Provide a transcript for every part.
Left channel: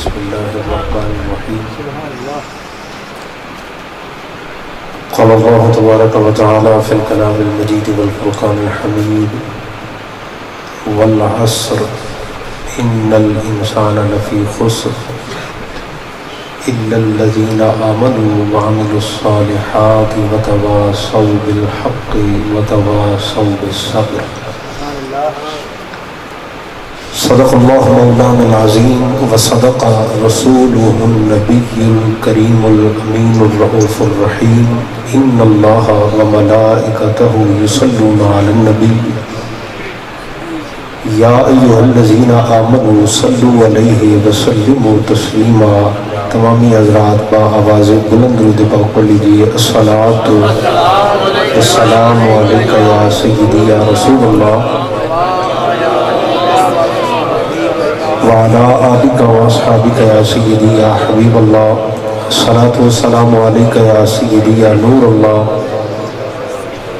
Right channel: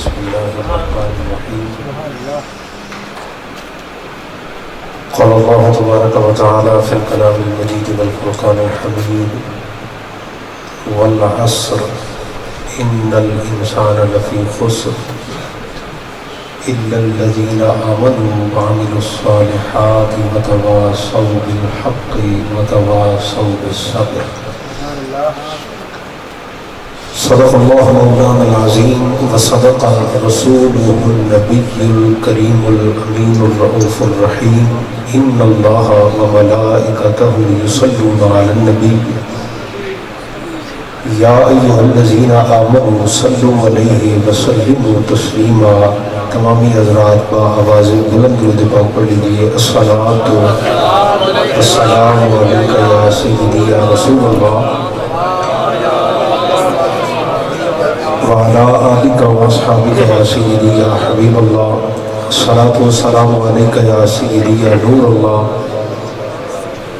بسم الله الرحمن الرحيم. قال الله تبارك وتعالى في الكلام المجيد والفرقان الحميد والعصر إن الإنسان لفي خسر إلا الذين آمنوا وعملوا الصالحات وتواصوا بالحق وتواصوا بالصبر. صدق الله مولانا العظيم وصدق رسوله النبي الكريم الأمين الرؤوف الرحيم. إن الله وملائكته يصلون على النبي يا أيها الذين آمنوا صلوا عليه وسلموا تسليما. تمامی حضرات با آواز بلند درود پاک پڑھ لیجیے. الصلاۃ والسلام علیک یا سیدی یا رسول اللہ وعلى آلك وأصحابك يا سيدي يا حبيب الله. الصلاة والسلام عليك يا سيدي يا نور الله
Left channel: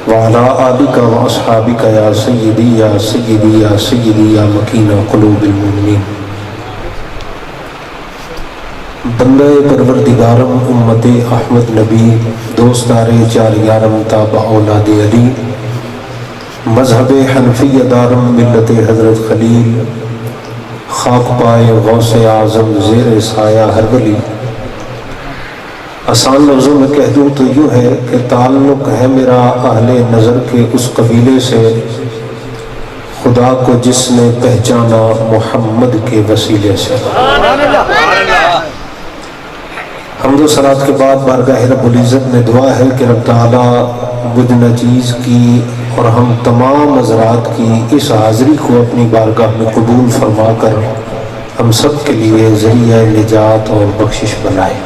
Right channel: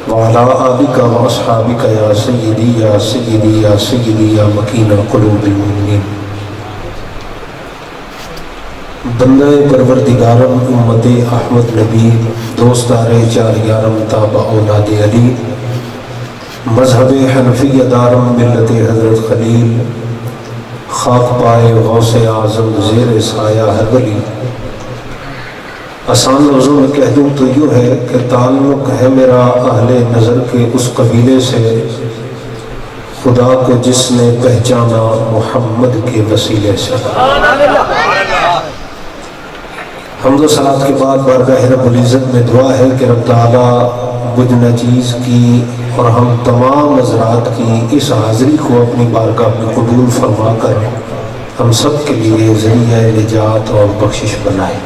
وعلى آلك وأصحابك يا سيدي يا سيدي يا سيدي يا مكين قلوب المؤمنين. بندہ پروردگارم امت احمد نبی دوستار جاریارم تابع اولاد علی مذہب حنفی دارم ملت حضرت خلیل خاک پائے غوث اعظم زیر سایہ ہر ولی. آسان لفظوں میں کہہ دوں تو یوں ہے کہ تعلق ہے میرا اہل نظر کے اس قبیلے سے خدا کو جس نے پہچانا محمد کے وسیلے سے. حمد و صلات کے بعد بارگاہ رب العزت میں دعا ہے کہ رب تعالیٰ بدھ نچیز کی اور ہم تمام حضرات کی اس حاضری کو اپنی بارگاہ میں قبول فرما کر ہم سب کے لیے ذریعہ نجات اور بخشش بنائے.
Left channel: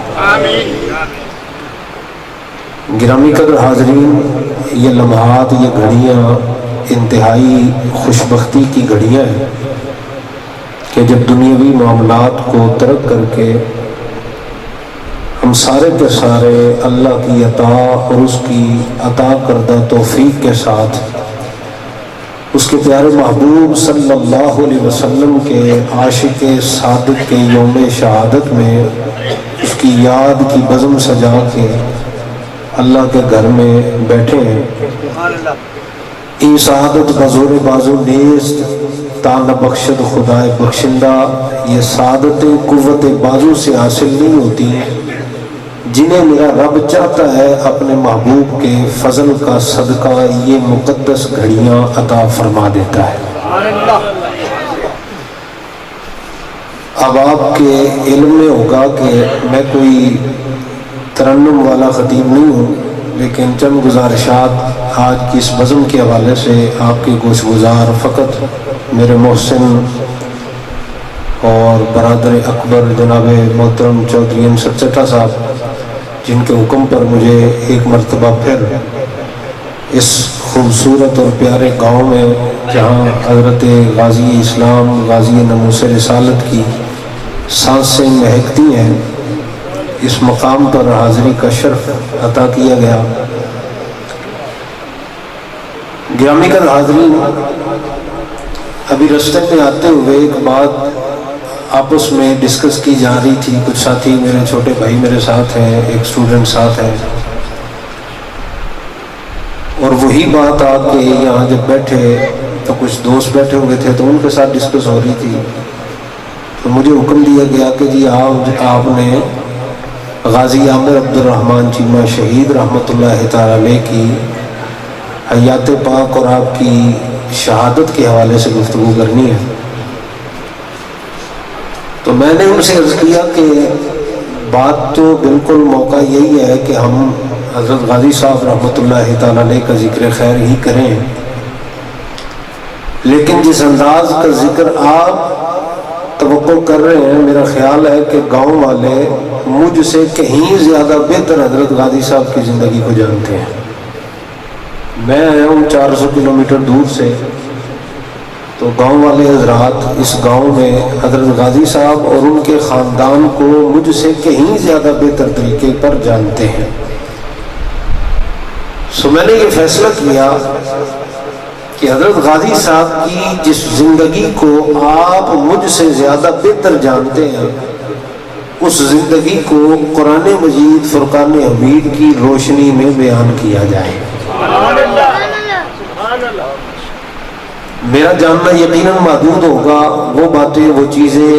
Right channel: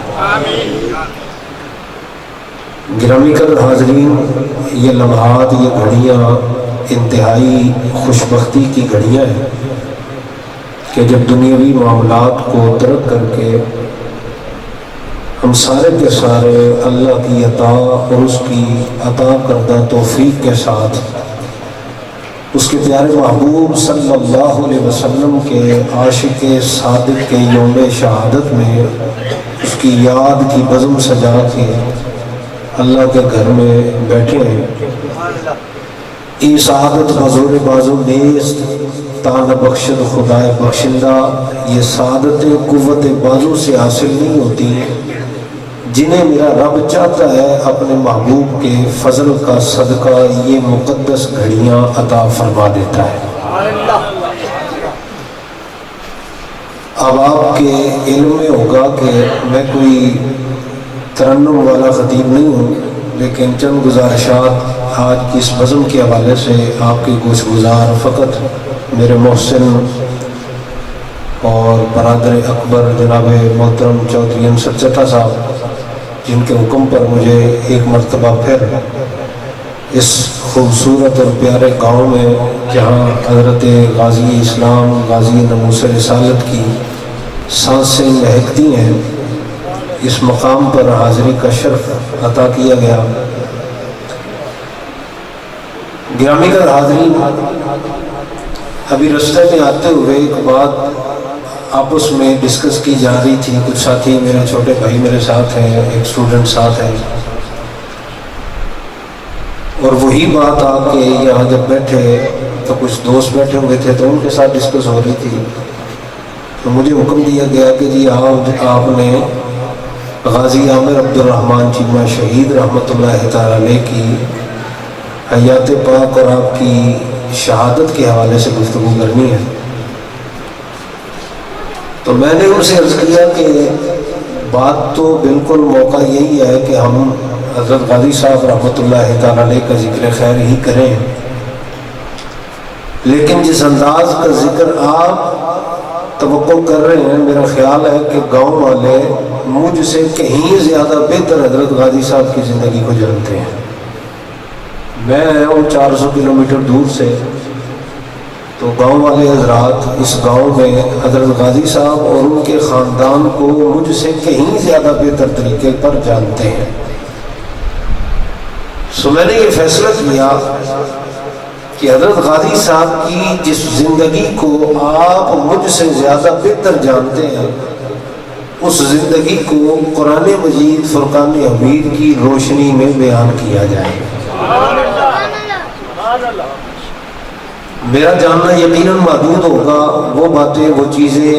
گرامی قدر حاضرین، یہ لمحات، یہ گھڑیاں انتہائی خوشبختی کی گھڑیاں ہیں کہ جب دنیاوی معاملات کو ترک کر کے ہم سارے کے سارے اللہ کی عطا اور اس کی عطا کردہ توفیق کے ساتھ اس کے پیارے محبوب صلی اللہ علیہ وسلم کے عاشق صادق کے یوم شہادت میں اس کی یاد کی بزم سجا کے اللہ کے گھر میں بیٹھے ہیں. ای سعادت بزور بازو نیست تانا بخشد خدائے بخشندہ. یہ سعادت قوت بازو سے حاصل نہیں ہوتی، جنہیں میرا رب چاہتا ہے اپنے محبوب کے فضل کا صدقہ یہ مقدس گھڑیاں عطا فرما دیتا ہے. اب آپ کے علم میں ہوگا کہ میں کوئی ترنم والا خطیب نہیں ہوں، لیکن چند گزارشات آج کی اس بزم کے حوالے سے آپ کے گوش گزار فقط میرے محسن اور برادر اکبر جناب محترم چودھری انصر چٹا صاحب، جن کے حکم پر مجھے ایک مرتبہ پھر اس خوبصورت اور پیارے گاؤں میں جہاں حضرت غازی اسلام غازی ناموس رسالت کی سانسیں مہکتی ہیں، اس مقام پر حاضری کا شرف عطا کیا گیا. گرامی قدر حاضرین، ابھی راستے میں آتے ہوئے ایک بات آپس میں ڈسکس کی جا رہی تھی. کچھ ساتھی، میرے چھوٹے بھائی میرے ساتھ ہیں، ایک اسٹوڈنٹ ساتھ ہے، اور وہی بات آ کے یہاں جب بیٹھے تو کچھ دوست بیٹھے ہوئے تھے تو ان کے ساتھ ڈسکس ہو رہی تھی. تو مجھے حکم دیا گیا کہ جی آپ نے غازی عامر عبد الرحمن چیمہ شہید رحمۃ اللہ تعالی علیہ کی حیات پاک اور آپ کی شہادت کے حوالے سے گفتگو کرنی ہے. تو میں نے ان سے عرض کیا کہ بات تو بالکل موقع یہی ہے کہ ہم حضرت غازی صاحب رحمۃ اللہ تعالی علیہ کا ذکر خیر ہی کریں، لیکن جس انداز کا ذکر آپ توقع کر رہے ہیں، میرا خیال ہے کہ گاؤں والے مجھ سے کہیں زیادہ بہتر حضرت غازی صاحب کی زندگی کو جانتے ہیں. میں آیا ہوں 400 کلومیٹر دور سے، تو گاؤں والے حضرات اس گاؤں میں حضرت غازی صاحب اور ان کے خاندان کو مجھ سے کہیں زیادہ بہتر طریقے پر جانتے ہیں. سو میں نے یہ فیصلہ کیا کہ حضرت غازی صاحب کی جس زندگی کو آپ مجھ سے زیادہ بہتر جانتے ہیں، اس زندگی کو قرآن مجید فرقان حمید کی روشنی میں بیان کیا جائے۔ میرا جاننا یقیناً محدود ہوگا، وہ باتیں، وہ چیزیں،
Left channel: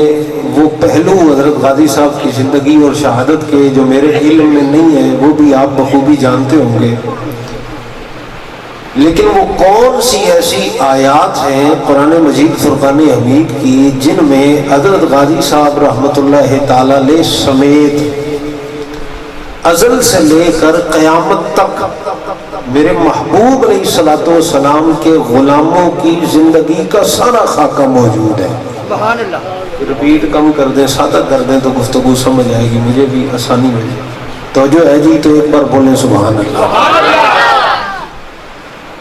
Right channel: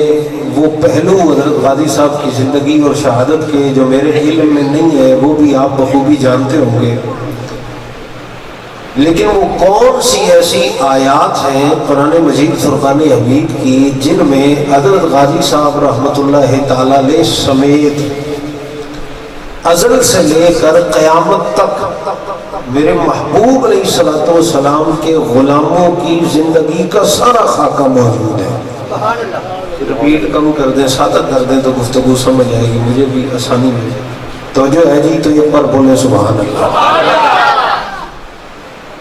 وہ پہلو حضرت غازی صاحب کی زندگی اور شہادت کے جو میرے علم میں نہیں ہے وہ بھی آپ بخوبی جانتے ہوں گے، لیکن وہ کون سی ایسی آیات ہیں قرآن مجید فرقان حمید کی جن میں حضرت غازی صاحب رحمۃ اللہ تعالی علیہ سمیت ازل سے لے کر قیامت تک میرے محبوب علیہ الصلوۃ والسلام کے غلاموں کی زندگی کا سارا خاکہ موجود ہے۔ سبحان اللہ۔ رپیٹ کم کر دیں، سادہ کر دیں تو گفتگو سمجھ آئے گی، مجھے بھی آسانی میں توجہ ہے جی، تو ایک بار بولیں سبحان اللہ۔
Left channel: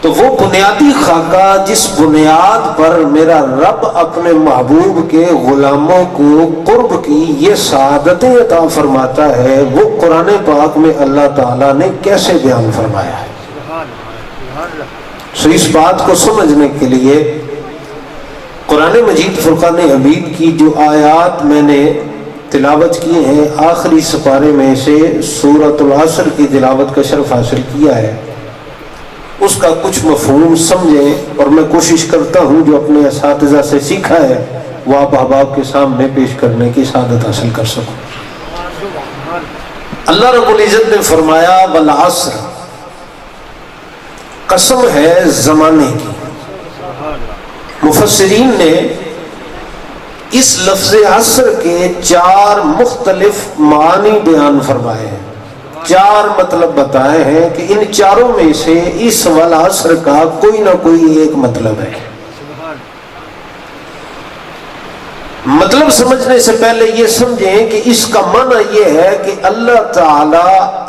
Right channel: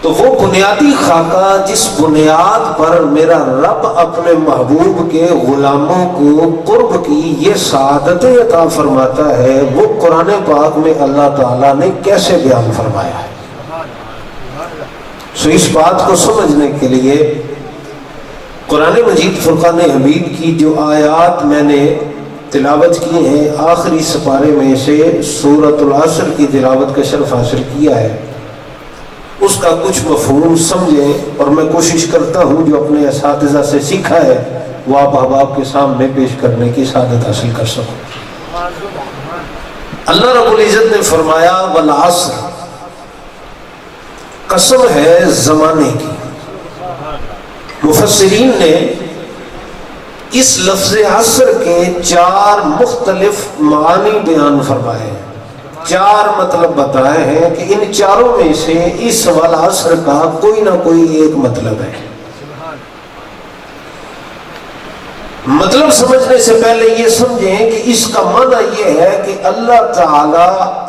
تو وہ بنیادی خاکہ جس بنیاد پر میرا رب اپنے محبوب کے غلاموں کو قرب کی یہ سعادتیں عطا فرماتا ہے، وہ قرآن پاک میں اللہ تعالیٰ نے کیسے بیان فرمایا ہے۔ سو اس بات کو سمجھنے کے لیے قرآن مجید فرقان حمید کی جو آیات میں نے تلاوت کی ہیں، آخری سپارے میں سے سورۃ العصر کی تلاوت کا شرف حاصل کیا ہے، اس کا کچھ مفہوم سمجھے، اور میں کوشش کرتا ہوں جو اپنے اساتذہ سے سیکھا ہے وہ آپ احباب کے سامنے پیش کرنے کی سعادت حاصل کر سکوں۔ اللہ رب العزت نے فرمایا والعصر، قسم ہے زمانے کی۔ مفسرین نے اس لفظ عصر کے 4 مختلف معانی بیان فرمائے ہیں، 4 مطلب بتائے ہیں کہ ان چاروں میں سے اس والعصر کا کوئی نہ کوئی ایک مطلب ہے۔ مطلب سمجھنے سے پہلے یہ سمجھیں کہ اس کا معنی یہ ہے کہ اللہ تعالی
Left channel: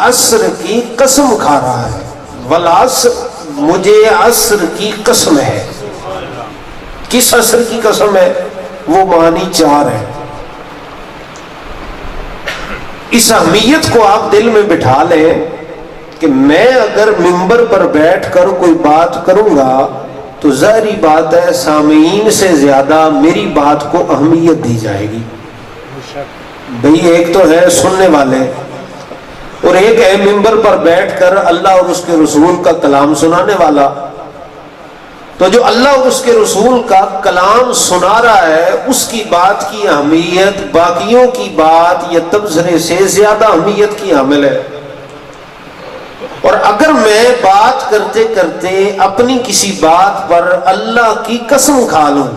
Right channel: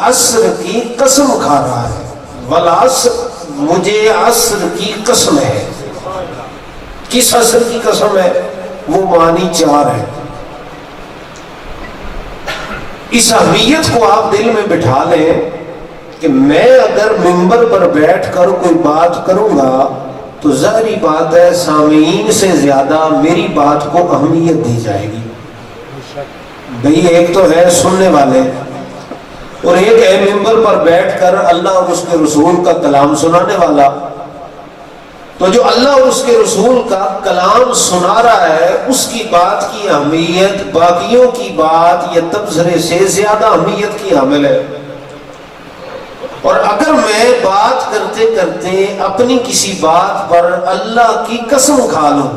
عصر کی قسم کھا رہا ہے۔ والعصر، مجھے عصر کی قسم ہے۔ کس عصر کی قسم ہے؟ وہ معنی 4 ہے۔ اس اہمیت کو آپ دل میں بٹھا لیں کہ میں اگر منبر پر بیٹھ کر کوئی بات کروں گا تو ظاہری بات ہے سامعین سے زیادہ میری بات کو اہمیت دی جائے گی۔ بھئی ایک تو ہے سننے والے اور ایک ہے منبر پر بیٹھ کر اللہ اور اس کے رسول کا کلام سنانے والا۔ تو جو اللہ اور اس کے رسول کا کلام سنا رہا ہے اس کی بات کی اہمیت باقیوں کی بات یا تبصرے سے زیادہ اہمیت کی حامل ہے۔ اور اگر میں بات کرتے کرتے اپنی کسی بات پر اللہ کی قسم کھا لوں،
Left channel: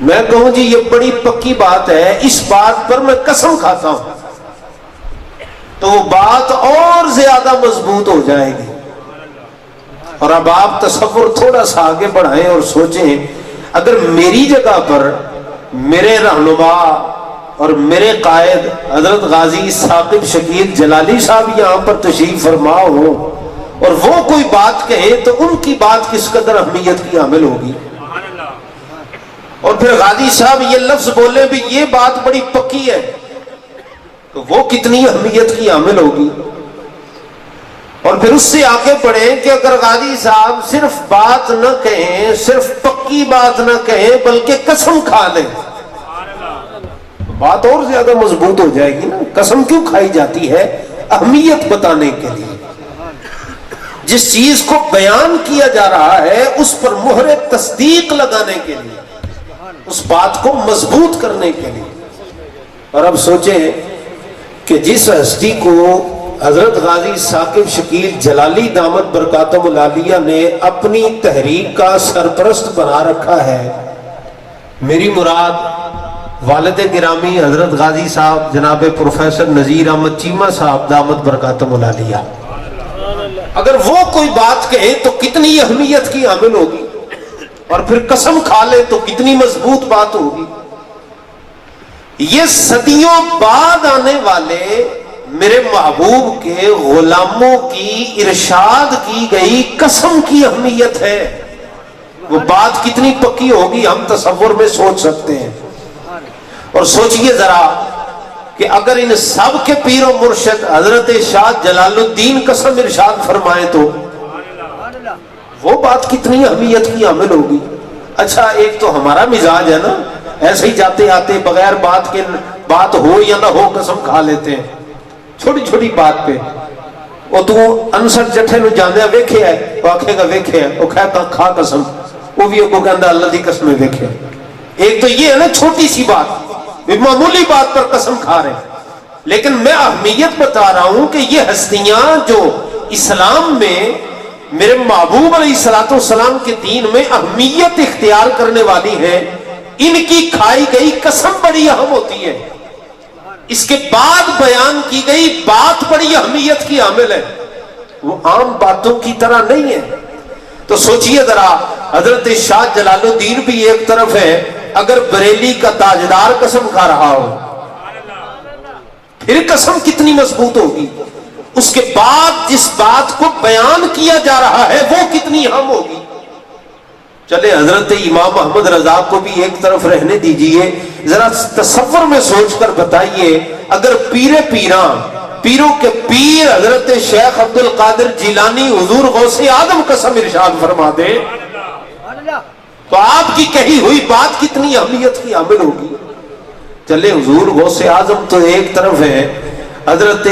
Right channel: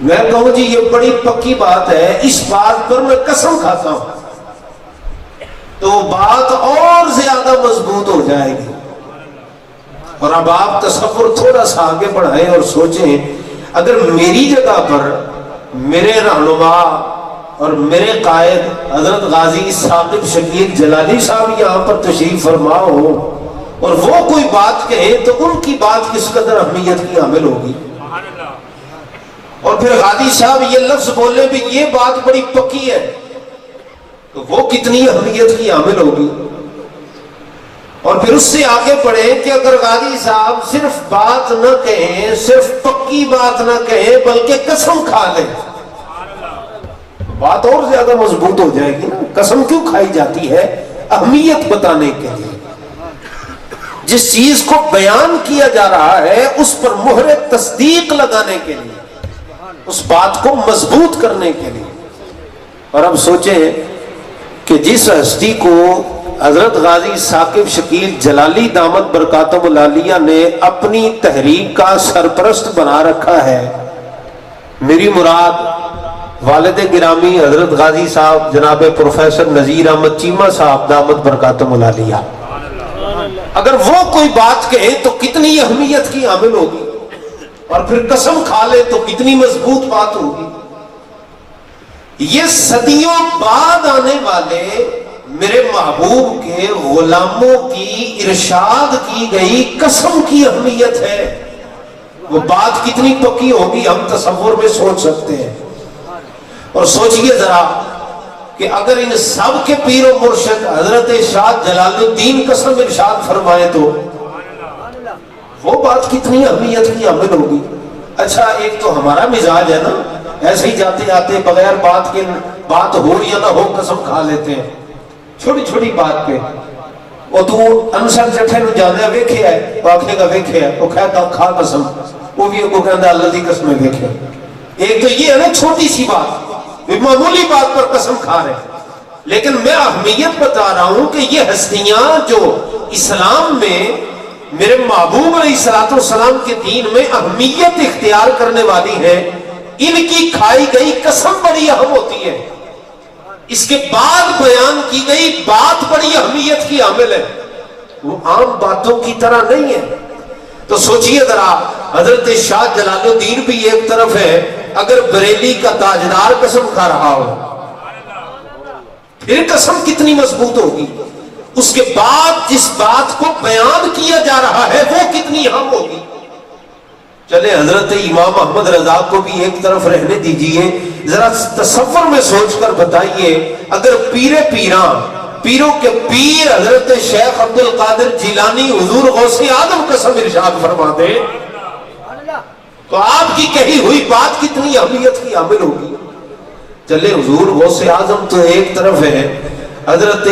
میں کہوں جی یہ بڑی پکی بات ہے، اس بات پر میں قسم کھاتا ہوں، تو وہ بات اور زیادہ مضبوط ہو جائے گی۔ اور اب آپ تصور تھوڑا سا آگے بڑھائیں اور سوچیں، اگر میری جگہ پر میرے رہنما اور میرے قائد حضرت غازی ثاقب شکیل جلالی صاحب یہاں پر تشریف فرما ہو اور وہ کوئی بات کہے تو ان کی بات کس قدر اہمیت کی حامل ہوگی، اور پھر غازی صاحب یہ لفظ بولے بھی یہ بات بڑی پکی ہے تو وہ کتنی اہمیت کی حامل ہوگی۔ اور پھر اس سے آگے بڑھیں کہ اگر غازی صاحب صرف بات نہ کہیں، صرف پکی بات نہ کہیں بلکہ قسم کھا لیں، بات اور زیادہ مضبوط ہو جائے گی نا۔ قسم کیوں کھائی جاتی ہے؟ اہمیت بتانے کے لیے، جس چیز کو بیان کیا جا رہا ہے اس پر مہر تصدیق لگانے کے لیے، اس بات کو مضبوط کرنے کے لیے۔ اور اب سوچیں کہ جس ہستی کو حضرت غازی ثاقب شکیل جلالی دامت برکاتہم العالیہ نے اپنی تحریک کا سرپرست بنا رکھا ہے، میری مراد والد گرامی حضرت غازی صاحب جناب پروفیسر نذیر احمد چیمہ صاحب دامت برکاتہم العالیہ، اگر وہ کوئی بات کہے تو کتنی اہمیت کی حامل ہوگی، اور پھر قسم کھا لے تو کتنی مضبوط بات ہوگی۔ یہ صدیوں بعد آنے والے میرے محبوب کے غلاموں کی ارشاد کی گئی قسم کی اہمیت ہے، وہ بات کتنی پکی ہوگی ہم تصور میں سوچ سکتے ہیں۔ اور سوچئے ذرا کہ اگر ان سب کے پیر و مرشد حضرت شاہ جلال الدین قسم ارشاد فرمائے تو وہ بات کتنی اہمیت کی حامل ہوگی۔ اچھا ایک تو ہمارا مزاج ہے نا، ایسے ہی جاتے آتے بغیر بات کے، بات ہو یا نہ ہو قسم کھا لیتے ہیں چھوٹی چھوٹی بات پہ. وہ تو انسر جٹھے نو جاندیا ویکھیا ہے، وہ آکھے گا ویکھیا ہے، وہ کہتا کھا قسم، وہ بھی اگو کہندا اللہ دی قسم ویکھیا. ایک تو یہ ہے نا چھوٹی سی بات، معمولی بات پر قسم کھا رہے ہیں. لیکن میں اہمیت بتا رہا ہوں کہ یہ ہستیاں جو اسلام میں میرے محبوب علیہ الصلوۃ والسلام کے دین میں اہمیت اختیار کرنے والی ہیں، ان کی کھائی گئی قسم بڑی اہم ہوتی ہے. اس کے بعد بیان کی گئی بات بڑی اہمیت کی حامل ہے، وہ عام باتوں کی طرح نہیں ہے. تو سوچئے ذرا، حضرت شاہ جلال الدین بھی ایک طرف ہے، اگر بریلی کا تاجدار قسم کھا رہا ہو پھر قسم کتنی مضبوط ہوگی. اس کے بعد جس بات کو بیان کیا جا رہا ہے وہ کتنی اہم ہوگی. چلے حضرت امام احمد رضا کو بھی ایک طرف رہنے دیجئے، ذرا تصور میں سوچ کر بتائیے، اگر پیروں کے پیر حضرت شیخ عبد القادر جیلانی حضور غوث اعظم قسم ارشاد فرما دے تو آپ کی کہی ہوئی بات کتنی اہمیت کی حامل ہوگی. چلے حضور غوث اعظم تو ایک طرف ہے، حضرت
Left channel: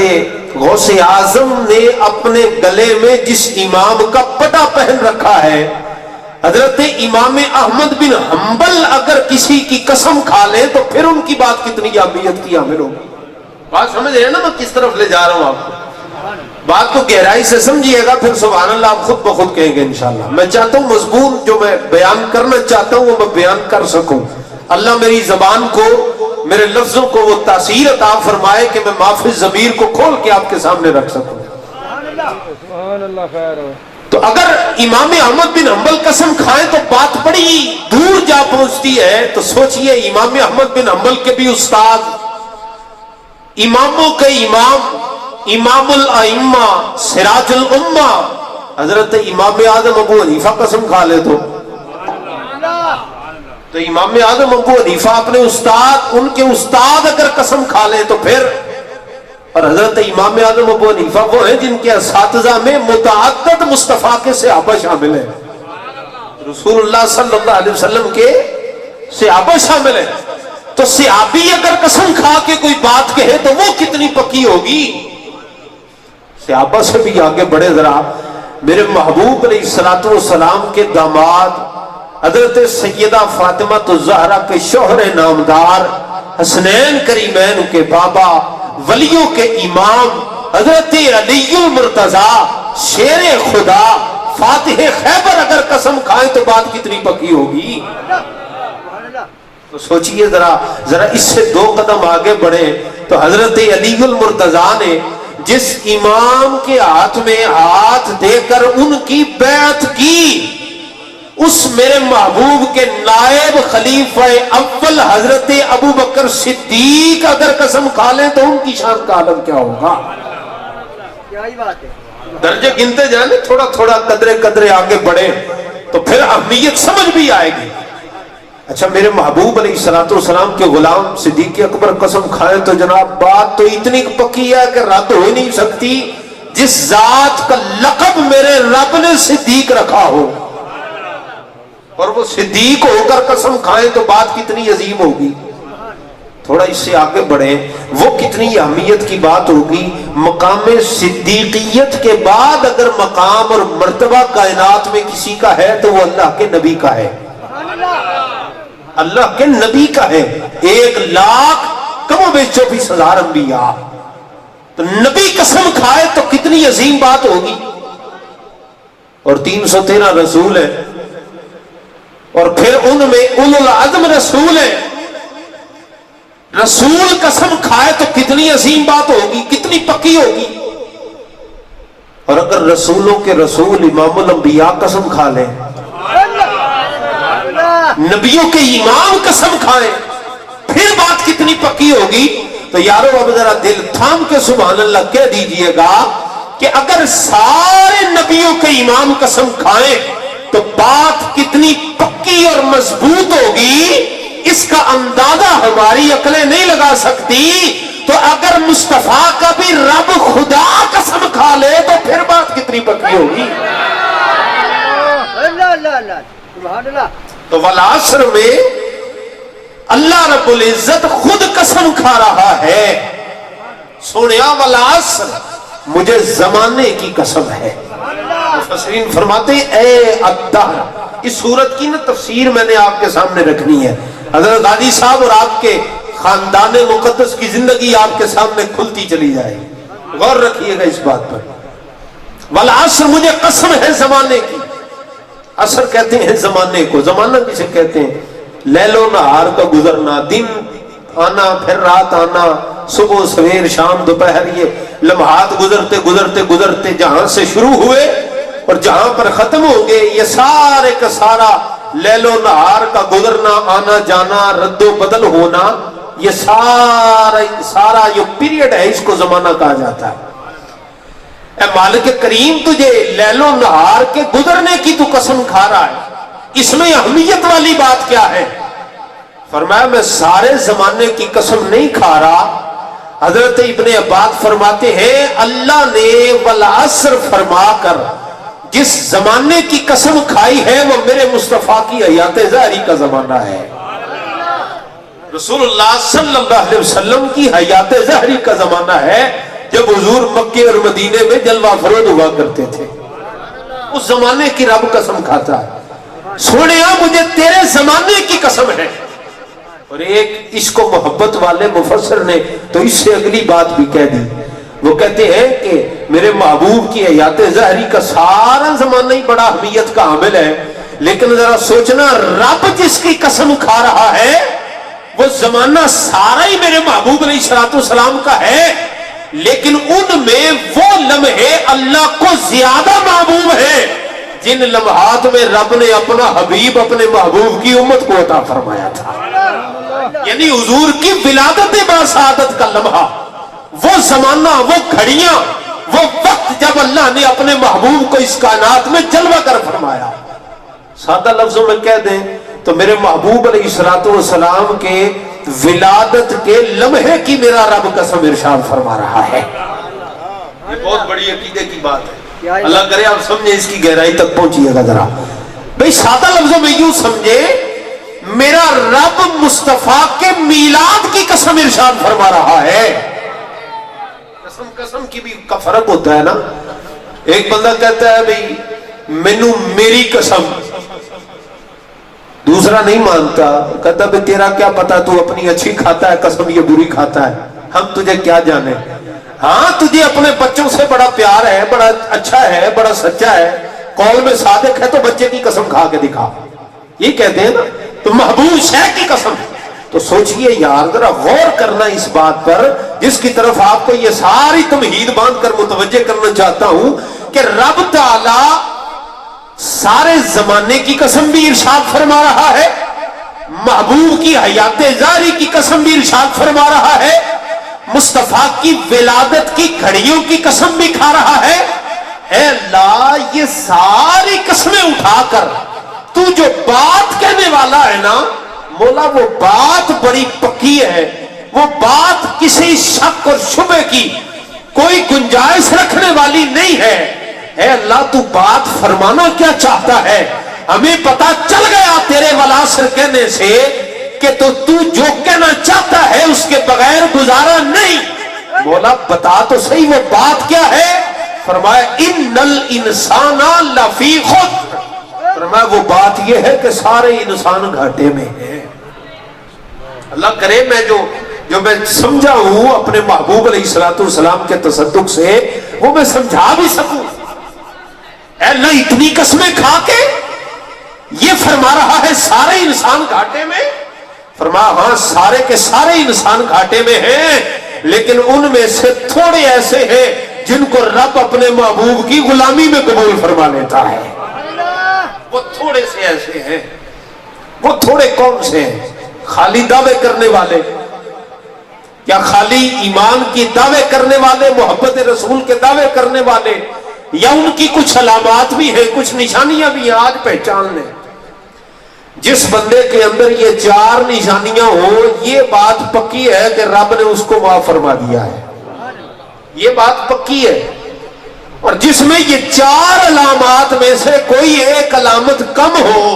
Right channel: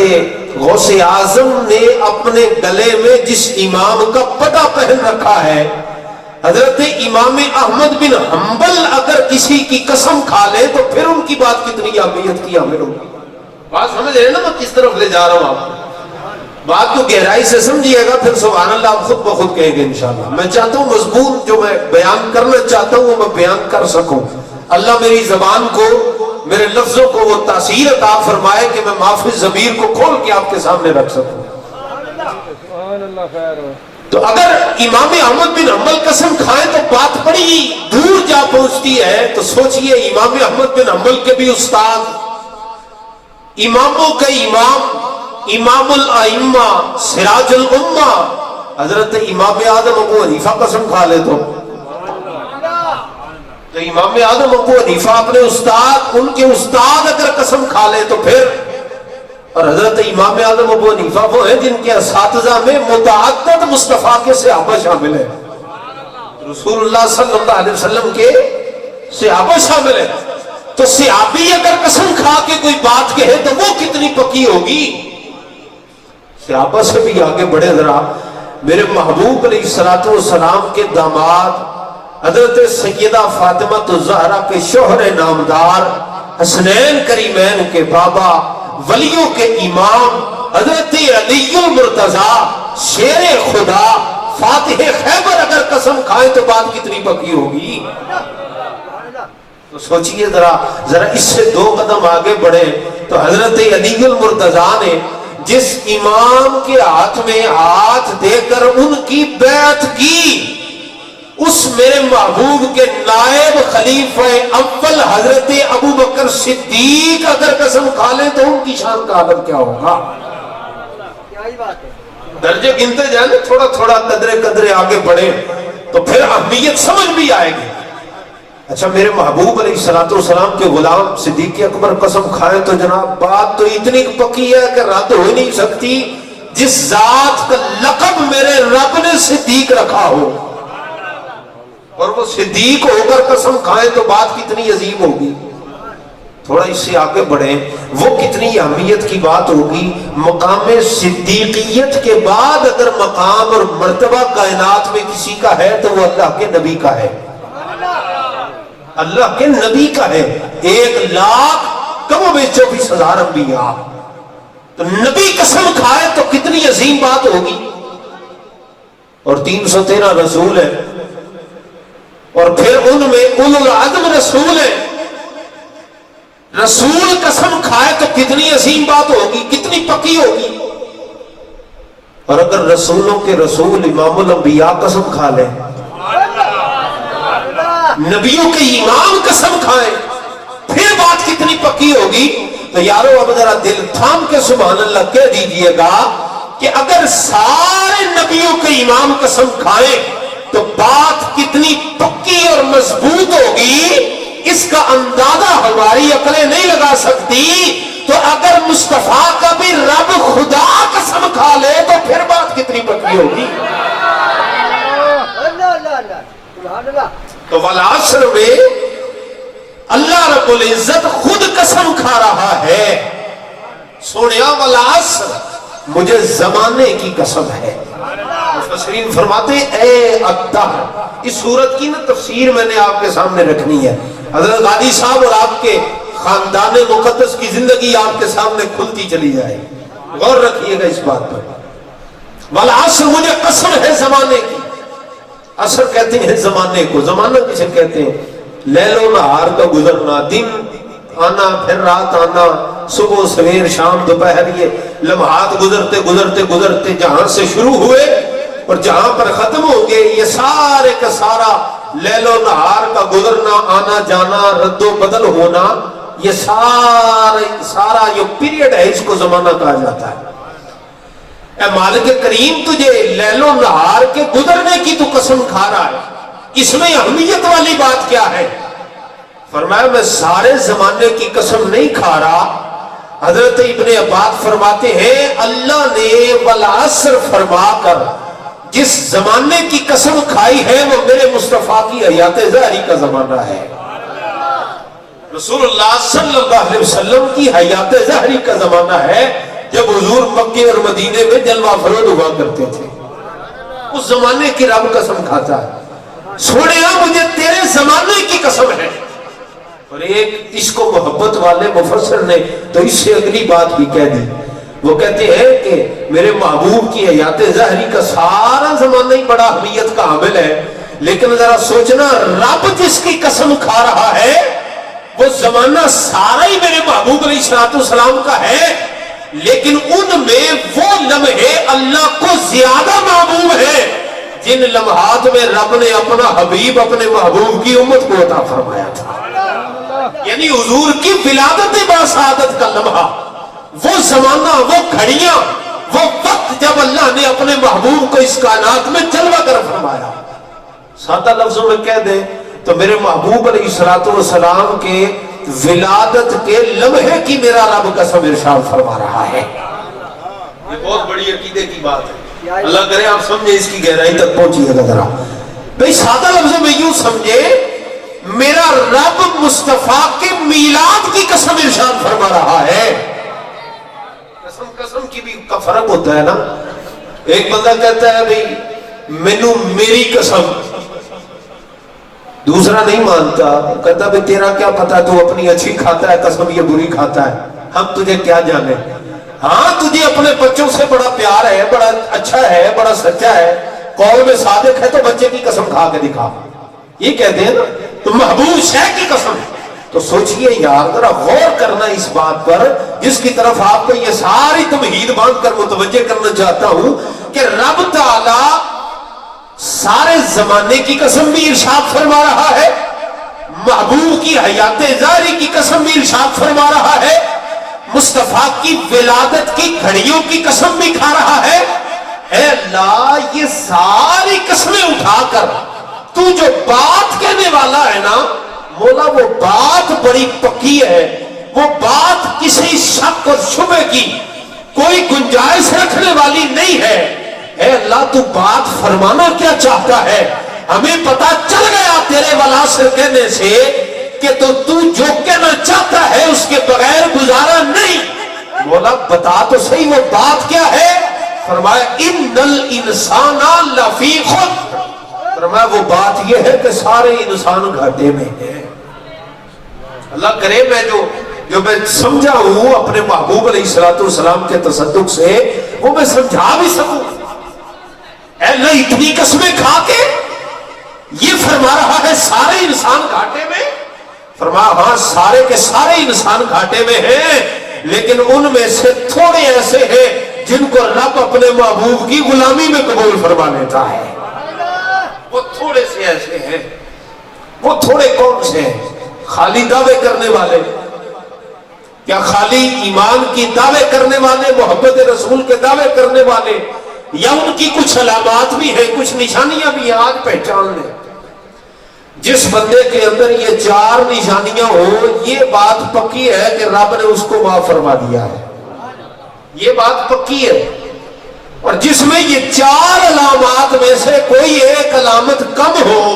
غوث اعظم نے اپنے گلے میں جس امام کا پٹا پہن رکھا ہے، حضرت امام احمد بن حنبل اگر کسی کی قسم کھا لے تو پھر ان کی بات کتنی اہمیت کی حامل ہوگی. بات سمجھ رہے ہیں نا میں کس طرف لے جا رہا ہوں آپ کو؟ بات کو گہرائی سے سمجھیے گا، پھر سبحان اللہ آپ خود بخود کہیں گے انشاءاللہ. میں چاہتا ہوں مضمون جو میں بیان کرنا چاہتا ہوں وہ میں بیان کر سکوں. اللہ میری زبان کو، میرے لفظوں کو وہ تاثیر عطا فرمائے کہ میں محفظ ضمیر کو کھول کے آپ کے سامنے رکھ سکوں. سبحان اللہ. خیر ہو. تو اگر امام احمد بن حنبل قسم کھائیں تو بات بڑی دور جا پہنچتی ہے. تو سوچئے امام احمد بن حنبل کے بھی استاد، اماموں کے امام، امام الائمہ، سراج الامہ حضرت امام اعظم ابو حنیفہ قسم کھا لے تو امام اعظم ابو حنیفہ اپنے استاد، ان کے استاد اگر قسم کھا لے تو پھر، اور حضرت امام اعظم ابو حنیفہ وہ ہیں جن کے اساتذہ میں متعدد مصطفیٰ کے صحابہ شامل ہیں، رسول اللہ صلی اللہ علیہ وسلم کے صحابہ شامل ہیں. تو صحابی اگر قسم کھا کے کوئی بات کہے تو وہ کتنی پکی ہوگی. صحابہ سے بھی آگے بڑھے ذرا، میرے محبوب علیہ الصلوۃ والسلام کے داماد حضرت سیدہ فاطمہ الزہرا کے شوہر نامدار، حسنین کریمین کے بابا، ولیوں کے امام حضرت علی المرتضیٰ شیر خدا فاتح خیبر اگر قسم کھائیں تو بات کتنی پکی ہوگی. تو سوچئے ذرا اس سے دو قدم آگے بڑھے تو حضرت علی المرتضیٰ نے جس امام کے ہاتھ میں ہاتھ دے کر ان کی بیعت کی، اس میرے محبوب کے نائب خلیفہ اول حضرت ابو بکر صدیق اگر قسم کھا لیں تو ان کی شان کا عالم کیا ہوگا. درجے گنتے جائیں، تھوڑا تھوڑا قدرے آگے بڑھے تو پھر اہمیت سمجھ بھی آئے گی. اچھا میرے محبوب علیہ الصلوۃ والسلام کے غلام صدیق اکبر قسم کھائے تو جناب بات تو اتنی پکی ہے کہ رد ہو ہی نہیں سکتی. جس ذات کا لقب میرے رب نے صدیق رکھا ہو اور وہ صدیق ہو کر قسم کھائے تو بات کتنی عظیم ہوگی. تھوڑا اس سے آگے بڑھیں، وہ کتنی اہمیت کی بات ہوگی. مقام صدیقیت کے بعد اگر مقام اور مرتبہ کائنات میں کسی کا ہے تو وہ اللہ کے نبی کا ہے، اللہ کے نبی کا ہے. 1,24,000 انبیاء، تو نبی قسم کھائے تو کتنی عظیم بات ہوگی. اور 313 رسول ہیں، اور پھر ان میں اولو العزم رسول ہیں. رسول قسم کھائے تو کتنی عظیم بات ہوگی، کتنی پکی ہوگی. اور اگر رسولوں کے رسول امام الانبیاء قسم کھا لیں، نبیوں کے امام قسم کھائیں، پھر بات کتنی پکی ہوگی. تو یارو اب ذرا دل تھام کے سبحان اللہ کہہ دیجئے گا کہ اگر سارے نبیوں کے امام قسم کھائیں تو بات کتنی پکی اور مضبوط ہوگی، اس کا اندازہ ہماری عقلیں نہیں لگا سکتی. تو اگر مصطفیٰ کا بھی رب خدا قسم کھا لے تو پھر بات کتنی پکی ہوگی. تو والعصر میں اللہ رب العزت خود قسم کھا رہا ہے، سونیا والعصر، مجھے زمانے کی قسم ہے۔ مفسرین فرماتے ہیں اے الدہر، اس سورت کی نا تفسیر میں نے آپ کے سامنے رکھنی ہے۔ حضرت غازی صاحب اور آپ کے خاندان مقدس کی زندگی آپ کے سامنے کھلتی چلی جائے، غور رکھیے گا اس بات پر۔ والعصر، مجھے قسم ہے زمانے کی۔ عصر کہتے ہیں زمانے کو، زمانہ کسے کہتے ہیں؟ لیل و نہار کا گزرنا، دن آنا پھر رات آنا، صبح سویر شام دوپہر، یہ لمحات گزرتے گزرتے گزرتے جہاں سے شروع ہوئے اور جہاں پر ختم ہو گئے، یہ سارے کا سارا لیل و نہار کا گزرنا، آنا جانا، رد و بدل ہونا، یہ سارا یہ پیریڈ ہے، اس کو زمانہ کہا جاتا ہے۔ اے مالک کریم، تجھے لیل و نہار کے گزرنے کی تو قسم کھا رہا ہے، اس میں اہمیت والی بات کیا ہے؟ فرمایا میں سارے زمانے کی قسم نہیں کھا رہا۔ حضرت ابن عباس فرماتے ہیں اللہ نے والعصر فرما کر جس زمانے کی قسم کھائی ہے وہ میرے مصطفیٰ کی حیات ظاہری کا زمانہ ہے۔ رسول اللہ صلی اللہ علیہ وسلم کی حیات ظاہری کا زمانہ ہے، جب حضور مکے اور مدینے میں جلوہ افروز ہوا کرتے تھے، اس زمانے کی رب قسم کھاتا ہے، سونیا مجھے تیرے زمانے کی قسم ہے۔ اور ایک اس کو محبت والے مفسر نے تو اس سے اگلی بات بھی کہہ دی، وہ کہتے ہیں کہ میرے محبوب کی حیات ظاہری کا سارا زمانہ ہی بڑا اہمیت کا حامل ہے، لیکن ذرا سوچنا، رب جس کی قسم کھا رہا ہے وہ زمانہ سارا ہی میرے محبوب علیہ الصلوۃ والسلام کا ہے، لیکن ان میں وہ لمحے اللہ کو زیادہ محبوب ہے جن لمحات میں رب نے اپنا حبیب اپنے محبوب کی امت کو عطا فرمایا تھا۔ یعنی حضور کی ولادت باسعادت کا لمحہ، وہ زمانہ، وہ گھڑیاں، وہ وقت جب اللہ نے اپنے محبوب کو اس کائنات میں جلوہ کر فرمایا۔ سادہ لفظوں میں کہہ دیں تو میرے محبوب علیہ الصلوۃ والسلام کے ولادت کے لمحے کی میرا رب قسم ارشاد فرما رہا ہے۔ یہ بہت بڑی عقیدے کی بات ہے، اللہ کرے آپ سمجھیں، اس کی گہرائی تک پہنچیے گا ذرا۔ بھئی سادہ لفظوں میں یوں سمجھے، میرا رب مصطفیٰ کے میلاد کی قسم ارشاد فرما رہا ہے۔ قسم کی بھی کا فرق ہوتا ہے نا۔ ایک بندہ کہتا ہے بھئی مینوں میری قسم، دوسرا نہیں مانتا، کہتا بھئی تیرا کیا پتا، تو اپنی اچھی کھاتا ہے قسم، یہ بری کھاتا ہے، ہم تجھے کیا جانے۔ ہاں تجھے اپنے بچوں سے بڑا پیار ہے، بڑا اچھا ہے، بڑا سچا ہے، قول میں صادق ہے، تو بچے کی قسم کھا کے دکھا، یہ کہتے ہیں نا۔ تو محبوب شے کی قسم، تو سوچئے یار، ذرا غور کرنا اس بات پر، جس کی طرف آپ کو یہ ساری تمہید باندھ کر متوجہ کرنا چاہتا ہوں کہ رب تعالی سارے زمانے کی قسم بھی ارشاد فرما رہا ہے، محبوب کی حیات ظاہری کی قسم بھی ارشاد فرما رہا ہے، مصطفیٰ کی ولادت کی گھڑیوں کی قسم بھی کھا رہا ہے۔ اے اللہ، یہ ساری قسمیں اٹھا کر تو جو بات کہنے والا ہے نا مولا، وہ بات بڑی پکی ہے، وہ بات کسی شک اور شبہ کی کوئی گنجائش رکھنے والی نہیں ہے۔ اے اللہ، تو بات فرمانا کیا چاہتا ہے؟ ہمیں پتا چل گیا تیرے والعصر کہنے سے کہ تو جو کہنا چاہتا ہے اس کے بغیر گزارا نہیں۔ مولا بتا تو صحیح وہ بات کیا ہے؟ فرمایا ان الانسان لفی خسر، فرمایا وہ بات یہ ہے کہ سارے انسان گھاٹے میں ہیں۔ اللہ کرے میں جو میں سمجھا ہوں اپنے محبوب علیہ الصلوۃ والسلام کے تصدق سے، وہ میں سمجھا بھی سکوں۔ اے اللہ، اتنی قسمیں کھا کے یہ فرما رہا ہے سارے انسان گھاٹے میں؟ فرمایا ہاں سارے کے سارے انسان گھاٹے میں ہیں، لیکن ان میں سے تھوڑے ایسے ہیں جن کو رب اپنے محبوب کی غلامی میں قبول فرما لیتا ہے۔ وہ تھوڑے سے ایسے ہیں، وہ تھوڑے کون سے ہیں؟ خالی دعوے کرنے والے، یا خالی ایمان کی دعوے کرنے والے، محبت رسول کے دعوے کرنے والے، یا ان کی کچھ علامات بھی ہیں، کچھ نشانیاں بھی ہیں، آج پہچان لیں۔ جس بندے کے اندر یہ چار نشانیاں ہوں، یہ بات پکی ہے کہ رب نے اس کو معاف فرما دیا ہے، یہ بات پکی ہے۔ اور جس میں یہ چار علامات میں سے کوئی ایک علامت کم ہو،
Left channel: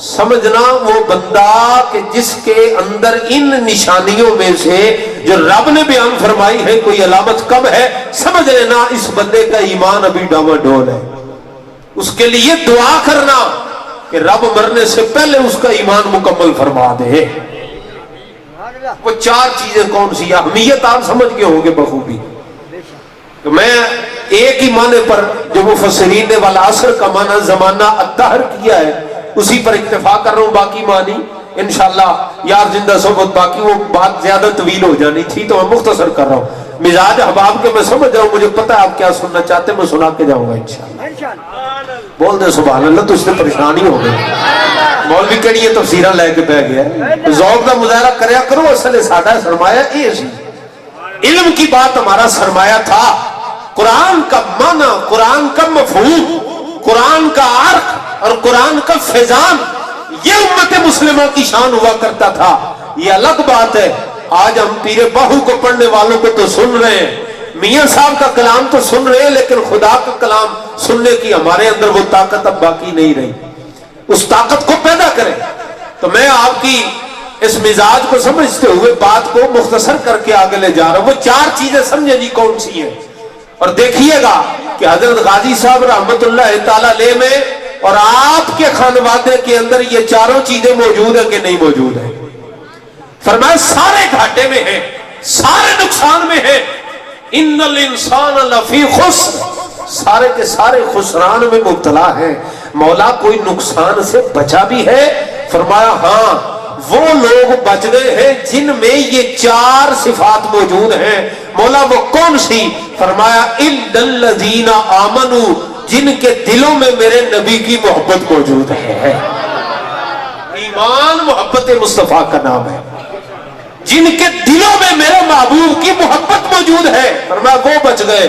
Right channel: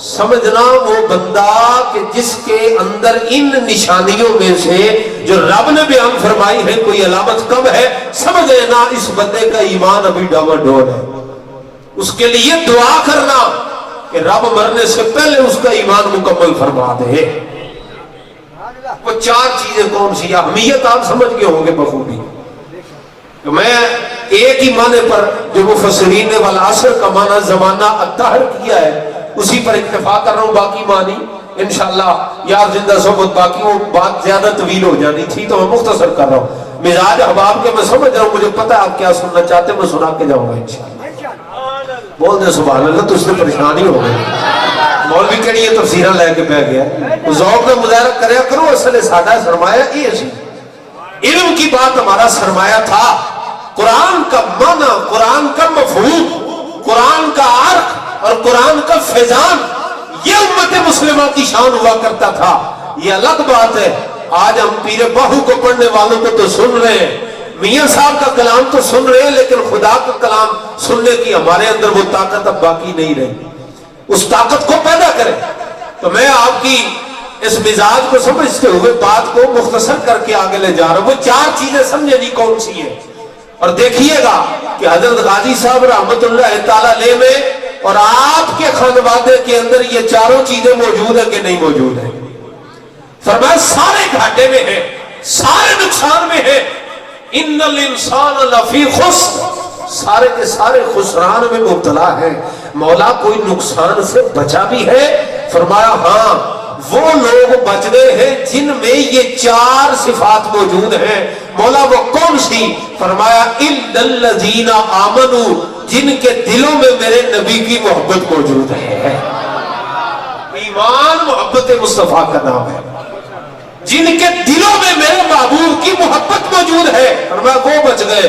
سمجھنا وہ بندہ کہ جس کے اندر ان نشانیوں میں سے جو رب نے بیان فرمائی ہے کوئی علامت کم ہے، سمجھ لینا اس بندے کا ایمان ابھی ڈاواڈول ہے. اس کے لیے دعا کرنا کہ رب مرنے سے پہلے اس کا ایمان مکمل فرما دے. وہ چار چیزیں کون سی؟ اہمیت آپ سمجھ گئے ہوں گے بخوبی. میں ایک ہی معنی پر جو مفسرین نے والعصر کا معنی زمانہ الدہر کیا ہے اسی پر اکتفا کر رہا ہوں. باقی معنی انشاءاللہ یار زندہ صحبت باقی وہ بات زیادہ طویل ہو جانی تھی تو میں مختصر کر رہا ہوں. مزاج احباب کے میں سمجھ رہا ہوں، مجھے پتہ ہے آپ کیا سننا چاہتے ہیں، میں سنا کے جاؤں گا انشاءاللہ. بول دے سبحان اللہ، تو اس سے پریشانی ہو گئی. مولوی کہڑی یہ تفسیرہ لے کے بہ گیا. ذوق کا مظاہرہ کریا کرو، اصل سادہ سرمایہ یہ سی علم کی بات ہمارا سرمایہ تھا. قرآن کا معنی، قرآن کا مفہوم، قرآن کا عرق اور قرآن کا فیضان، یہ امت مسلمہ کی شان ہوا کرتا تھا. یہ الگ بات ہے آج ہم پیر باہو کو پڑھنے والوں کو تو سن رہے ہیں، میاں صاحب کا کلام تو سن رہے ہیں، لیکن خدا کا کلام سننے کی ہمارے اندر وہ طاقت اب باقی نہیں رہی. اس طاقت کو پیدا کریں. تو میں آپ کی اس مزاج کو سمجھتے ہوئے بات کو مختصر کر کے آگے لے جا رہا ہوں. وہ چار چیزیں سمجھے نہیں کون سی ہیں، اور دیکھیے گا کہ حضرت غازی صاحب رحمت اللہ تعالیٰ علیہ میں اور آپ کے خانوادے کے اندر یہ چاروں چیزیں موجود ہیں کہ نہیں موجود ہیں. فرمایا سارے گھاٹے میں ہیں، سارے نقصان میں ہیں. ان الانسان لفی خسر، سارے کے سارے خسران میں مبتلا ہیں. مولا کوئی نقصان سے بچا بھی ہے؟ فرمایا ہاں، وہ لوگ بچ گئے ہیں جن میں یہ چار صفات موجود ہیں. مولا وہ کون سی؟ فرمایا الا الذین آمنوا، جن کے دلوں میں میرے نبی کی محبت موجود ہے. ایمان محبت مصطفیٰ کا نام ہے. جن کے دلوں میں میرے محبوب کی محبت موجود ہے، فرمایا وہ بچ گئے.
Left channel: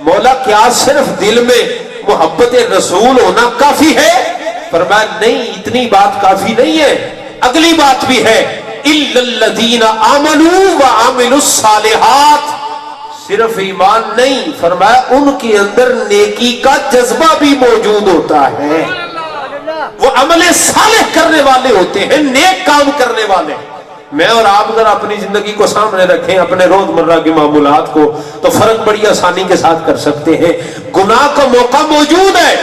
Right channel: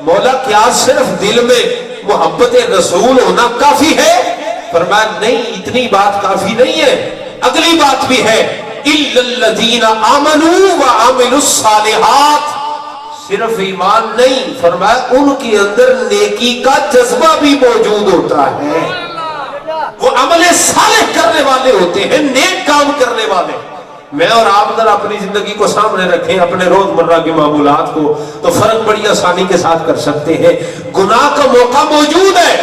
مولا کیا صرف دل میں محبت رسول ہونا کافی ہے؟ فرمایا نہیں، اتنی بات کافی نہیں ہے، اگلی بات بھی ہے. الا الذین آمنوا وعملوا الصالحات، صرف ایمان نہیں، فرمایا ان کے اندر نیکی کا جذبہ بھی موجود ہوتا ہے. وہ عمل صالح کرنے والے ہوتے ہیں، نیک کام کرنے والے. میں اور آپ اگر اپنی زندگی کو سامنے رکھیں، اپنے روزمرہ کے معمولات کو، تو فرق بڑی آسانی کے ساتھ کر سکتے ہیں. گناہ کا موقع موجود ہے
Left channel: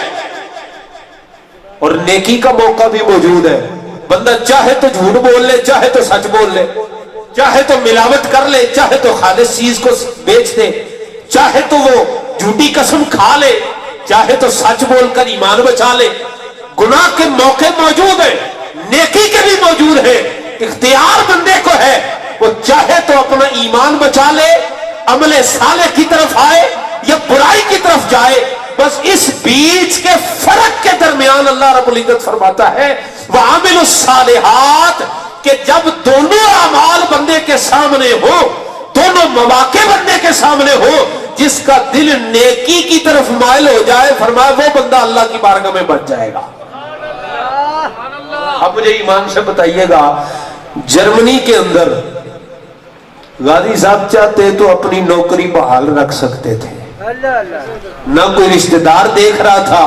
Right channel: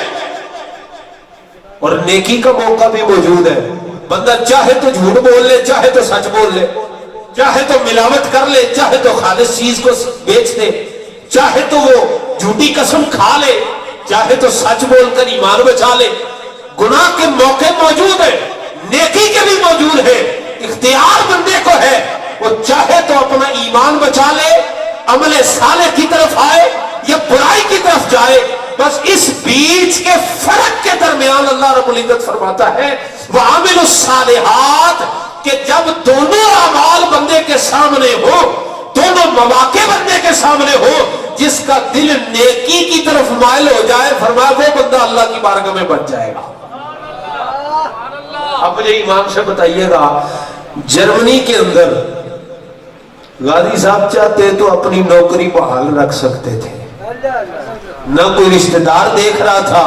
اور نیکی کا موقع بھی موجود ہے. بندہ چاہے تو جھوٹ بول لے، چاہے تو سچ بول لے، چاہے تو ملاوٹ کر لے، چاہے تو خالص چیز کو بیچ دے، چاہے تو وہ جھوٹی قسم کھا لے، چاہے تو سچ بول کر ایمان بچا لے. گناہ کے موقع موجود ہیں، نیکی کے بھی موجود ہیں. اختیار بندے کو ہے، وہ چاہے تو اپنا ایمان بچا لے، عمل صالح کی طرف آئے یا برائی کی طرف جائے. بس اس بیچ کے فرق کے درمیان اللہ رب العزت فرماتا ہے وَعَمِلُوا الصَّالِحَاتِ، کہ جب دونوں اعمال بندے کے سامنے ہو، دونوں مواقع بندے کے سامنے ہو، جس کا دل نیکی کی طرف مائل ہو جائے، فرمایا وہ بندہ اللہ کی بارگاہ میں بچ جائے گا. اب مجھے ایمان سے بتائیے گا، جرمنی کے اندر غازی صاحب چاہتے تو اپنی نوکری بحال رکھ سکتے تھے. نہ کوئی رشتہ دار دیکھ رہا تھا،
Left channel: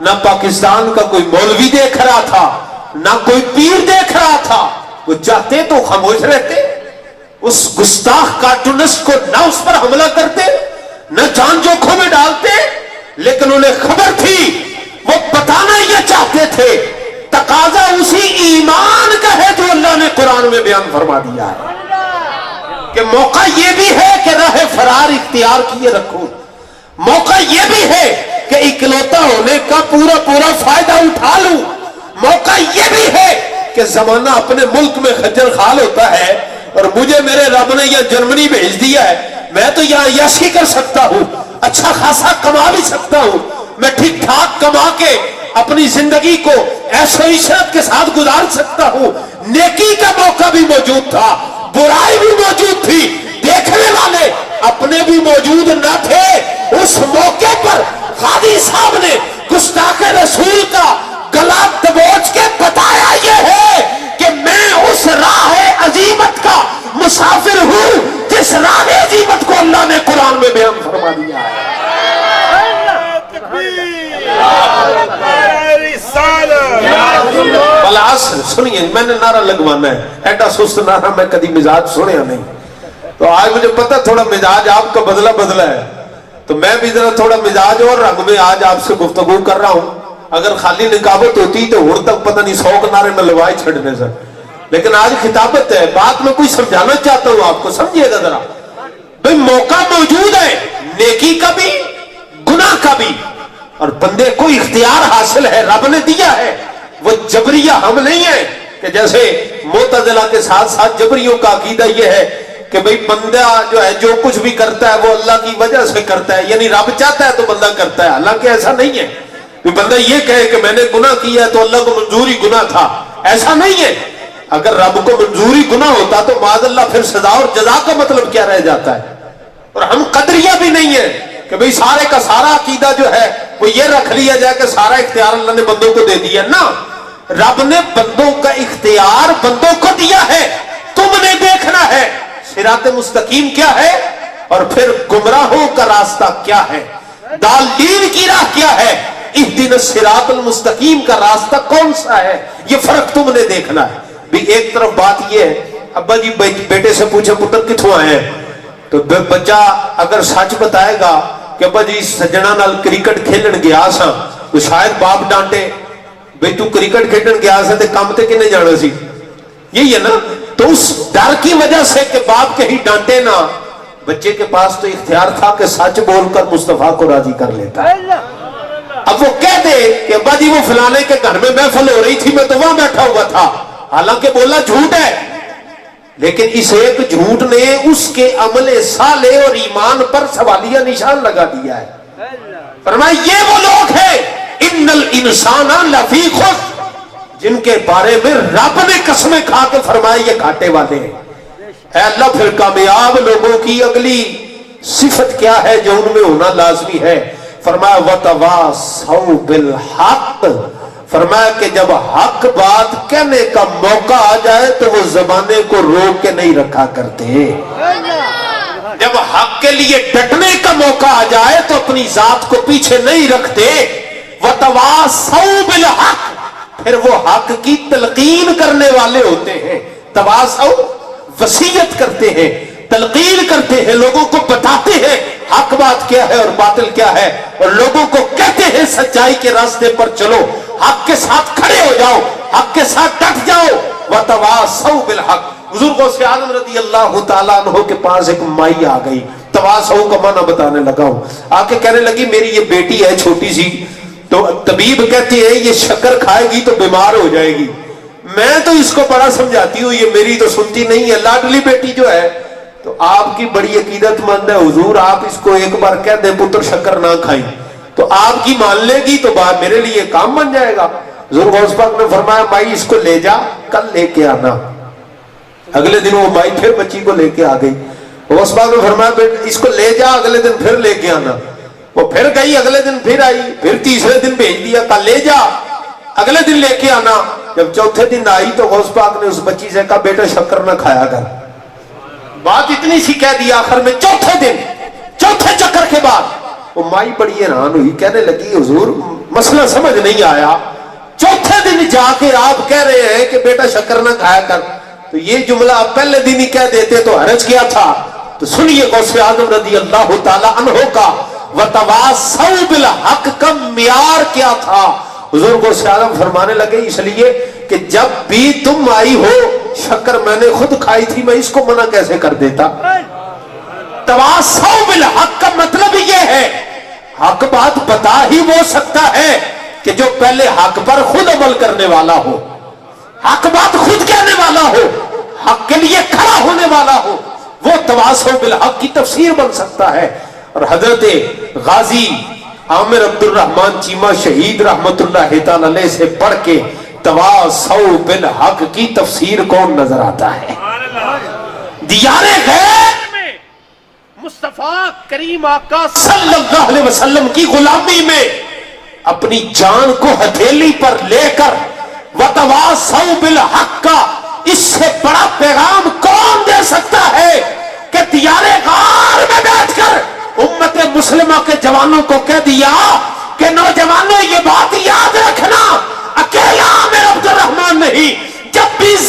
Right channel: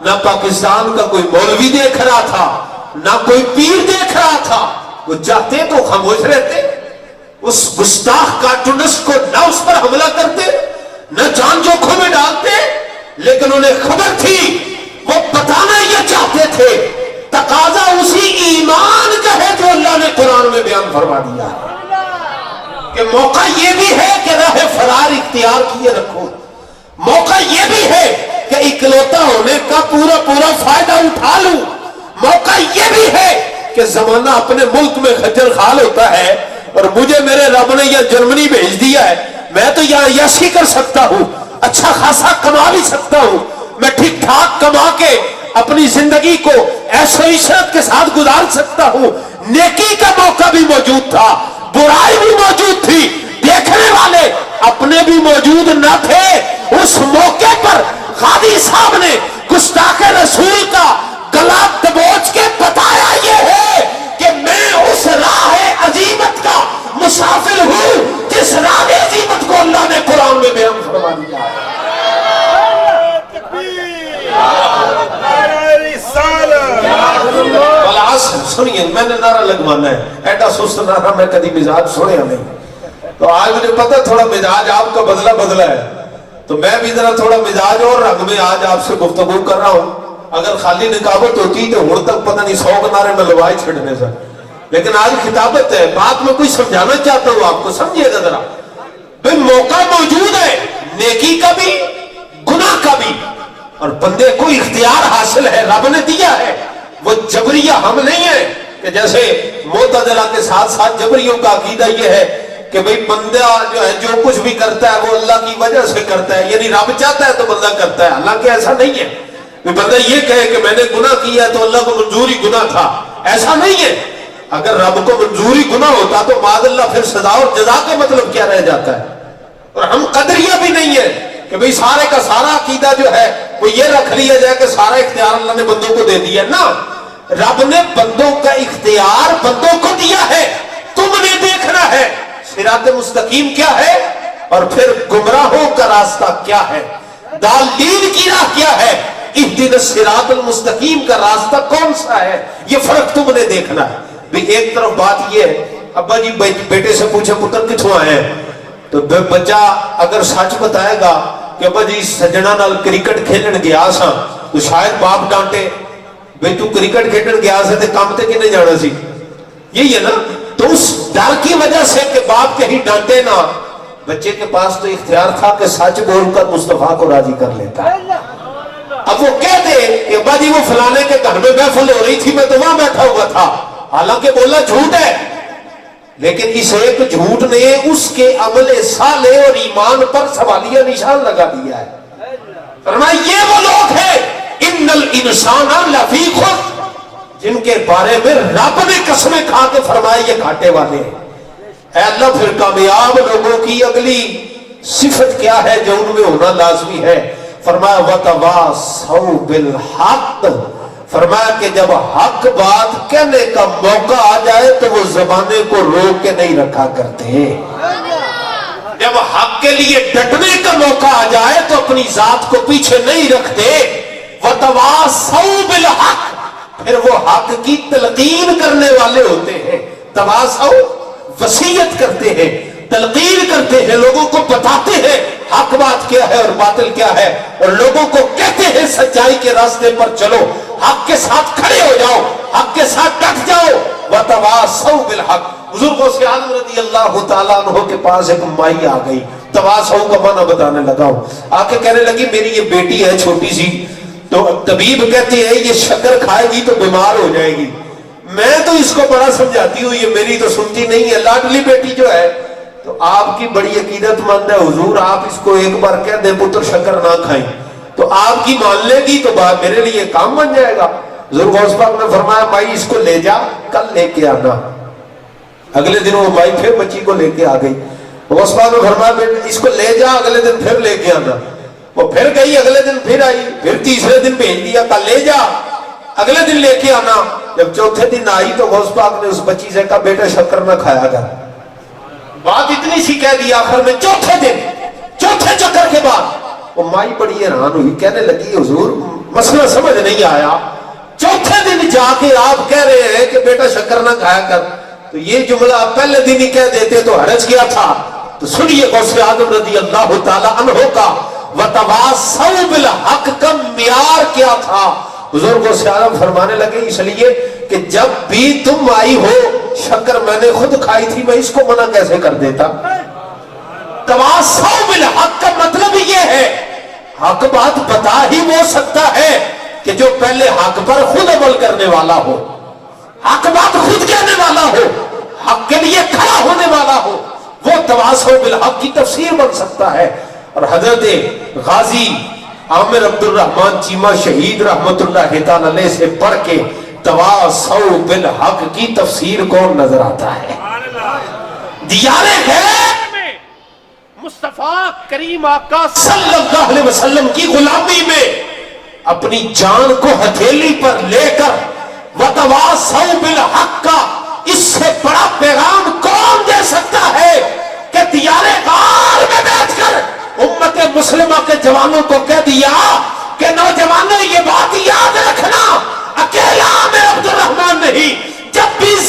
نہ پاکستان کا کوئی مولوی دیکھ رہا تھا، نہ کوئی پیر دیکھ رہا تھا. وہ چاہتے تو خاموش رہتے، اس گستاخ کارٹونسٹ کو نہ اس پر حملہ کرتے، نہ جان جوکھوں میں ڈالتے. لیکن انہیں خبر تھی، وہ بتانا یہ چاہتے تھے. تقاضا اسی ایمان کا ہے جو اللہ نے قرآن میں بیان فرما دیا ہے کہ موقع یہ بھی ہے کہ راہ فرار اختیار کیے رکھو. موقع یہ بھی ہے کہ اکلوتا ہونے کا پورا پورا فائدہ اٹھا لوں. موقع یہ بھی ہے کہ زمانہ اپنے ملک میں خجل خال ہوتا ہے اور مجھے میرے رب نے یہ جرمنی بھیج دیا ہے، میں تو یہاں یشی کر سکتا ہوں، اچھا خاصا کما بھی سکتا ہوں، میں ٹھیک ٹھاک کما کے اپنی زندگی کو ایسو عشرت کے ساتھ گزار سکتا ہوں. نیکی کا موقع بھی موجود تھا، برائی بھی موجود تھی، دیکھنے والے اپنے بھی موجود نہ تھے. اس موقع پر غازی صاحب نے گستاخ رسول کا گلا دبوچ کے بتایا یہ ہے کہ میں اس راہ عزیمت کا مسافر ہوں جس راہ عزیمت کو اللہ نے قرآن میں بیان فرما دیا ہے. والعصر سنیے میں نے نعرہ لگوانا ہے، ایڈا سست نعرہ میں کبھی مزاج سنیا نہیں، تو آج مجھے پتا تھوڑا مزاج آپ کا بدلا ہے، تو میں بھی ذرا تھوڑا مزاج اور رنگ میں آج آپ سے گفتگو کر رہا ہوں۔ اگر خالی نکابت ہوتی تو ہر تک پتہ نہیں 100 نعرے میں لوائے چھڑنے سے، لیکن آج خطابت ہے، بات میں کوئی سمجھانا چاہتا ہوں آپ کو، سمجھیے گا ذرا بھئی موقع موجود ہے نیکی کا بھی گناہ کا بھی، اور بندے کو اختیار حاصل ہے، رب نے دیا ہے، وہ جبریہ ہم نہیں ہے کہ جیسے معتزلہ کے ساتھ ساتھ جبریوں کا عقیدہ یہ ہے کہ بھئی بندہ جو ہے جو کچھ بھی کرتا ہے وہ اللہ کی وجہ سے کرتا ہے، یعنی رب چاہتا ہے تو بندہ کرتا ہے، حالانکہ ایسا نہیں ہے کہ بندہ یہ کہے کہ میں نے گناہ کیا تو اللہ کو منظوری گناہ تھا، ایسا نہیں ہے۔ اگر رب کو منظوری گناہ ہوتا تو معاذ اللہ پھر سزا اور جزا کا مطلب کیا رہ جاتا ہے۔ اور ہم قدریہ بھی نہیں ہے کہ بھئی سارے کا سارا عقیدہ جو ہے وہ یہ رکھ لیا جائے کہ سارا اختیار اللہ نے بندوں کو دے دیا، نہ، رب نے بندوں کا اختیار بندوں کو دیا ہے، تم نے دیکھنا ہے صراط مستقیم کیا ہے اور پھر گمراہوں کا راستہ کیا ہے، ضالین کی راہ کیا ہے، اہدنا الصراط المستقیم کا راستہ کون سا ہے، یہ فرق تم نے دیکھنا ہے۔ بھی ایک طرف بات یہ ہے، ابا جی بیٹے سے پوچھے پتر کتھوں آئے ہیں، تو بچہ اگر سچ بتائے گا کہ ابا جی سجنا نال کرکٹ کھیلن گیا سا، تو شاید باپ ڈانٹے بھئی تو کرکٹ کھیلن گیا سا تے کام تے کنے جانا سی، یہی ہے نا، تو اس ڈر کی وجہ سے کہ باپ کہیں ڈانٹے نہ، بچے کے پاس تو اختیار تھا کہ سچ بول کر مصطفیٰ کو راضی کر لیتا۔ اب وہ کہہ دے کہ ابا جی وہ فلانے کے گھر میں محفل ہو رہی تھی میں تو وہاں بیٹھا ہوا تھا، حالانکہ بولنا جھوٹ ہے، لیکن اس ایک جھوٹ نے اس کے عمل صالح اور ایمان پر سوالیہ نشان لگا دیا ہے۔ فرمایا یہ وہ لوگ ہیں ان الانسان لفی خسر، جن کے بارے میں رب نے قسمیں کھا کے فرمایا یہ گھاٹے والے ہیں۔ اے اللہ پھر کامیاب لوگوں کی اگلی صفت کیا ہے جو ان میں ہونا لازمی ہے؟ فرمایا وَتَوَاصَوْا بِالْحَقِّ، فرمایا کہ جب حق بات کہنے کا موقع آ جائے تو وہ زبانے کو روک کے نہیں رکھا کرتے، جب حق کے لیے ڈٹنے کا موقع آ جائے تو اپنی ذات کو پیچھے نہیں رکھتے۔ وَتَوَاصَوْا بِالْحَقِّ، پھر وہ حق کی تلقین کرنے والے ہوتے ہیں۔ تواصوا وصیت کرتے ہیں، تلقین کرتے ہیں، لوگوں کو بتاتے ہیں حق بات کیا ہے اور باطل کیا ہے، اور لوگوں کو کہتے ہیں سچائی کے راستے پر چلو، حق کے ساتھ کھڑے ہو جاؤ، حق کے ساتھ ڈٹ جاؤ۔ وَتَوَاصَوْا بِالْحَقِّ، حضور غوث اعظم رضی اللہ تعالیٰ عنہ کے پاس ایک مائی آ گئی، تواصوا کا معنی بتانے لگا ہوں، آ کے کہنے لگی میری یہ بیٹی ہے چھوٹی سی، تو طبیب کہتے ہیں یہ شکر کھائے گی تو بیمار ہو جائے گی، میں تو اس کو بڑا سمجھاتی ہوں، یہ میری تو سنتی نہیں ہے، لاڈلی بیٹی جو ہے، تو آپ کی بڑی عقیدت مند ہے حضور، آپ اس کو ایک بار کہہ دیں پتر شکر نہ کھائیں تو آپ کی مان لے گی تو بات میرے لیے کام بن جائے گا۔ حضور غوث پاک نے فرمایا بھائی اس کو لے جا، کل لے کے آنا۔ اگلے دن وہ مائی پھر بچی کو لے کے آ گئی، غوث پاک نے فرمایا اس کو لے جا، اگلے دن پھر لے کے آنا۔ وہ پھر گئی، اگلے دن پھر آئی، پھر تیسرے دن بھیج دیا، کل لے جا، اگلے دن لے کے آنا۔ جب چوتھے دن آئی تو غوث پاک نے اس بچی سے کہا بیٹا شکر نہ کھایا کر، بات اتنی سی کہہ دی۔ آخر میں چوتھے دن، چوتھے چکر کے بعد وہ مائی بڑی حیران ہوئی، کہنے لگی حضور مسئلہ سمجھ نہیں آیا، چوتھے دن جا کے آپ کہہ رہے ہیں کہ بیٹا شکر نہ کھایا کر، تو یہ جملہ آپ پہلے دن ہی کہہ دیتے تو حرج کیا تھا۔ تو سنیے غوث اعظم رضی اللہ تعالیٰ عنہ کا وَتَوَاصَوْا بِالْحَقِّ کا معیار کیا تھا۔ حضور غوث اعظم فرمانے لگے اس لیے کہ جب بھی تم آئی ہو شکر میں نے خود کھائی تھی، میں اس کو منع کیسے کر دیتا۔ تواصوا بالحق کا مطلب یہ ہے حق بات بتا ہی وہ سکتا ہے کہ جو پہلے حق پر خود عمل کرنے والا ہو، حق بات خود کہنے والا ہو، حق کے لیے کھڑا ہونے والا ہو، وہ تواصوا بالحق کی تفسیر بن سکتا ہے۔ اور حضرت غازی عامر عبد الرحمن چیمہ شہید رحمت اللہ تعالی علیہ سے پڑھ کے تواصوا بالحق کی تفسیر کون نظر آتا ہے؟ دیار غیر میں مصطفیٰ کریم آقا صلی اللہ علیہ وسلم کی غلامی میں اپنی جان کو ہتھیلی پر لے کر وتواصوا بالحق کا اس سے بڑا پیغام کون دے سکتا ہے کہ دیار غار میں بیٹھ کر امت مسلمہ کے جوانوں کو کہہ دیا کہ نوجوانوں یہ بات یاد رکھنا، اکیلا عامر عبد الرحمن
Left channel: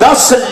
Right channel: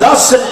10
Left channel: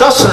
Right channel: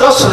10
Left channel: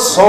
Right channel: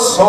100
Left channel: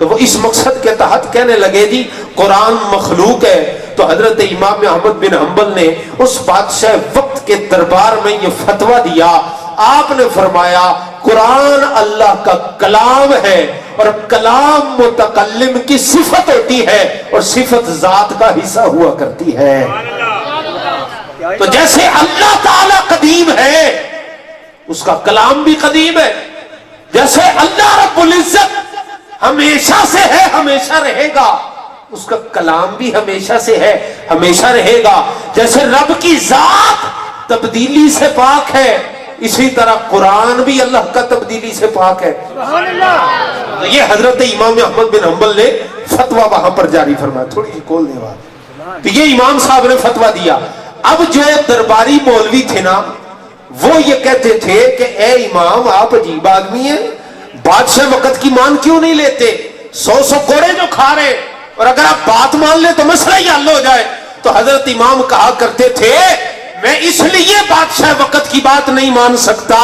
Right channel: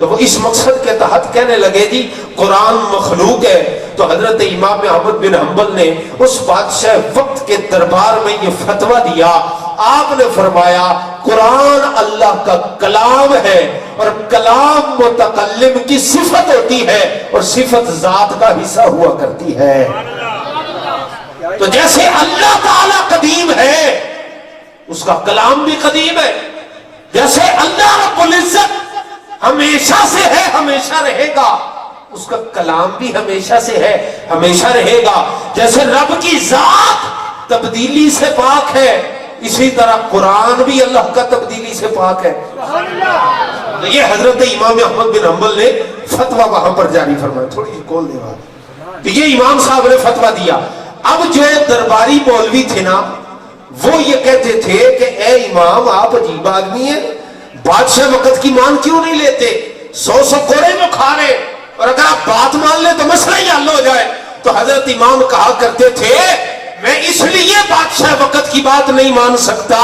تو وہ اس مقصد کے تحت کہنے لگے جی قرآن مخلوق ہے. تو حضرت امام احمد بن حنبل نے اس بادشاہ وقت کے دربار میں یہ فتویٰ دیا. آپ نے فرمایا قرآن اللہ کا کلام ہے اور کلام متکلم کی صفت ہوتی ہے اور صفت ذات کا حصہ ہوا کرتی ہے. تو جیسے اللہ تعالی قدیم ہے اس کا کلام بھی قدیم ہے, جیسے اللہ رب العزت ہمیشہ سے ہے ہمیشہ رہے گا اس کا کلام بھی ہمیشہ سے ہے ہمیشہ رہے گا. جیسے رب کی ذات تبدیلی سے پاک ہے اسی طرح قرآن بھی اللہ کا تبدیلی سے پاک ہے. تو یہ حضرت امام احمد بن حنبل نے فتویٰ وہاں پر جاری فرمایا. تھوڑی سی کول دے بات. تو یہ امام صاحب نے فتویٰ دیا. اب جو درباری مولوی تھے نا وہ یہ کہتے تھے کہ اے امام آپ عجیب آدمی ہیں, بادشاہ وقت کی مان کیوں نہیں لیتے؟ 100 کوڑے جو کھا رہے اور اگر آپ بات مان لیں تو مسئلہ ہی حل ہو جائے. تو حضرت امام کہا کرتے تھے میں اس لیے بادشاہ وقت کی بات نہیں مان سکتا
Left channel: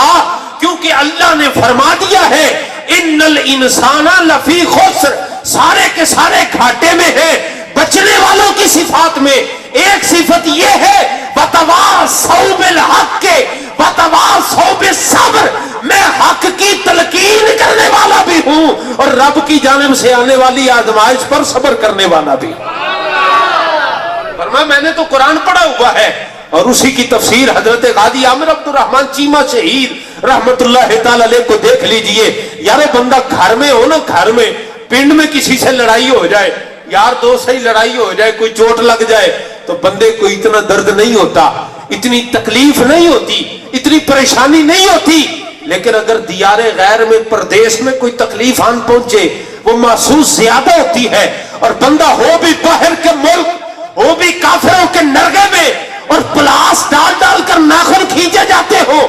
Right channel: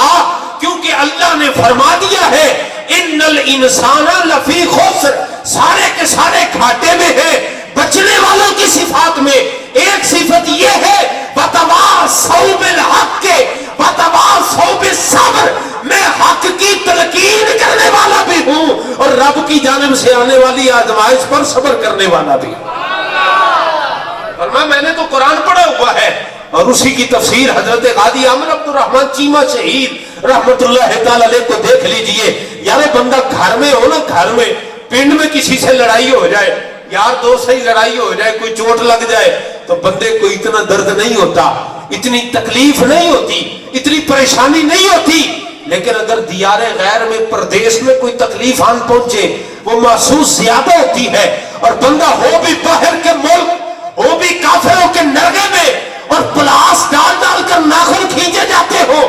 کیونکہ اللہ نے فرما دیا ہے ان الانسان لفی خسر, سارے کے سارے گھاٹے میں ہیں. بچنے والوں کی صفات میں ایک صفت یہ ہے وتواصوا بالحق وتواصوا بالصبر, میں حق کی تلقین کرنے والا بھی ہوں اور رب کی جانب سے آنے والی آزمائش پر صبر کرنے والا بھی. فرمایا میں نے تو قرآن پڑھا ہوا ہے. اور اسی کی تفسیر حضرت قاضی عامر عبد الرحمن چیمہ شہید رحمت اللہ تعالی علیہ کو دیکھ لیجئے. یار بندہ گھر میں ہو نا, گھر میں پنڈ میں کسی سے لڑائی ہو جائے, یار دوست سے ہی لڑائی ہو جائے, کوئی چوٹ لگ جائے تو بندے کو اتنا درد نہیں ہوتا, اتنی تکلیف نہیں ہوتی, اتنی پریشانی نہیں ہوتی. لیکن اگر دیار غیر میں پردیش میں کوئی تکلیف آن پہنچے وہ محسوس زیادہ ہوتی ہے. اور بندہ ہو بھی باہر کے ملک ہو بھی کافروں کے نرگے میں اور پلاس ڈال ڈال کر ناخن کھینچے جاتے ہو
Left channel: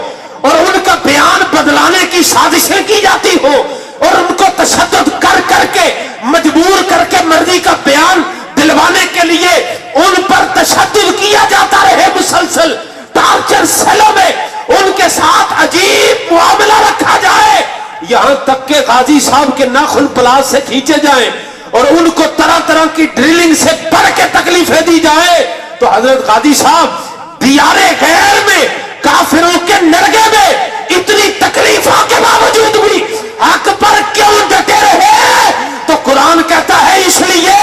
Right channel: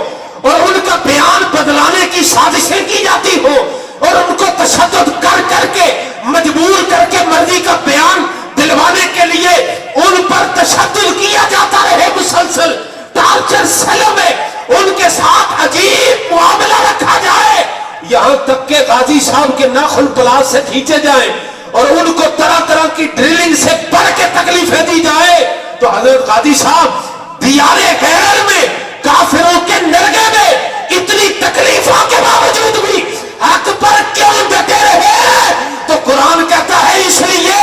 اور ان کا بیان بدلانے کی سازشیں کی جاتی ہو اور ان کو تشدد کر کر کے مجبور کر کے مرضی کا بیان دلوانے کے لیے ان پر تشدد کیا جاتا رہے, مسلسل ٹارچر سیلوں میں ان کے ساتھ عجیب معاملہ رکھا جائے, یہاں تک کہ قاضی صاحب کے ناخن پلاس سے کھینچے جائیں اور ان کو طرح طرح کی ڈرلنگ سے بڑھ کے تکلیفیں دی جائے. تو حضرت قاضی صاحب دیار غیر میں کافروں کے نرگے میں اتنی تکلیفوں کے باوجود بھی حق پر کیوں ڈٹے رہے؟ تو قرآن کہتا ہے اس لیے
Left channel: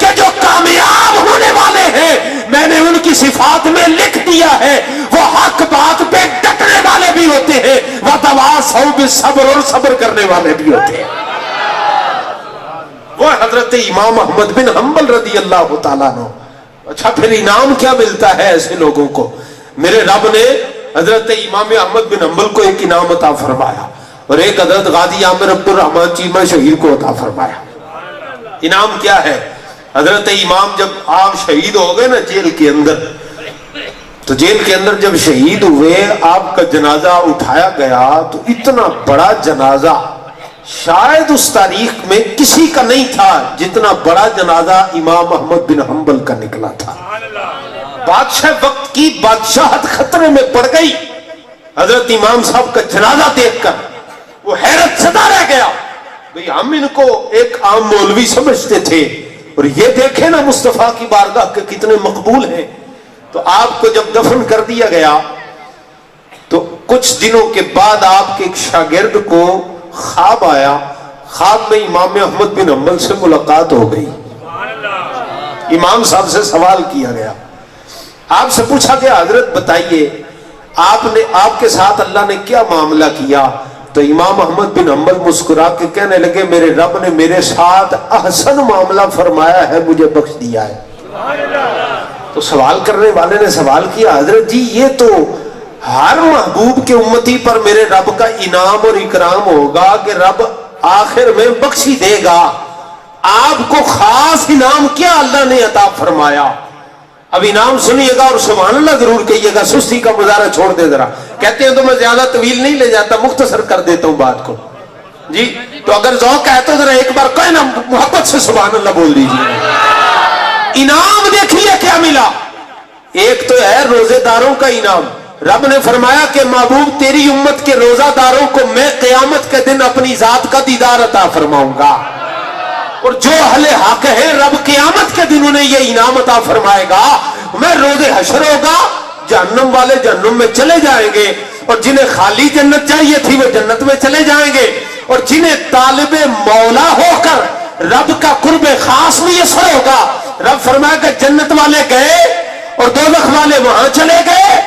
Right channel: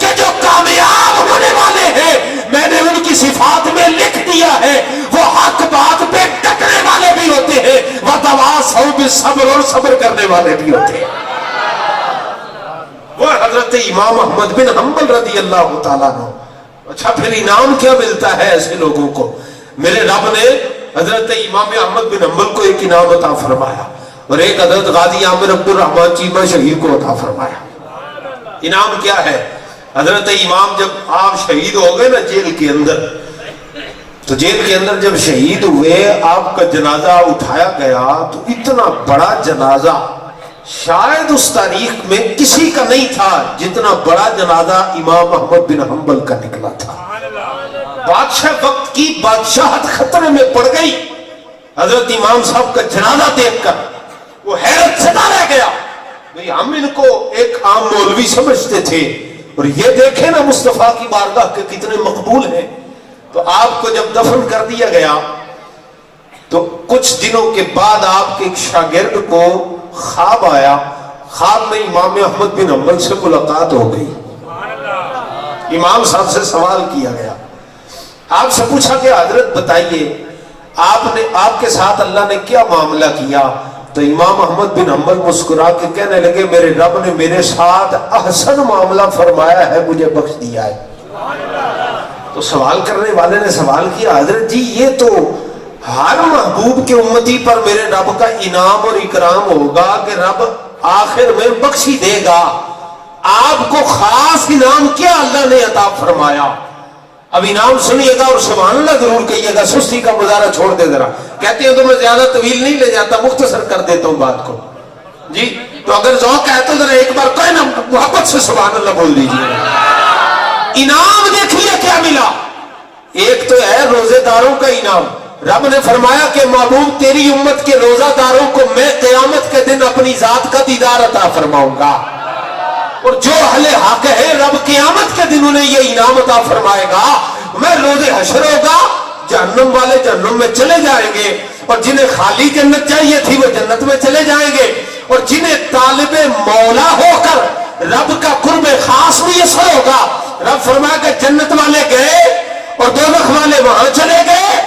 کہ جو کامیاب ہونے والے ہیں میں نے ان کی صفات میں لکھ دیا ہے وہ حق بات پہ ڈٹنے والے بھی ہوتے ہیں, وتواصوا بالصبر, اور صبر کرنے والے بھی ہوتے ہیں. وہ حضرت امام احمد بن حنبل رضی اللہ تعالیٰ عنہ. اچھا پھر انعام کیا ملتا ہے ایسے لوگوں کو؟ میرے رب نے حضرت امام احمد بن حنبل کو ایک انعام عطا فرمایا اور ایک حضرت قاضی عامر عبد الرحمن چیمہ شہید کو عطا فرمایا. انعام کیا ہے؟ حضرت امام جب آپ شہید ہو گئے نا جیل کے اندر, تو جیل کے اندر جب شہید ہوئے آپ کا جنازہ اٹھایا گیا تو اتنا بڑا جنازہ شاید اس تاریخ میں کسی کا نہیں تھا جتنا بڑا جنازہ امام احمد بن حنبل کا نکلا تھا. بادشاہ وقت کی بادشاہت خطرے میں پڑ گئی. حضرت امام صاحب کا جنازہ دیکھ کر وہ حیرت زدہ رہ گیا. بھئی ہم ان کو ایک عام مولوی سمجھتے تھے اور یہ دیکھیں نا مصطفیٰ کی بارگاہ کے کتنے مقبول ہیں. تو آپ کو جب دفن کر دیا گیا تو کچھ دنوں کے بعد آپ کے ایک شاگرد کو خواب آیا. خواب میں امام احمد بن حنبل سے ملاقات ہو گئی. امام صاحب سے سوال کیا گیا, آپ سے پوچھا کہ حضرت بتائیے آپ کے ساتھ اللہ نے کیا معاملہ کیا؟ تو امام احمد بن حنبل مسکرا کے کہنے لگے میرے رب نے میرے ساتھ احسن معاملہ فرمایا ہے, مجھے بخش دیا ہے. تو سوال کرنے والے نے سوال کیا حضرت جی یہ تو ہر محبوب کے امتی پر میرے رب کا انعام اور اکرام ہوگا کہ رب آخر میں بخشی دے گا, آپ کو خاص انعام کیا اللہ نے عطا فرمایا؟ اب انعام سنیے گا اور سبحان اللہ ضرور کہیے گا, سستی کا مظاہرہ چھوڑ دے ذرا. کہتے ہیں تو میں زیادہ طویل نہیں لے جاتا, مختصر کر دیتا ہوں بات کو جی. تو اگر ذوق ہے تو ذرا ایک بار کوئی نا محبت سے سبحان اللہ بول دیجیے. انعام دیکھیے کیا ملا. ایک تو ہے روزے داروں کا انعام. رب نے فرمایا کہ محبوب تیری امت کے روزہ داروں کو میں قیامت کے دن اپنی ذات کا دیدار عطا فرماؤں گا. اور جو اہل حق ہے رب قیامت کے دن انہیں یہ انعام عطا فرمائے گا. میں روز حشر ہوگا, جہنم والے جہنم میں چلے جائیں گے, اور جنہیں خالی جنت چاہیے تھی وہ جنت میں چلے جائیں گے, اور جنہیں طالب مولا ہو کر رب کا قرب خاص میسر ہوگا, رب فرمائے کہ جنت والے گئے اور دوزخ والے وہاں چلے گئے,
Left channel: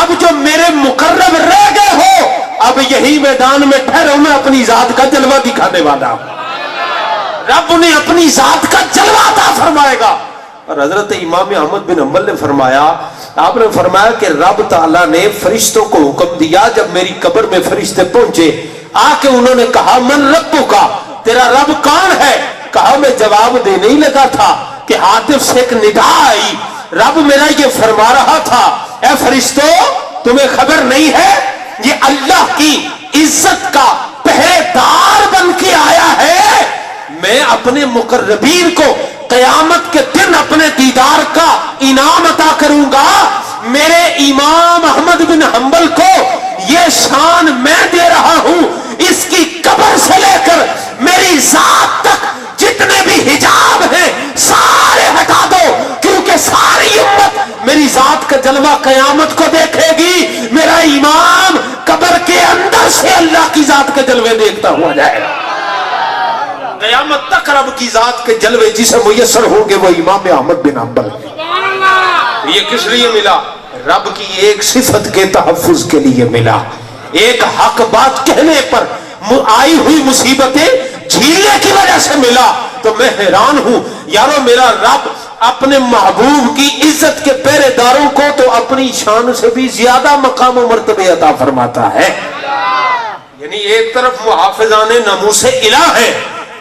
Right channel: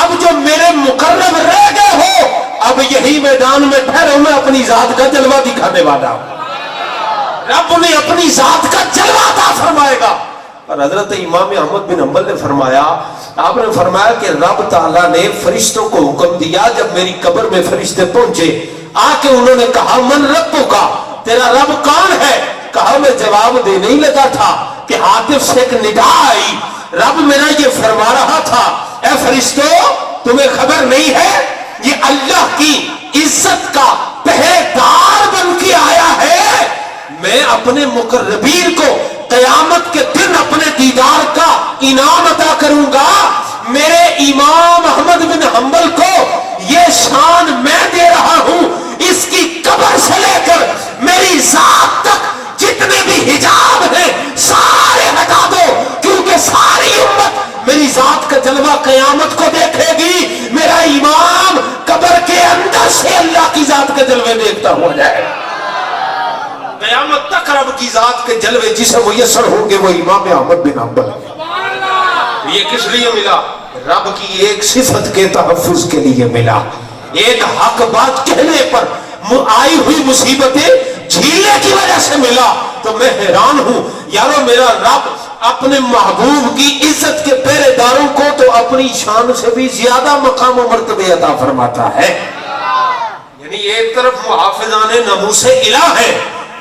اب جو میرے مقرب رہ گئے ہو اب یہی میدان میں ٹھہرو, میں اپنی ذات کا جلوہ دکھانے والا ہوں. رب انہیں اپنی ذات کا جلوہ عطا فرمائے گا. اور حضرت امام احمد بن حنبل نے فرمایا, آپ نے فرمایا کہ رب تعالیٰ نے فرشتوں کو حکم دیا, جب میری قبر میں فرشتے پہنچے آ کے انہوں نے کہا من ربک کا, تیرا رب کون ہے؟ کہا میں جواب دینے ہی لگا تھا کہ ہاتف سے ایک ندا آئی, رب میرا یہ فرما رہا تھا اے فرشتوں تمہیں خبر نہیں ہے یہ اللہ کی عزت کا پہرے دار بن کے آیا ہے, میں اپنے مقربین کو قیامت کے دن اپنے دیدار کا انعام عطا کروں گا. میرے امام احمد بن حنبل کو یہ شان میں دے رہا ہوں, اس کی قبر سے لے کر میری ذات تک جتنے بھی حجاب ہیں سارے ہٹا دو, کیونکہ ساری امت میری ذات کا جلوہ قیامت کو دیکھے گی. میرا امام قبر کے اندر سے اللہ کی ذات کے جلوے دیکھتا ہوا جائے گا. قیامت تک رب کی ذات کے جلوے جسے میسر ہوں گے وہ امام احمد بن حنبل. یہ کس لیے ملا؟ رب کی ایک صفت کے تحفظ کے لیے ملا, ایک حق بات کہنے پر آئی ہوئی مصیبتیں جھیلنے کی وجہ سے ملا. تو میں حیران ہوں یارو, میرا رب اپنے محبوب کی عزت کے پہرے داروں کو تو اپنی شان سے بھی زیادہ مقام و مرتبے عطا فرماتا ہے. یعنی ایک طرف محافظان ناموس الہ ہے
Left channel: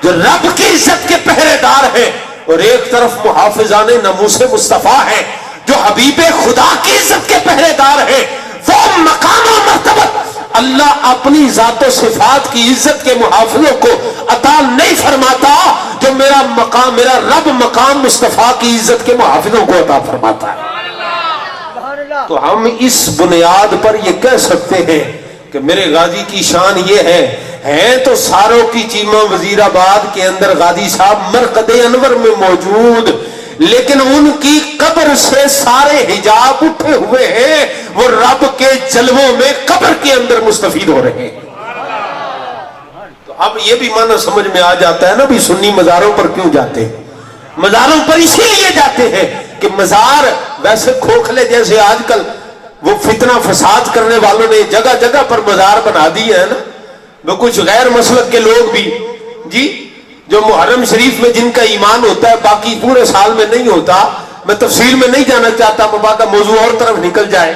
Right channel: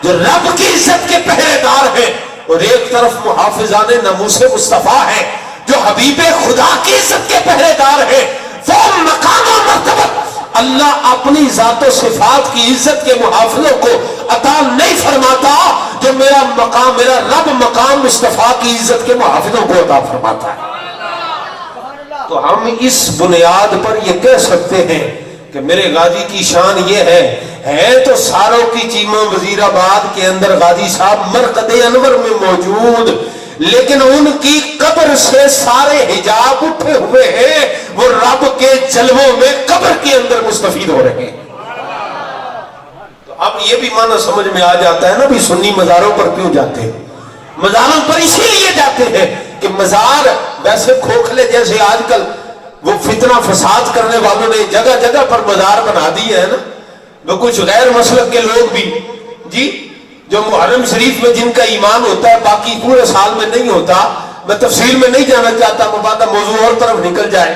جو رب کی عزت کے پہرے دار ہیں, اور ایک طرف محافظان ناموس مصطفیٰ ہیں جو حبیب خدا کی عزت کے پہرے دار ہیں. وہ مقام و مرتبت اللہ اپنی ذات و صفات کی عزت کے محافظوں کو عطا نہیں فرماتا جو میرا مقام, میرا رب مقام مصطفیٰ کی عزت کے محافظوں کو عطا فرماتا ہے. تو ہم اس بنیاد پر یہ کہہ سکتے ہیں کہ میرے غازی کی شان یہ ہے تو ساروں کی چیمہ وزیر آباد کے اندر غازی صاحب مرقد انور میں موجود, لیکن ان کی قبر سے سارے حجاب اٹھے ہوئے ہیں, وہ رب کے جلووں میں قبر کے اندر مستفید ہو رہے ہیں. تو اب یہ بھی معنی سمجھ میں آ جاتا ہے نا بھی سنی مزاروں پر کیوں جاتے ہیں. مزاروں پر اسی لیے جاتے ہیں کہ مزار ویسے کھوکھلے جیسے آج کل وہ فتنہ فساد کرنے والوں نے جگہ جگہ پر مزار بنا دی ہے نا, وہ کچھ غیر مسلک کے لوگ بھی جی جو محرم شریف میں جن کا ایمان ہوتا ہے باقی پورے سال میں نہیں ہوتا. میں تفصیل میں نہیں جانا چاہتا, مبادہ موضوع اور طرف نکل جائے.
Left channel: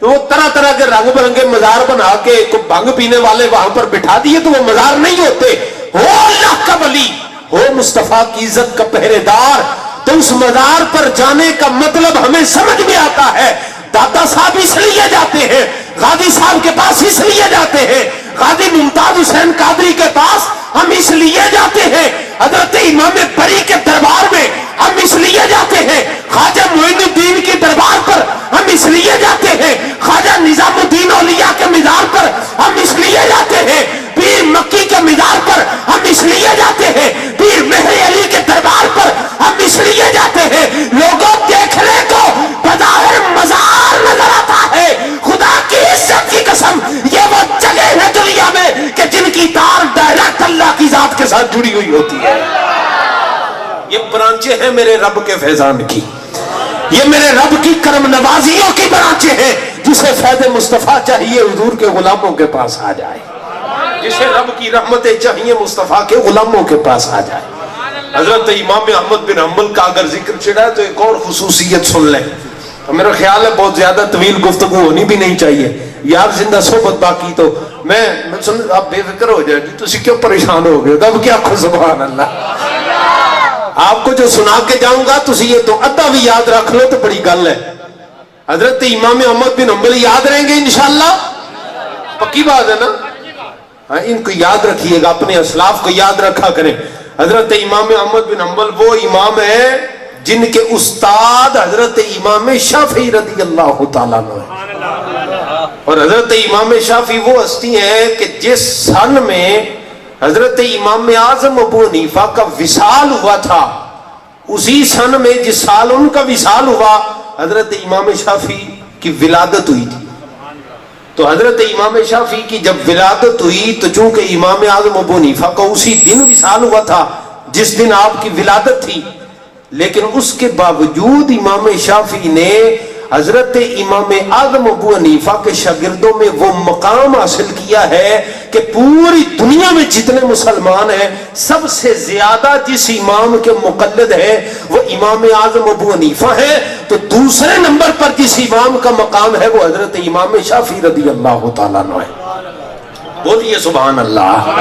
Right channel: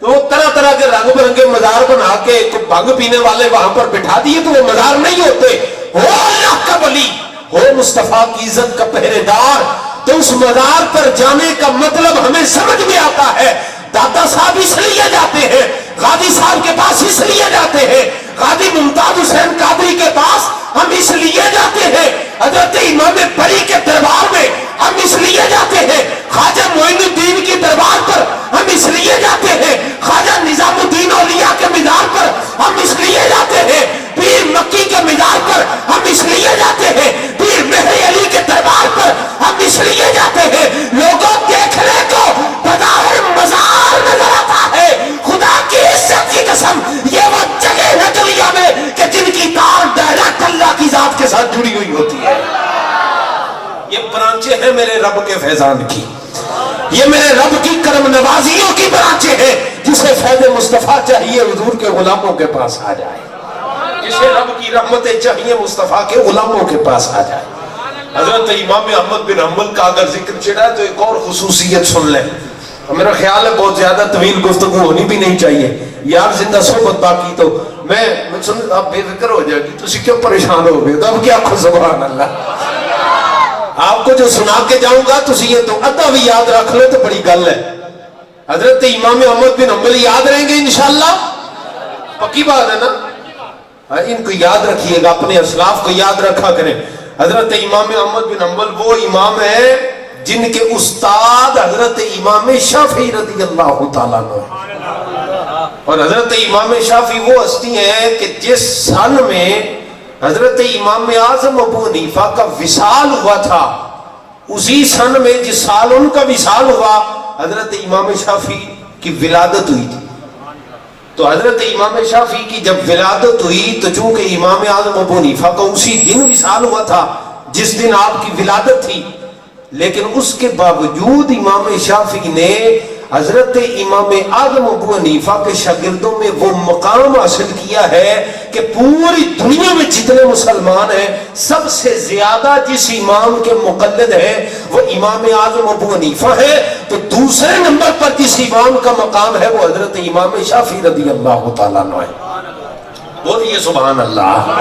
تو وہ طرح طرح کے رنگ برنگے مزار بنا کے بھنگ پینے والے وہاں پر بٹھا دیے تو وہ مزار نہیں ہوتے. ہو اللہ کا ولی, ہو مصطفیٰ کی عزت کا پہرے دار, تو اس مزار پر جانے کا مطلب ہمیں سمجھ میں آتا ہے. دادا صاحب اس لیے جاتے ہیں, غازی صاحب کے پاس اس لیے جاتے ہیں, غازی ممتاز حسین قادری کے پاس ہم اس لیے جاتے ہیں, حضرت امام بری کے دربار میں ہم اس لیے جاتے ہیں, خواجہ معین الدین کی دربار پر ہم اس لیے جاتے ہیں, خواجہ نظام الدین اولیاء کے مزار پر ہم اس لیے جاتے ہیں, پیر مکی کے مزار پر ہم اس لیے جاتے ہیں, پیر مہر علی کے دربار پر ہم اس لیے جاتے ہیں. لوگوں دیکھنے کو بظاہر مزار نظر آتا ہے, خدا کی عزت کی قسم یہ وہ جگہ ہے دنیا میں کہ جن کی تار ڈائریکٹ اللہ کی ذات کے ساتھ جڑی ہوئی ہوتی ہے. یہ برانچیں ہیں میرے رب کے فیضان کی, یہ میرے رب کی کرم نوازیوں کی برانچیں ہیں. جسے فیض مصطفیٰ چاہیے حضور کے غلاموں کے پاس آ جائے, جسے رب کی رحمتیں چاہیے مصطفیٰ کے غلاموں کے پاس آ جائے. حضرت امام احمد بن حنبل کا اگر ذکر چڑھا ہے تو ایک اور خصوصیت سن لیں. میرا خیال ہے بہت زیادہ طویل گفتگو ہونی بھی نہیں چاہیے یار, زندہ صحبت باقی تو میں سن آپ بے فکر ہو جائے گی, تسی کیوں پریشان ہو گئے, اب کیا خود سبحان اللہ. آپ کو جو سنا کے جاؤں گا تسی یہ تو ادھا بھی یاد رکھ لو تو بڑی گل ہے. حضرت امام احمد بن حنبل یاد رہیں گے انشاءاللہ, پکی بات ہے نا. ان کو یاد رکھیے گا, اپنے اسلاف کو یاد رکھا کریں. حضرت امام احمد بن حنبل وہ امام ہے جن کے استاد حضرت امام شافعی رضی اللہ تعالیٰ عنہ, اور حضرت امام شافعی وہ ہستی ہیں کہ جس سن میں حضرت امام اعظم ابو حنیفہ کا وصال ہوا تھا، اسی سن میں جس سال ان کا وصال ہوا حضرت امام شافعی کی ولادت ہوئی تھی۔ تو حضرت امام شافعی کی جب ولادت ہوئی تو چونکہ امام اعظم ابو حنیفہ کا اسی دن وصال ہوا تھا جس دن آپ کی ولادت تھی، لیکن اس کے باوجود امام شافعی نے حضرت امام اعظم ابو حنیفہ کے شاگردوں میں وہ مقام حاصل کیا ہے کہ پوری دنیا میں جتنے مسلمان ہیں سب سے زیادہ جس امام کے مقلد ہیں وہ امام اعظم ابو حنیفہ ہے، تو دوسرے نمبر پر جس امام کا مقام ہے وہ حضرت امام شافعی رضی اللہ تعالیٰ عنہ ہے۔ بولیے سبحان اللہ۔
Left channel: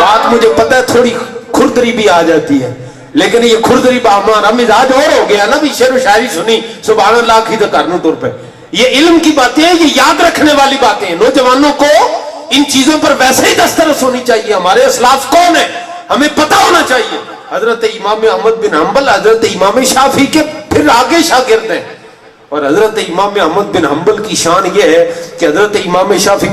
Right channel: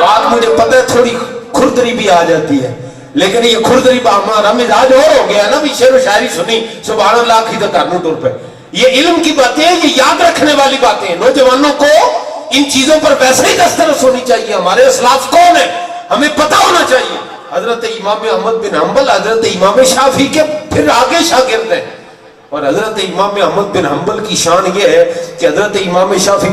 بات مجھے پتہ ہے تھوڑی کھردری بھی آ جاتی ہے، لیکن یہ کھردری ہمارا مزاج اور ہو گیا نا، بھی شعر و شاعری سنی سبحان اللہ کی تو کرنوں طور پہ۔ یہ علم کی باتیں ہیں، یہ یاد رکھنے والی باتیں ہیں، نوجوانوں کو ان چیزوں پر ویسے ہی دسترس ہونی چاہیے۔ ہمارے اسلاف کون ہیں ہمیں پتہ ہونا چاہیے۔ حضرت امام احمد بن حنبل حضرت امام شافعی کے پھر آگے شاگرد ہیں، اور حضرت امام احمد بن حنبل کی شان یہ ہے کہ حضرت امام شافعی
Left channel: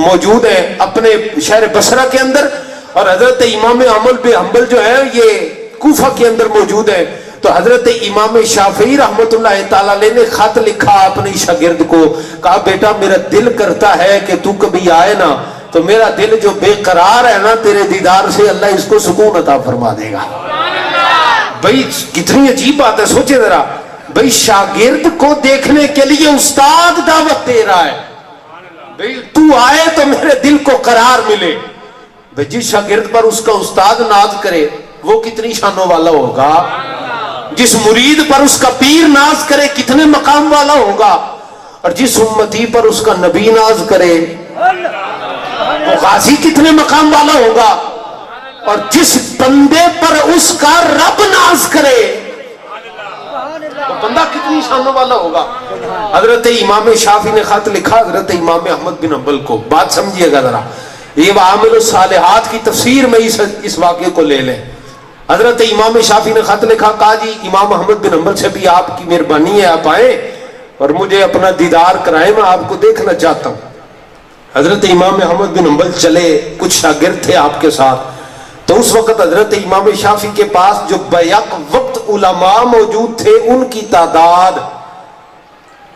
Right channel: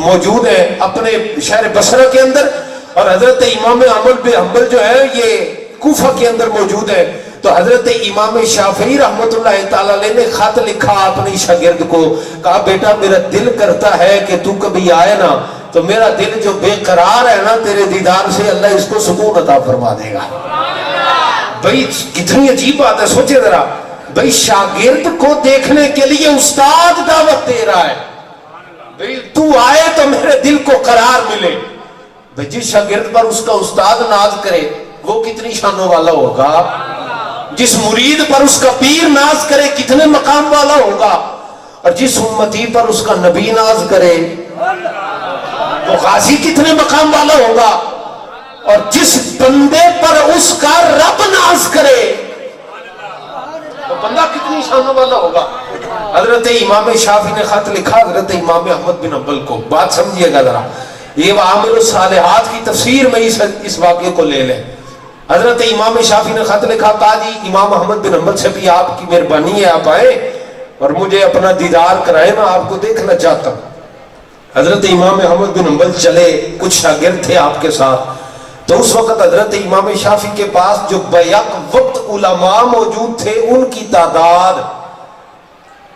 موجود ہیں اپنے شہر بصرہ کے اندر، اور حضرت امام احمد بن حنبل جو ہے یہ کوفہ کے اندر موجود ہے۔ تو حضرت امام شافعی رحمت اللہ تعالیٰ علیہ نے خط لکھا اپنی شاگرد کو، کہا بیٹا میرا دل کرتا ہے کہ تو کبھی آئے نا، تو میرا دل جو بے قرار ہے نا تیرے دیدار سے اللہ اس کو سکون عطا فرما دے گا۔ بھئی کتنی عجیب بات ہے، سوچے ذرا، بھئی شاگرد کو دیکھنے کے لیے استاد دعوت دے رہا ہے، بھئی تو آئے تو میرے دل کو قرار ملے۔ بھئی جس شاگرد پر اس کا استاد ناز کرے وہ کتنی شانوں والا ہوگا، جس مرید پر اس کا پیر ناز کرے کتنے مقام والا ہوگا، اور جس امتی پر اس کا نبی ناز کرے وہ غازی کتنے مقام والا ہوگا، اور جس بندے پر اس کا رب ناز کرے وہ بندہ کتنی شانوں والا ہوگا۔ حضرت امام شافعی نے خط لکھا حضرت امام احمد بن حنبل کو، بات سمجھیے گا ذرا، یہ عامل الصالحات کی تفسیر میں اس واقعے کو لے لیں۔ حضرت امام شافعی نے خط لکھا، کہا جی امام احمد بن حنبل سے بھی آپ کی مہربانی ہے، آپ آئے اور مجھے اپنا دیدار کرائے، میں آپ کو دیکھنا چاہتا ہوں۔ حضرت امام احمد بن حنبل چلے، کچھ شاگرد تھے آپ کے ساتھ، تو اس وقت حضرت امام شافعی کے پاس جو بیک وقت علماء موجود تھے ان کی تعداد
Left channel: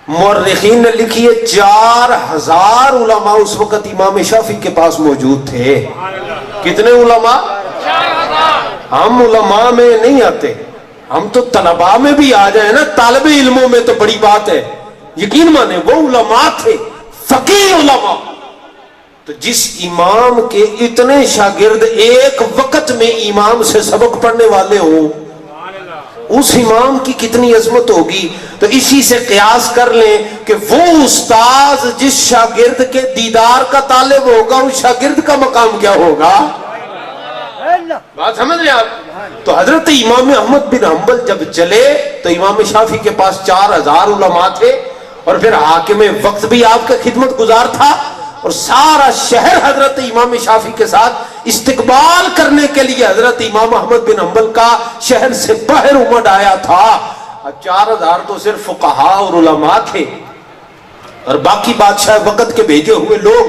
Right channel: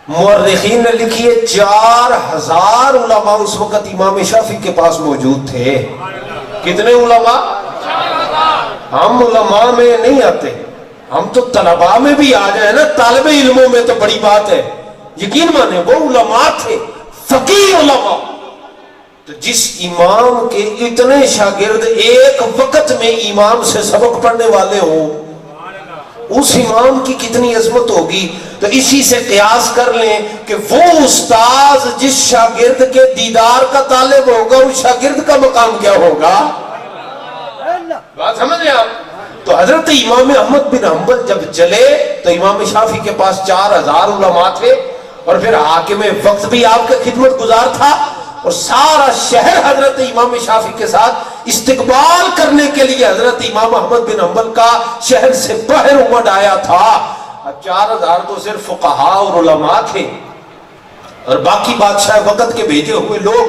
مورخین نے لکھی ہے 4000 علماء اس وقت امام شافعی کے پاس موجود تھے۔ کتنے علماء؟ ہم علماء میں نہیں آتے، ہم تو طلباء میں بھی آ جائیں نا، طالب علموں میں تو بڑی بات ہے، یقین مانے وہ علماء تھے، فقیہ علماء۔ تو جس امام کے اتنے شاگرد ایک وقت میں امام سے سبق پڑھنے والے ہوں، اس امام کی کتنی عظمت ہوگی۔ تو اسی سے قیاس کر لیں کہ وہ استاذ جس شاگرد کے دیدار کا طالب ہوگا اس شاگرد کا مقام کیا ہوگا، بات سمجھ رہے آپ۔ تو حضرت امام احمد بن حنبل جب چلے تو امام شافعی کے پاس 4000 علماء تھے، اور پھر حاکم وقت بھی آپ کا خدمت گزار تھا، اور سارا شہر حضرت امام شافعی کے ساتھ استقبال کرنے کے لیے حضرت امام احمد بن حنبل کا شہر سے باہر امڑ آیا تھا۔ 4000 تو صرف فقہاء اور علماء تھے، اور باقی بادشاہ وقت کے بھیجے ہوئے لوگ،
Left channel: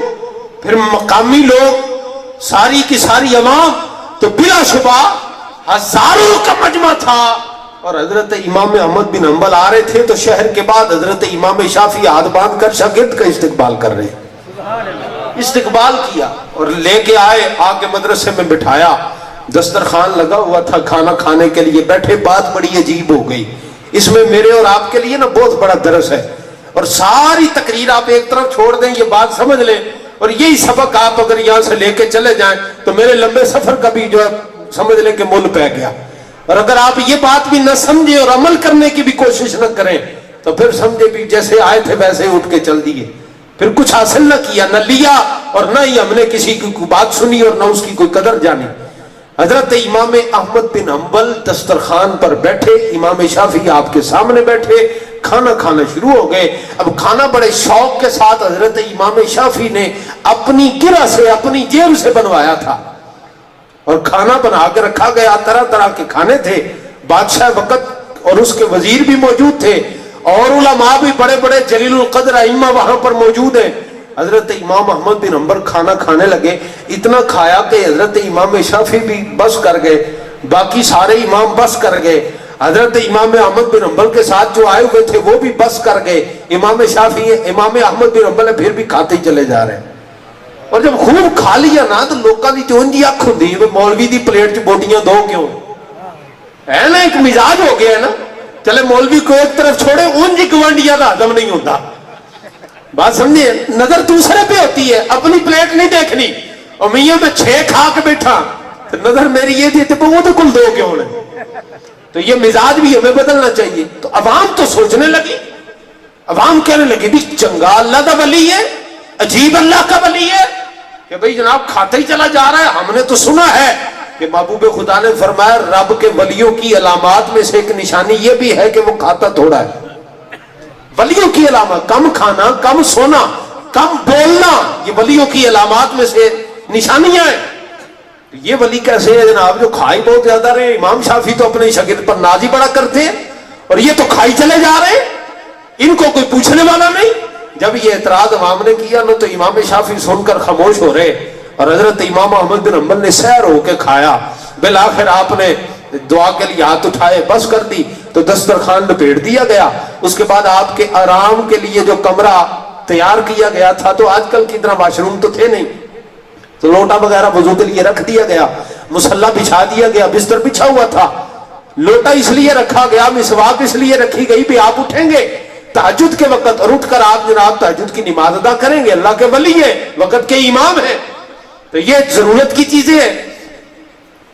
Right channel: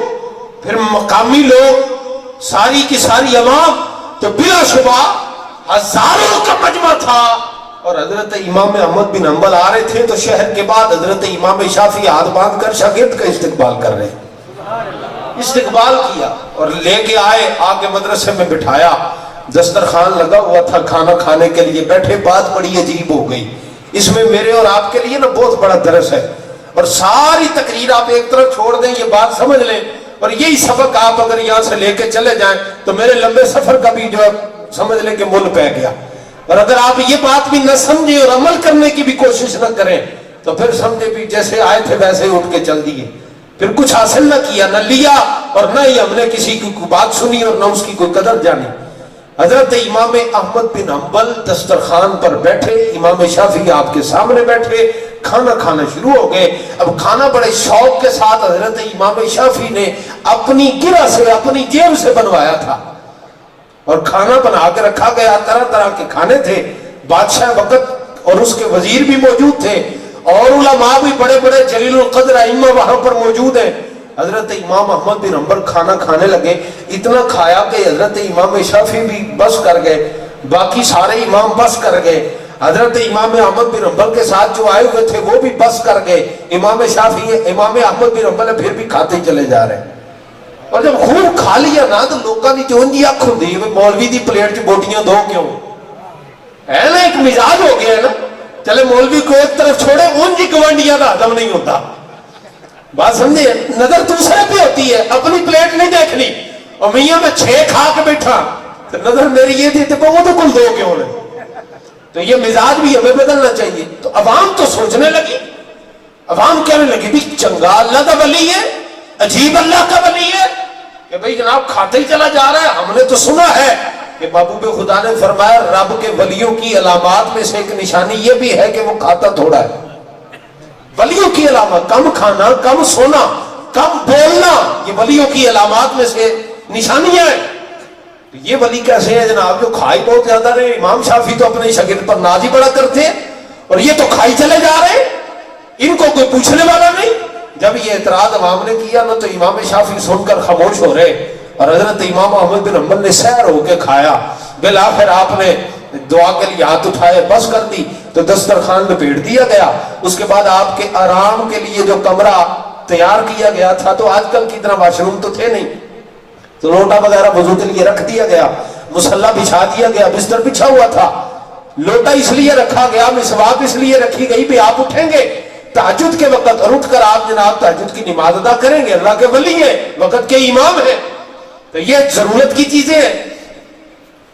پھر مقامی لوگ، ساری کی ساری عوام، تو بلا شبہ ہزاروں کا مجمع تھا۔ اور حضرت امام احمد بن حنبل آ رہے تھے تو شہر کے بعد حضرت امام شافعی ہاتھ باندھ کر شاگرد کا استقبال کر رہے، استقبال کیا اور لے کے آئے، آ کے مدرسے میں بٹھایا، دسترخوان لگا ہوا تھا کھانا کھانے کے لیے بیٹھے۔ بات بڑی عجیب ہو گئی، اس میں میرے اور آپ کے لیے نا بہت بڑا درس ہے، اور ساری تقریر آپ ایک طرف چھوڑ دیں، یہ بات سمجھ لیں، اور یہی سبق آپ اگر یہاں سے لے کے چلے جائیں تو میرے لمبے سفر کا بھی جو ہے سمجھ لیں کہ مل پہ گیا۔ اور اگر آپ یہ بات بھی نہ سمجھیں اور عمل کرنے کی بھی کوشش نہ کریں تو پھر سمجھے بھی جیسے آئے تھے ویسے اٹھ کے چل دیے، پھر کچھ حاصل نہ کیا، نہ لیا، اور نہ ہی ہم نے کسی کی بات سنی اور نہ اس کی کوئی قدر جانی۔ حضرت امام احمد بن حنبل دسترخوان پر بیٹھے، امام شافعی آپ کے سامنے بیٹھے، کھانا کھانا شروع ہو گئے۔ اب کھانا بڑے شوق کے ساتھ حضرت امام شافعی نے اپنی گرہ سے، اپنی جیب سے بنوایا تھا، اور کھانا بنا کے رکھا گیا، طرح طرح کے کھانے تھے۔ بادشاہ وقت اور اس کے وزیر بھی موجود تھے، اور علماء بھی بڑے بڑے جلیل القدر ائمہ وہاں پر موجود ہیں۔ حضرت امام احمد بن حنبل کھانا کھانے لگے, اتنا کھایا کہ حضرت امام شافعی بھی بس کر گئے, باقی سارے امام بس کر گئے. حضرت امام احمد بن حنبل کے ساتھ جو آئے ہوئے تھے وہ بھی بس کر گئے. امام شافعی امام احمد بن حنبل پھر بھی کھاتے چلے جا رہے ہیں. اور جب خوب کھا لیا نا تو لوگوں کی جو انجی اکھ ہوندی ہے مولوی دی پلیٹ چ بوٹیاں دو کیوں ہے نا, ایک مزاج ہو گیا ہے نا. چلے مولوی کو ایک طرف چھوڑے, انجی گوانڈیاں کا ہضم نہیں ہوتا. بات سمجھے, نظر دوسرے پہ ہوتی ہے, اپنی پلیٹ نہیں دیکھنی. اور میاں میں 6 کھا کے بیٹھا تو نظر میری یہ تھی تو وہ تو کل 2 کیوں نے. تو یہ مزاج بھی ہمیں بدلنا چاہیے. تو عوام تو سوچنے لگی, عوام کہنے لگی بھی چنگا اللہ کا ولی ہے, عجیب اللہ کا ولی ہے کہ بھئی جناب کھاتے ہی چلا جا رہا ہے. ہم نے تو سنا ہے کہ محبوب خدا نے فرمایا رب کے ولیوں کی علامات میں سے ایک نشانی یہ بھی ہے کہ وہ کھاتا تھوڑا ہے. ولیوں کی علامات کم کھانا, کم سونا, کم بولنا, یہ ولیوں کی علامات میں سے نشانیاں ہیں. یہ ولی کیسے ہے جناب جو کھائی بہت زیادہ رہے. امام شافعی تو اپنے شاگرد پر ناز ہی بڑا کرتے ہیں اور یہ تو کھائی چلے جا رہے ہیں, ان کو کوئی پوچھنے والا نہیں. جب یہ اعتراض عوام نے کیا نا تو امام شافعی سن کر خاموش ہو رہے اور حضرت امام احمد بن حنبل نے سیر ہو کے کھایا. بالآخر آپ نے دعا کے لیے ہاتھ اٹھائے, بس کر دی تو دسترخوان لپیٹ دیا گیا. اس کے بعد آپ کے آرام کے لیے جو کمرہ تیار کیا گیا تھا, تو آج کل کی طرح واش روم تو تھے نہیں, تو لوٹا وغیرہ وضو کے لیے رکھ دیا گیا, مصلا بچھا دیا گیا, بستر بچھا ہوا تھا. لوٹا اس لیے رکھا گیا, مسواک اس لیے رکھی گئی بھی آپ اٹھیں گے تہجد کے وقت اور اٹھ کر آپ جناب تہجد کی نماز ادا کریں گے. اللہ کے ولی ہیں, وقت کے امام ہیں, تو یہ ضرورت کی چیزیں ہیں.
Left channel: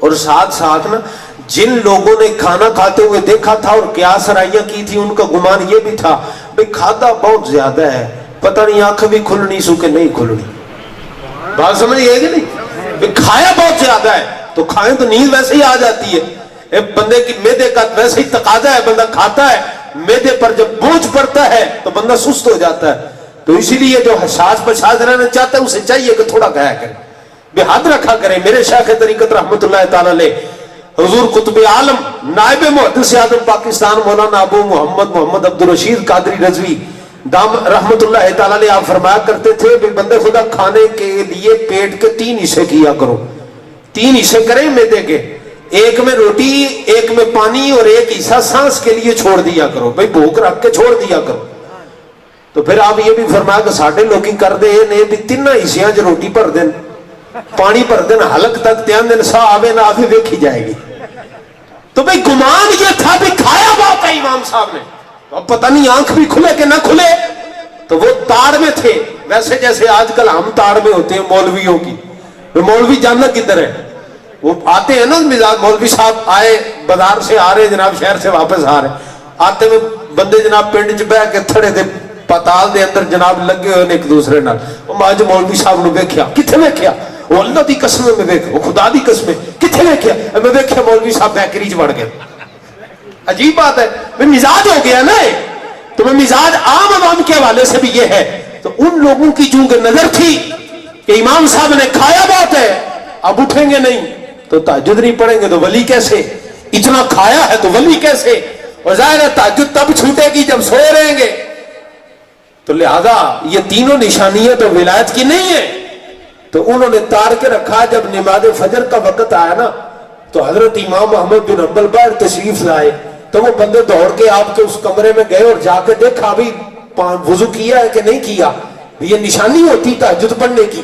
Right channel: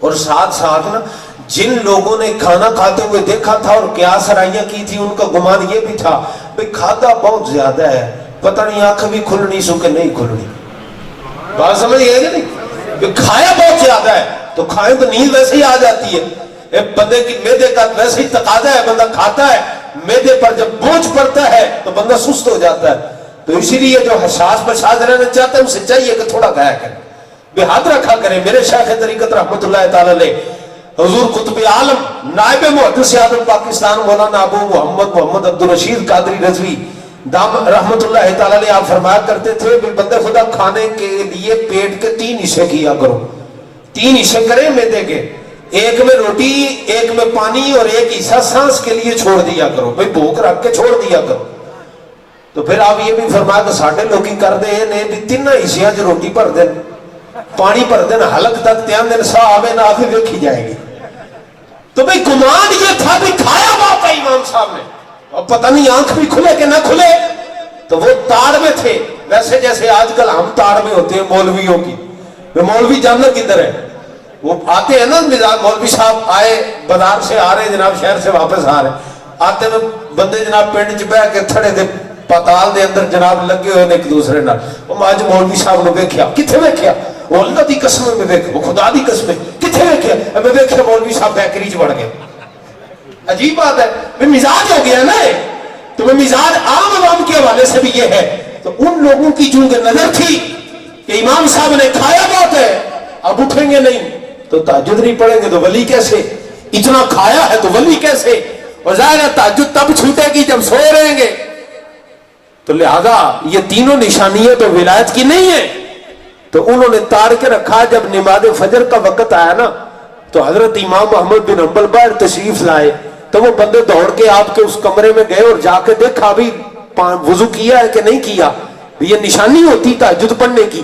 اور ساتھ ساتھ نا جن لوگوں نے کھانا کھاتے ہوئے دیکھا تھا اور قیاس رائیاں کی تھی, ان کا گمان یہ بھی تھا بھئی کھاتا بہت زیادہ ہے, پتہ نہیں آنکھ بھی کھلنی سو کہ نہیں کھلنی. بات سمجھ گئے کہ نہیں, کھایا بہت زیادہ ہے تو کھائیں تو نیند ویسے ہی آ جاتی ہے. بندے کی معدے کا ویسے ہی تقاضا ہے, بندہ کھاتا ہے, معدے پر جب بوجھ پڑتا ہے تو بندہ سست ہو جاتا ہے. تو اسی لیے جو حساس بشاس رہنا چاہتا ہے اسے چاہیے کہ تھوڑا کھایا کرے, بے حد رکھا کرے. میرے شیخ طریقت رحمت اللہ تعالی علیہ حضور قطب عالم نائب محدث اعظم پاکستان مولانا ابو محمد عبدالرشید قادری رضوی دام رحمت اللہ تعالی علیہ آپ فرمایا کرتے تھے کہ بندے خدا کھانے کے لیے پیٹ کے 3 حصے کیا کرو. 3 حصے کریں معدے کے, ایک میں روٹی, ایک میں پانی اور ایک حصہ سانس کے لیے چھوڑ دیا کرو. بھئی بھوک رکھ کے چھوڑ دیا کرو. تو پھر آپ یہ بھی فرمایا کہ ساڑھے لوگ ہی کر دے نے بھی 3 حصیاں جو روٹی پر دن, پانی پر دن, حلق تک تیان دن سا آوے نہ آوے ویکھی جائے گی. تو بھئی گمان یہ تھا بھی کھایا بات ہے امام صاحب نے, اور پتہ نہیں آنکھ بھی کھلے کہ نہ کھلے. تو وہ تاڑ میں تھے, ویسے جیسے آج کل ہم تاڑ میں ہوتے ہیں مولویوں کی. مولوی جاننا کدھر ہے, وہ آتے ہیں نا مولوی صاحب آئے بازار سے آ رہے جناب, شہر سے واپس آ رہے, آتے میں بندے جناب پنڈ چ بہ کے تھڑے دے پتال دے اندر جناب لگے ہوئے ایک دوسرے نال. اج مولوی صاحب نے ویکھیا, کتھے ویکھیا, وہ اللہ دی قسم میں ویکھ, وہ خدا دی قسم کتھے ویکھیا, میں ویکھیا مولوی صاحب بیکری چ وڑ گئے. عجیب بات ہے, میں مزاج ہو گیا نا. تو میں مزاج عام عوام کے حوالے سے بھی یہ ہے. تو ان لوگوں کی چونکہ نظر تھی کہ امام صاحب نے کھایا بہت ہے, اب اٹھیں گے نہیں تو تہجد نہیں پڑھیں گے تو ولی کیسے, اتنا کھایا ہے تو ولی کیسے. اور ظاہر ہے تہجد تب چھوٹے گی جب سوئے رہیں گے. تو لہذا یہ تینوں نشانیاں تو ولایت کی نہیں ہیں. تو انہوں نے تار کے رکھا. جب نماز فجر کا وقت آیا نا تو حضرت امام احمد بن حنبل باہر تشریف لائے. تو وہ بندے دوڑ کے آپ کے اس کمرے میں گئے اور جا کے دیکھا بھی وضو کیا ہے کہ نہیں کیا. یہ نشانی ہوتی تہجد پڑھنے کی.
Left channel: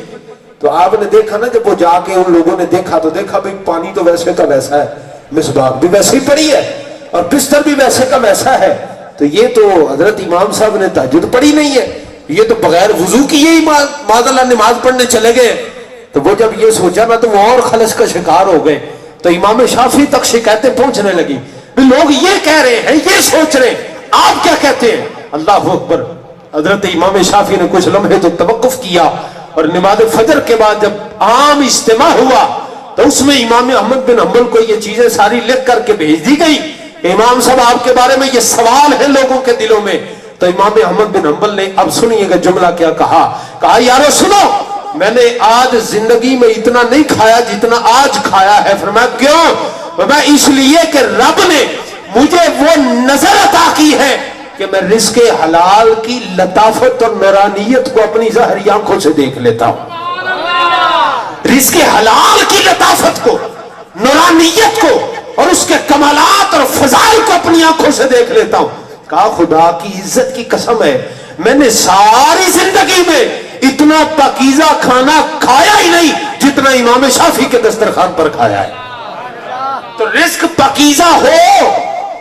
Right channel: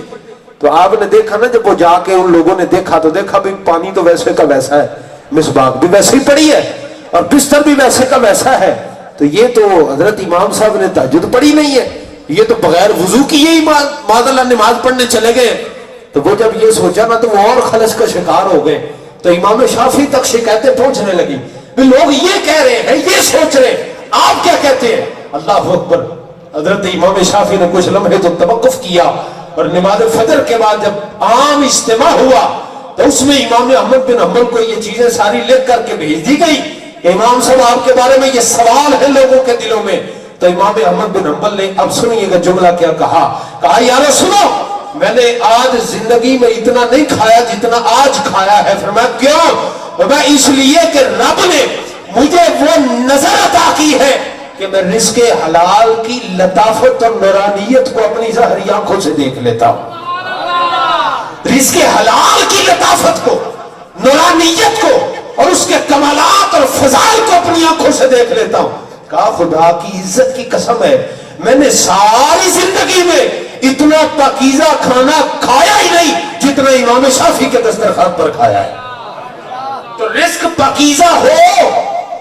تو آپ نے دیکھا نا, جب وہ جا کے ان لوگوں نے دیکھا تو دیکھا بھی پانی تو ویسے کا ویسا ہے, مسواک بھی ویسے ہی پڑی ہے اور بستر بھی ویسے کا ویسا ہے. تو یہ تو حضرت امام صاحب نے تہجد پڑھی نہیں ہے, یہ تو بغیر وضو کی ہی معاذ اللہ نماز پڑھنے چلے گئے. تو وہ جب یہ سوچا نا تو وہ اور خلش کا شکار ہو گئے. تو امام شافعی تک شکایتیں پہنچنے لگی بھی لوگ یہ کہہ رہے ہیں, یہ سوچ رہے ہیں, آپ کیا کہتے ہیں. اللہ اکبر. حضرت امام شافعی نے کچھ لمحے تو توقف کیا اور نماز فجر کے بعد جب عام اجتماع ہوا تو اس میں امام احمد بن حنبل کو یہ چیزیں ساری لکھ کر کے بھیج دی گئی. امام صاحب آپ کے بارے میں یہ سوال ہے لوگوں کے دلوں میں. تو امام احمد بن حنبل نے اب سنیے گا جملہ کیا کہا. کہا یارو سنو, میں نے آج زندگی میں اتنا نہیں کھایا جتنا آج کھایا ہے. فرمایا کیوں؟ فرمایا اس لیے کہ رب نے مجھے وہ نظر عطا کی ہے کہ میں رزق حلال کی لطافت اور نورانیت کو اپنی ظاہری آنکھوں سے دیکھ لیتا ہوں، رزق حلال کی لطافت کو، نورانیت کو اور اس کے کمالات اور فضائل کو اپنی آنکھوں سے دیکھ لیتا ہوں۔ کہا خدا کی عزت کی قسم ہے میں نے ساری زندگی میں اتنا پاکیزہ کھانا کھایا ہی نہیں جتنا امام شافعی کے دسترخوان پر کھایا ہے۔ تو رزق پاکیزہ ہو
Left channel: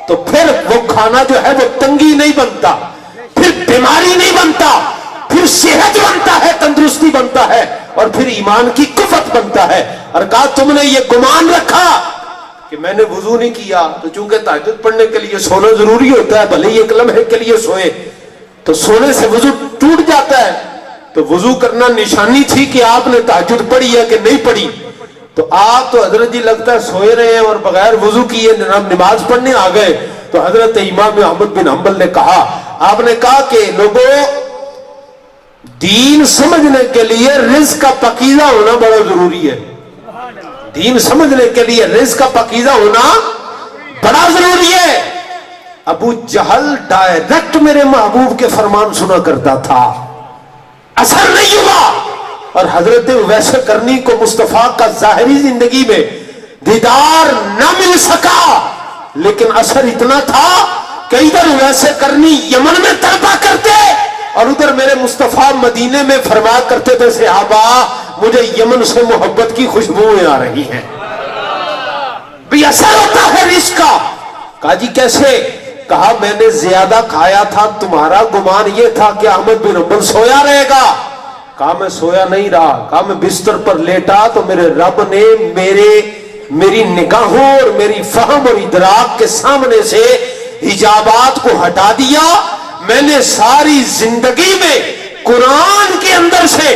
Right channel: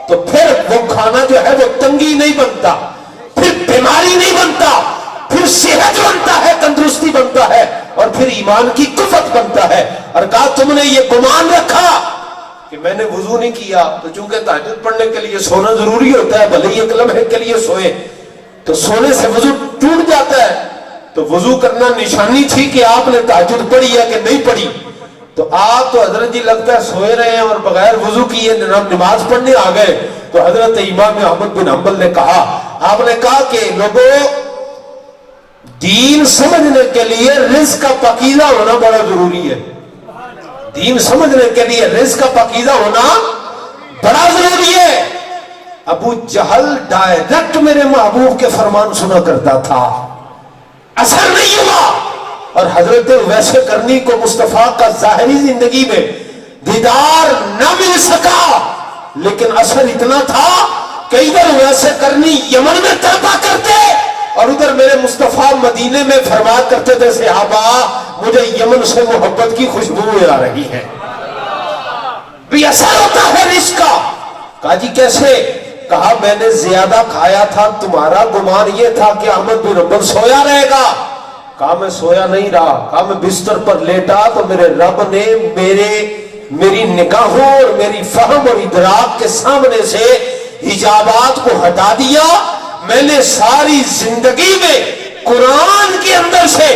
تو پھر وہ کھانا جو ہے وہ تنگی نہیں بنتا، پھر بیماری نہیں بنتا، پھر صحت بنتا ہے، تندرستی بنتا ہے، اور پھر ایمان کی قوت بنتا ہے۔ اور کہا تم نے یہ گمان رکھا کہ میں نے وضو نہیں کیا تو چونکہ تہجد پڑھنے کے لیے سونا ضروری ہوتا ہے، بھلے ہی ایک لمحے کے لیے سوئے تو سونے سے وضو ٹوٹ جاتا ہے، تو وضو کرنا نشانی تھی کہ آپ نے تہجد پڑھی یا کہ نہیں پڑھی۔ تو آپ تو حضرت جی لگتا ہے سوئے رہے ہیں اور بغیر وضو کیے نماز پڑھنے آ گئے۔ تو حضرت امام احمد بن حنبل نے کہا، آپ نے کہا کہ لوگوں دین سمجھنے کے لیے رزق کا پاکیزہ ہونا بڑا ضروری ہے، دین سمجھنے کے لیے رزق کا پاکیزہ ہونا بڑا ضروری ہے۔ ابو جہل ڈائریکٹ میرے محبوب کے فرمان سنا کرتا تھا، اثر نہیں ہوا، اور حضرت ویسے کرنی کو مصطفیٰ کا ظاہری زندگی میں دیدار نہ مل سکا، لیکن اثر اتنا تھا کہ ادھر ویسے کرنی یمن میں تڑپا کرتے اور ادھر میرے مصطفیٰ مدینے میں فرمایا کرتے تھے صحابہ مجھے یمن سے محبت کی خوشبوئیں آ رہی ہیں۔ بھی اثر ہوتا ہے رزق کا۔ کہا جی کیسے؟ کہا میں نے زیادہ کھایا تھا، تمہارا گمان یہ تھا کہ احمد بن حنبل سویا رہے گا۔ کہا میں سویا نہیں رہا، کہا میں بستر پر لیٹا تو میرے رب نے میری نگاہوں اور میری فہم اور ادراک کے سامنے سے حجابات کو ہٹا دیا۔ میں نے ساری زندگی میں قرآن کے اندر سے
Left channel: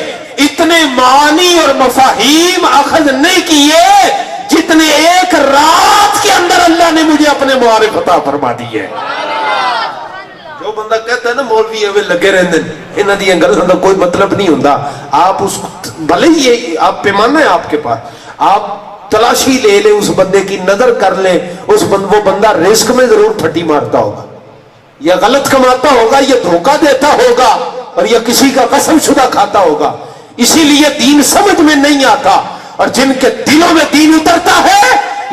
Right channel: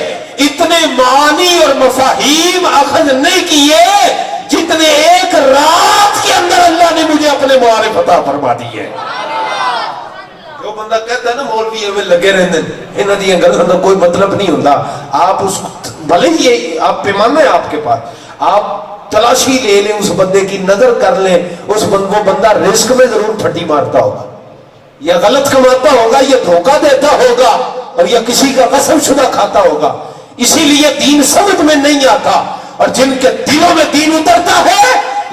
اتنے معانی اور مفاہیم اخذ نہیں کیے جتنے ایک رات کے اندر اللہ نے مجھے اپنے معارف عطا فرما دی ہے۔ جو بندہ کہتا ہے نا مولوی ایویں لگے رہتے ہیں انہاں دی گلاں دا کوئی مطلب نہیں ہوندا، آپ اس بھلے ہی آپ پیمانہ ہے آپ کے پاس، آپ تلاشی لے لیں اس بندے کی، نظر کر لیں اس وہ بندہ رزق میں ضرور پھٹی مارتا ہوگا، یا غلط کماتا ہوگا، یا دھوکہ دیتا ہوگا، اور یا کسی کا قسم شدہ کھاتا ہوگا۔ اسی لیے دین سمجھ میں نہیں آتا، اور جن کے دلوں میں دین اترتا ہے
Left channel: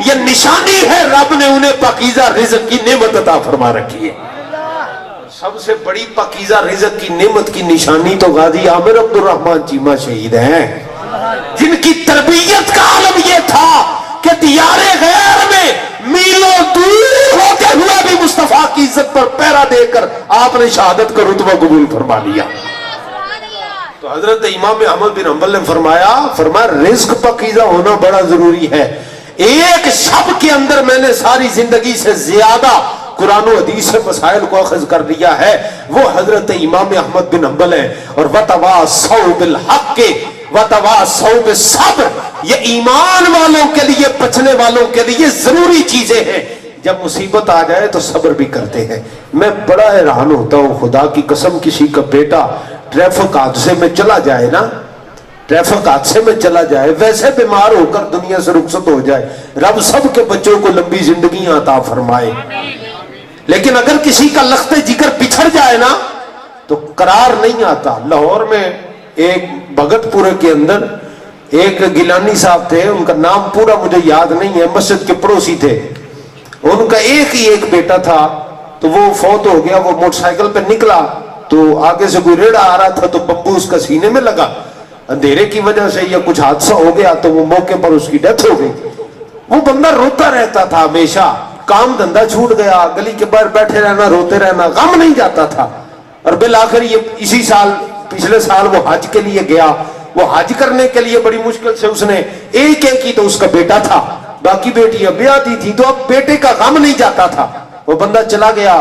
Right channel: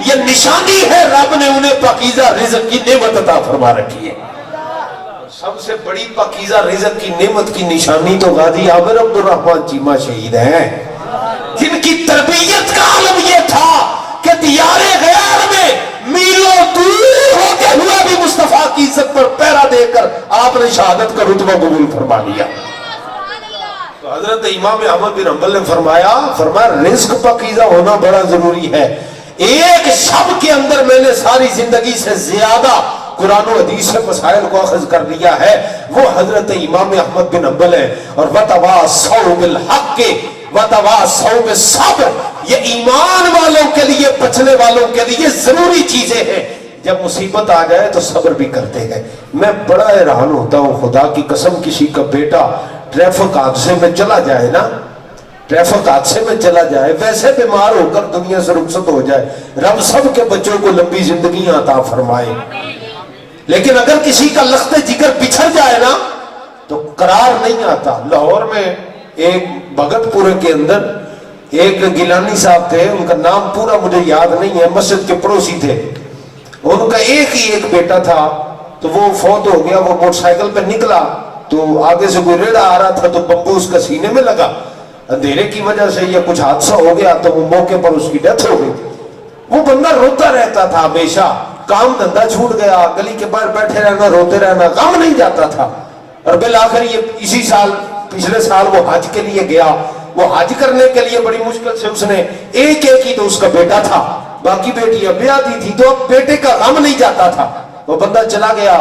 یہ نشانی ہے رب نے انہیں پاکیزہ رزق کی نعمت عطا فرما رکھی ہے۔ سب سے بڑی پاکیزہ رزق کی نعمت کی نشانی تو غازی عامر عبد الرحمن چیمہ شہید ہیں، جن کی تربیت کا عالم یہ تھا کہ دیار غیر میں میلوں دور ہوتے ہوا بھی مصطفیٰ کی عزت پر پیرا دے کر آپ نے شہادت کا رتبہ قبول فرما لیا۔ تو حضرت امام احمد بن حنبل نے فرمایا رزق پاکیزہ ہونا بڑا ضروری ہے۔ ایک شب کے اندر میں نے ساری زندگی سے زیادہ قرآن و حدیث سے مسائل کو اخذ کر لیا ہے، وہ حضرت امام احمد بن حنبل ہے۔ اور وَتَوَاصَوْا بِالْحَقِّ وَتَوَاصَوْا بِالصَّبْرِ، یہ ایمان والوں کے لیے، بچنے والوں کے لیے ضروری چیزیں ہیں۔ جب مصیبت آ جائے تو صبر بھی کرتے ہیں۔ میں بڑا حیران ہوتا ہوں، خدا کی قسم کسی کا بیٹا ٹریفک حادثے میں چلا جائے نا، ٹریفک حادثے میں چلا جائے، ویسے بیمار ہو کر دنیا سے رخصت ہو جائے، رب سب کے بچوں کو لمبی زندگیاں عطا فرمائے، لیکن اگر کسی کا لخت جگر بچھڑ جائے نا تو قرار نہیں آتا۔ لاہور میں ایک بھگت پورے کے اندر ایک گیلانی صاحب تھے، ان کا نام پورا مجھے یاد نہیں ہے، مسجد کے پڑوسی تھے، ان کا ایک بیٹا تھا، تو وہ فوت ہو گیا۔ وہ موٹر سائیکل پہ نکلا تو آگے سے کوئی ریڑا آ رہا تھا تو بمبو اس کا سینے میں لگا، اندھیرے کی وجہ سے یا کچھ حادثہ ہو گیا تو وہ موقع پر اس کی ڈیتھ ہو گئی۔ وہ بندہ روتا رہتا تھا ہمیشہ، کام دھندا چھوٹ گیا، گلی کے باہر بیٹھے رہنا، روتے رہنا، غم نہیں جاتا تھا۔ اور بالآخر یہ اسی سال، پچھلے سال وہ حج کے لیے گیا، وہ حج کرنے کے لیے بڑی مشکل سے اس نے ایک ہی تو اس کا بیٹا تھا، باقی بیٹیاں بیاہ دی تھی، تو اب بیٹے کا غم نہیں جاتا تھا۔ وہ بندہ چلا گیا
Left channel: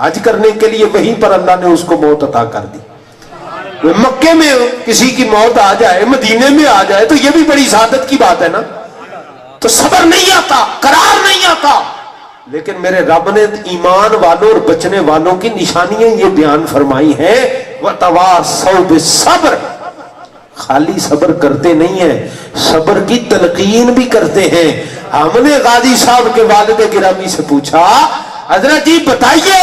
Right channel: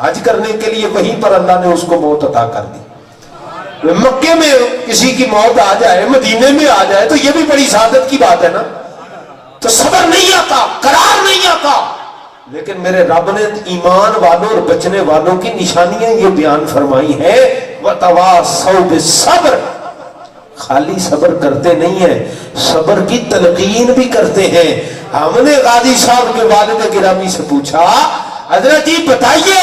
حج کرنے کے لیے، وہیں پر اللہ نے اس کو موت عطا کر دی۔ مکے میں کسی کی موت آ جائے، مدینے میں آ جائے تو یہ بھی بڑی سعادت کی بات ہے نا۔ تو صبر نہیں آتا، قرار نہیں آتا، لیکن میرے رب نے ایمان والوں اور بچنے والوں کی نشانیاں یہ بیان فرمائی ہیں، وَتَوَاصَوْا بِالصَّبْرِ، خالی صبر کرتے نہیں ہیں، صبر کی تلقین بھی کرتے ہیں۔ ہم نے غازی صاحب کے والد گرامی سے پوچھا، حضرت جی بتائیے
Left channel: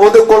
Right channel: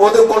ਉਹਦੇ ਕੋਲ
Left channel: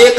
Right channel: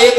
1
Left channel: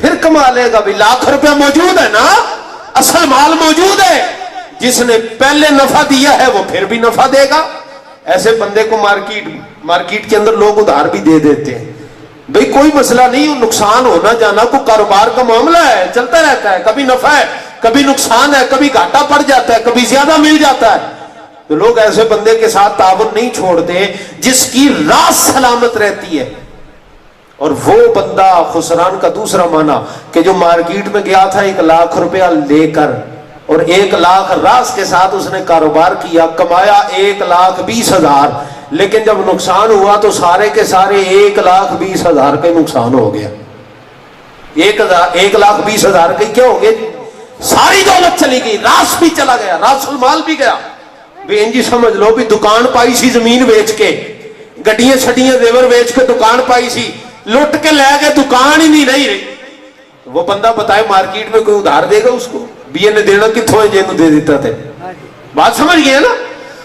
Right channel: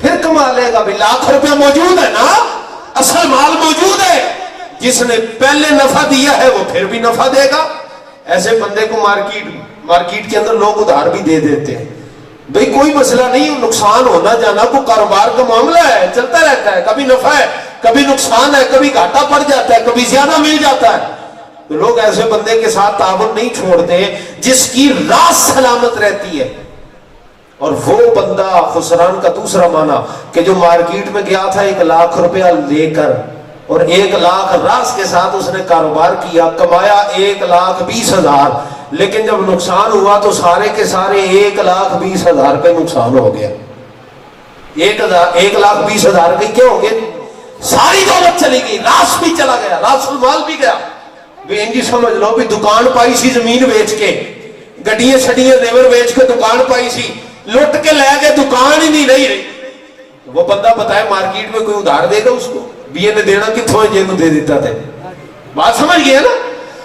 پھر کما لے گا بھی. لاکھ روپیہ موجود ہے نا, اصل مال موجود ہے. جس نے پہلے نفع دیا ہے وہ پھر بھی نفع دے گا. ایسے بندے کو مارکیٹ کے اندر لوگ ادھار بھی دے دیتے ہیں. بھئی کوئی مسئلہ نہیں, نقصان ہونا جانا کوئی کاروبار کا معاملہ ہے, چلتا رہتا ہے. کبھی نفع ہے, کبھی نقصان ہے, کبھی گھاٹا پڑ جاتا ہے, کبھی زیادہ مل جاتا ہے. تو لوگ ایسے بندے کے ساتھ تعاون نہیں چھوڑتے جس کی راس سلامت رہتی ہے. اور وہ بندہ خسران کا دوسرا معنی کہ جو مارکیٹ میں گیا تھا 1 لاکھ روپیہ لے کر, اور 1 لاکھ راس کے ساتھ اس نے کاروبار کیا, کمایا 1,20,000, لیکن جب نقصان ہوا تو سارے کے سارے 1,20,000 کا نقصان ہو گیا. 1,20,000 کے کیا ہو گئے؟ ساری دولت چلی گئی, راس بھی چلا گیا, راس المال بھی گیا. بھی انجی سمجھ لو بھی دکان پائی سی زمین بیچ کے, گڈیاں چھڑیاں زیور بیچ کے دکان پائی سی, لٹ کے لے کے دکان ہی نہیں رہی. وہ بندہ بتائے مارکیٹ میں کوئی ادھار دے گا اس کو؟ بھی یہ نے دینا کتوں ہے جن دے دیتا تھے. بات سمجھ گئے نا؟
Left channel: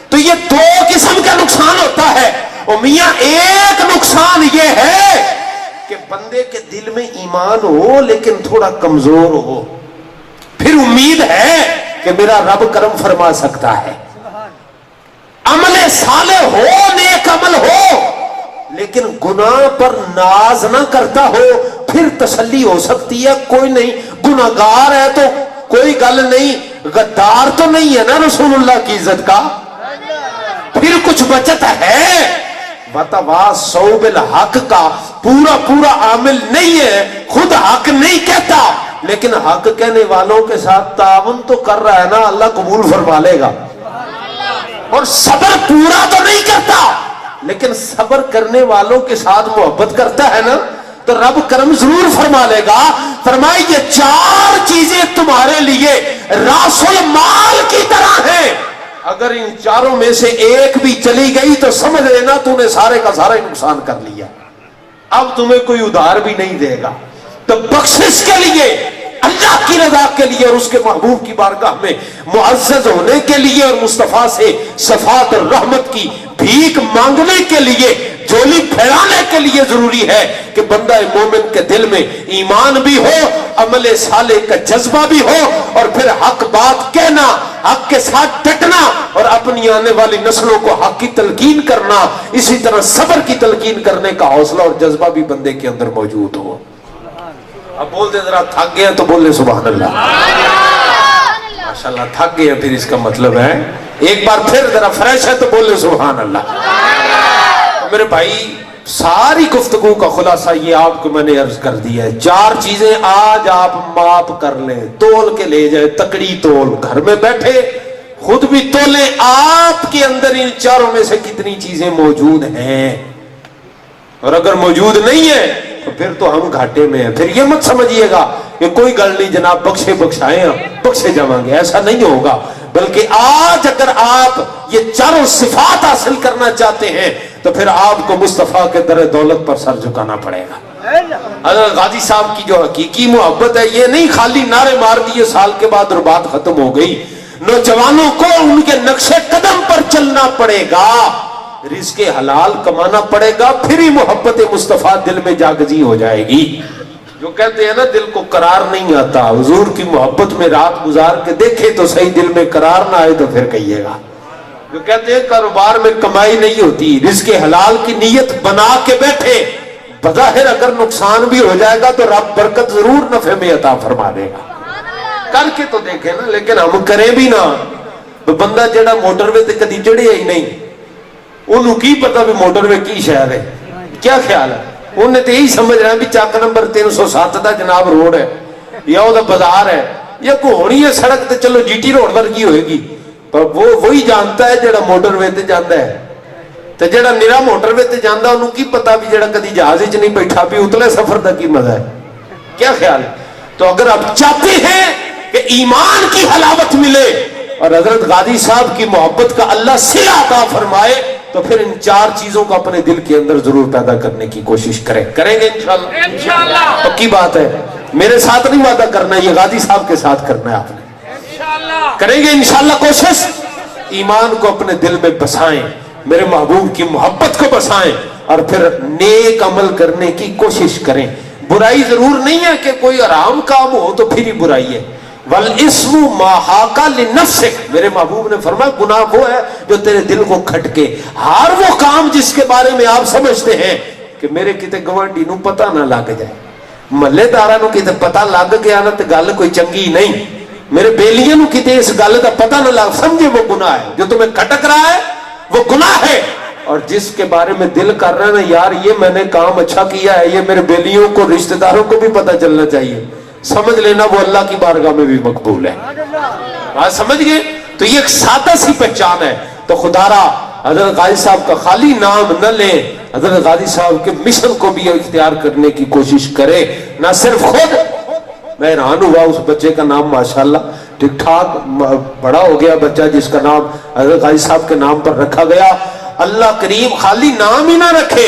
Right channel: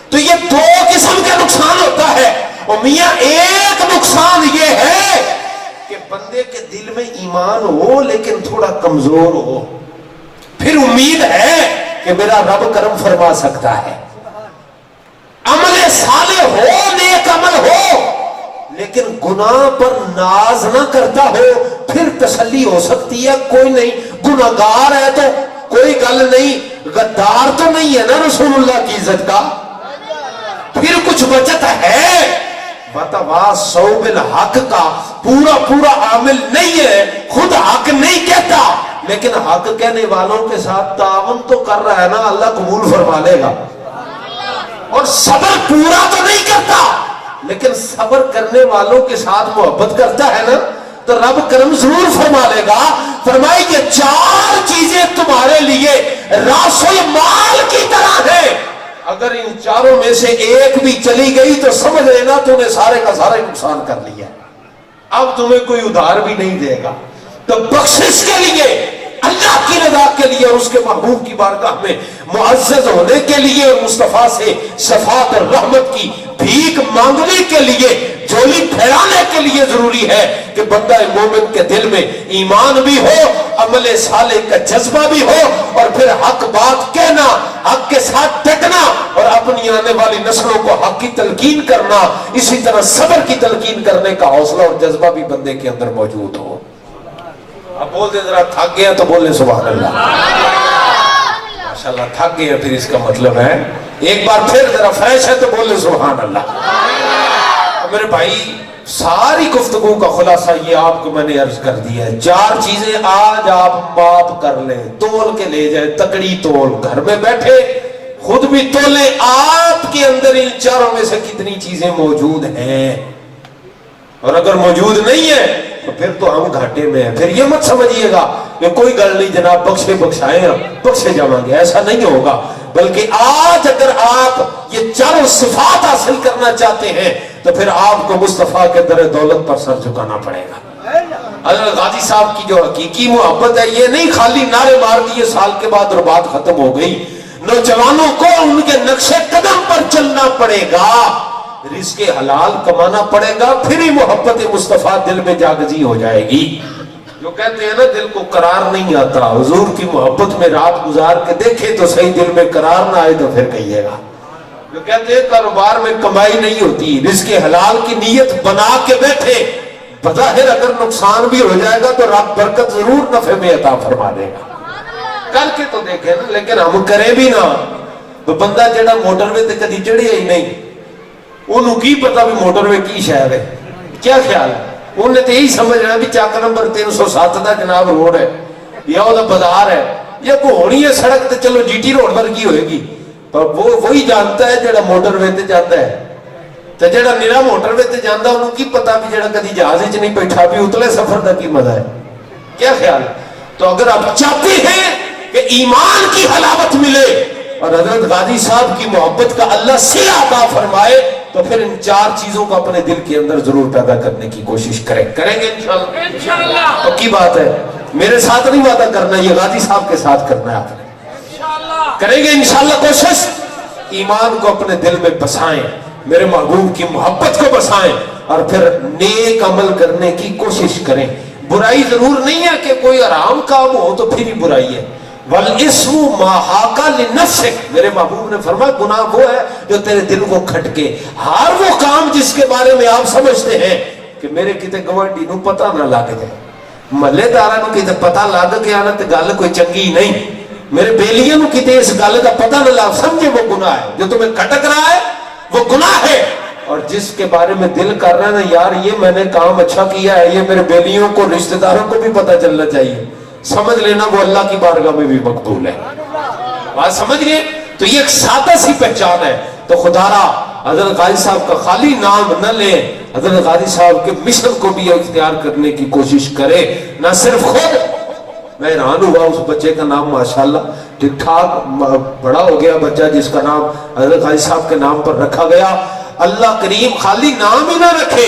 تو یہ 2 قسم کا نقصان ہوتا ہے. اور میاں ایک نقصان یہ ہے کہ بندے کے دل میں ایمان ہو لیکن تھوڑا کمزور ہو, پھر امید ہے کہ میرا رب کرم فرما سکتا ہے. عمل صالح ہو, نیک عمل ہو, لیکن گناہ پر ناز نہ کرتا ہو, پھر تسلی ہو سکتی ہے. کوئی نہیں, گناہگار ہے تو کوئی گل نہیں, غدار تو نہیں ہے نا رسول اللہ کی عزت کا, پھر کچھ بچت ہے. بتواصوا بالحق کا پورا عامل نہیں ہے, خود حق نہیں کہتا, لیکن حق کہنے والوں کے ساتھ تعاون تو کر رہا ہے نا, اللہ قبول فرما لے گا. اور صبر پورا تو نہیں کرتا, لیکن صبر کرنے والوں کے ساتھ محبت کرتا ہے نا, تو رب کرم ضرور فرما لے گا. فرمائے یہ 4 چیزیں تمہارے لیے راس المال کی طرح ہیں, اگر ان 4 میں سے ایک بھی چلی گئی تو سمجھ لینا تو نے سارے کا سارا نقصان کر لیا. اب تمہیں کوئی ادھار بھی نہیں دے گا. تو بخشش کے لیے, اللہ کی رضا کے لیے, اور اس کے محبوب کی بارگاہ میں معزز ہونے کے لیے, اور مصطفیٰ سے شفاعت اور رحمت کی بھیک مانگنے کے لیے, جھولی پھیلانے کے لیے ضروری ہے کہ بندہ مومن کے دل میں ایمان بھی ہو, عمل صالح کا جذبہ بھی ہو, اور پھر حق بات کہنا, حق کے ساتھ ڈٹنا, اور اپنی آنے والی نسلوں کو حق کی تلقین کرنا, اسی طرح صبر کی تلقین کرنے کا حوصلہ اور جذبہ بھی بندے کے اندر موجود ہو. اب بول دے ذرا تھک گیا تو بولے سبحان اللہ. ماشاءاللہ تھک گیا, پھر اس کا مطلب ہے ایک بار پھر ذرا فریش ہے تو بولے سبحان اللہ. میرے بھائی ساری گفتگو کا خلاصہ یہ آپ کو میں نے عرض کر دیا ہے. 4 چیزیں آج آپ ماپ کر لیں, تول کے لے جائے, تکڑی تول, گھر میں بیٹھے خود بھی تولے آپ کے اندر ان 4 میں سے کتنی چیزیں موجود ہیں. اور اگر موجود نہیں ہے تو پھر تو ہم گھاٹے میں ہیں. پھر یہ مت سمجھیے گا کہ کوئی گل نہیں جناب, بخشائیں ہم بخشے جائیں گے, ایسا نہیں ہوگا. بلکہ آج اگر آپ یہ 4 صفات حاصل کرنا چاہتے ہیں تو پھر آپ کو مصطفیٰ کے در دولت پر سر جھکانا پڑے گا. حضرت غازی صاحب کی جو حقیقی محبت ہے یہ نہیں خالی نعرے مار دیے سال کے بعد اور بات ختم ہو گئی. نوجوانوں کو ان کے نقش قدم پر چلنا پڑے گا, رزق حلال کمانا پڑے گا, پھر ہی محبت مصطفیٰ دل میں جاگزی ہو جائے گی. جو کہتے ہیں نا دل کو قرار نہیں آتا, حضور کی محبت میں رات گزار کے دیکھے تو صحیح دل میں قرار نہ آئے تو پھر کہیے گا. جو کہتے ہیں کاروبار میں کمائی نہیں ہوتی, رزق حلال کی نیت بنا کے بیٹھے, بظاہر اگر نقصان بھی ہو جائے گا تو رب برکت ضرور نفع میں عطا فرما دے گا. کر کے تو دیکھیں نا, لیکن ہم کریں بھی نہ. تو بندہ جڑا موٹر وے تے کدی چڑھیا ہی نہیں, انہوں کی پتا بھی موٹر وے کی شہر ہے, کیا خیال ہے, انہیں تو یہی سمجھ رہا ہے بھی چک نمبر 307 دا جناب روڈ ہے, یا وہ بازار ہے, یا کوئی ہونی ہے سڑک تے چلو جی ٹی روڈ ورگی ہوئے گی. پر وہ وہی جانتا ہے جڑا موٹر وے تے جاتا ہے, تے جڑا نیرا موٹر وے تے جاندا انہوں کی پتا بھی جڑا کدی جہاز وچ نہیں بیٹھا بھی اتلے سفر دا کی مزہ ہے, کیا خیال ہے. تو اگر آپ چاہتے ہیں کہ ایمان کی حلاوت ملے اور حضرت غازی صاحب کی محبت کا اللہ صلہ عطا فرمائے, تو پھر ان 4 چیزوں کو اپنے دل کے اندر ضرور پیدا کرنے کی کوشش کریں گے انشاءاللہ. پکی بات ہے, میرے ساتھ نہیں وعدہ کرنا, یہ غازی صاحب کے ساتھ کرنا ہے. آپ نے کریں گے انشاءاللہ کوشش, ایمان کو اپنے دل میں بسائیں, میرے محبوب کی محبت کو بسائیں, اور پھر نیک عمل کرنے کی کوشش کریں. برائی ضرور نہیں ہے کہ کوئی حرام کام ہو تو پھر ہی برائی ہے. والاسم ما حاک لنفسک، میرے محبوب نے فرمایا گناہ وہ ہے جو تیرے دل کو کھٹکے. ہر وہ کام جس کے بارے میں آپ سمجھتے ہیں کہ میرے کتے گوانڈی نو پتہ نہ لگ جائے، محلے داراں نو کتے پتہ لگ گیا نا تے گل کوئی چنگی نہیں، میرے بیلیاں نو کتے اس گل کا پتہ نہ لگ، سمجھے وہ گناہ ہے. جو تمہیں کھٹک رہا ہے وہ گناہ ہے، اور جس کے بارے میں دل کر رہا ہے نا یار یہ میں نے کام اچھا کیا ہے، یہ میرے بیلیوں کو رشتہ داروں کو بھی پتہ چلنا چاہیے، سمجھ لینا وہ اللہ کی بارگاہ میں بھی مقبول ہے. بات سمجھ گئے؟ تو یہ ایک سادہ سی پہچان ہے. تو خدا را حضرت غازی صاحب کا خالی نام نہ لیں، حضرت غازی صاحب کے مشن کو بھی اختیار کرنے کی کوشش کرے. نہ صرف خود، میں حیران ہوا اس بچے کا نام ماشاءاللہ ٹھیک ٹھاک بڑا ہو گیا بچہ جس کا نام حضرت غازی صاحب کے نام پر رکھا گیا. اللہ کریم خالی نام ہی نہ رکھے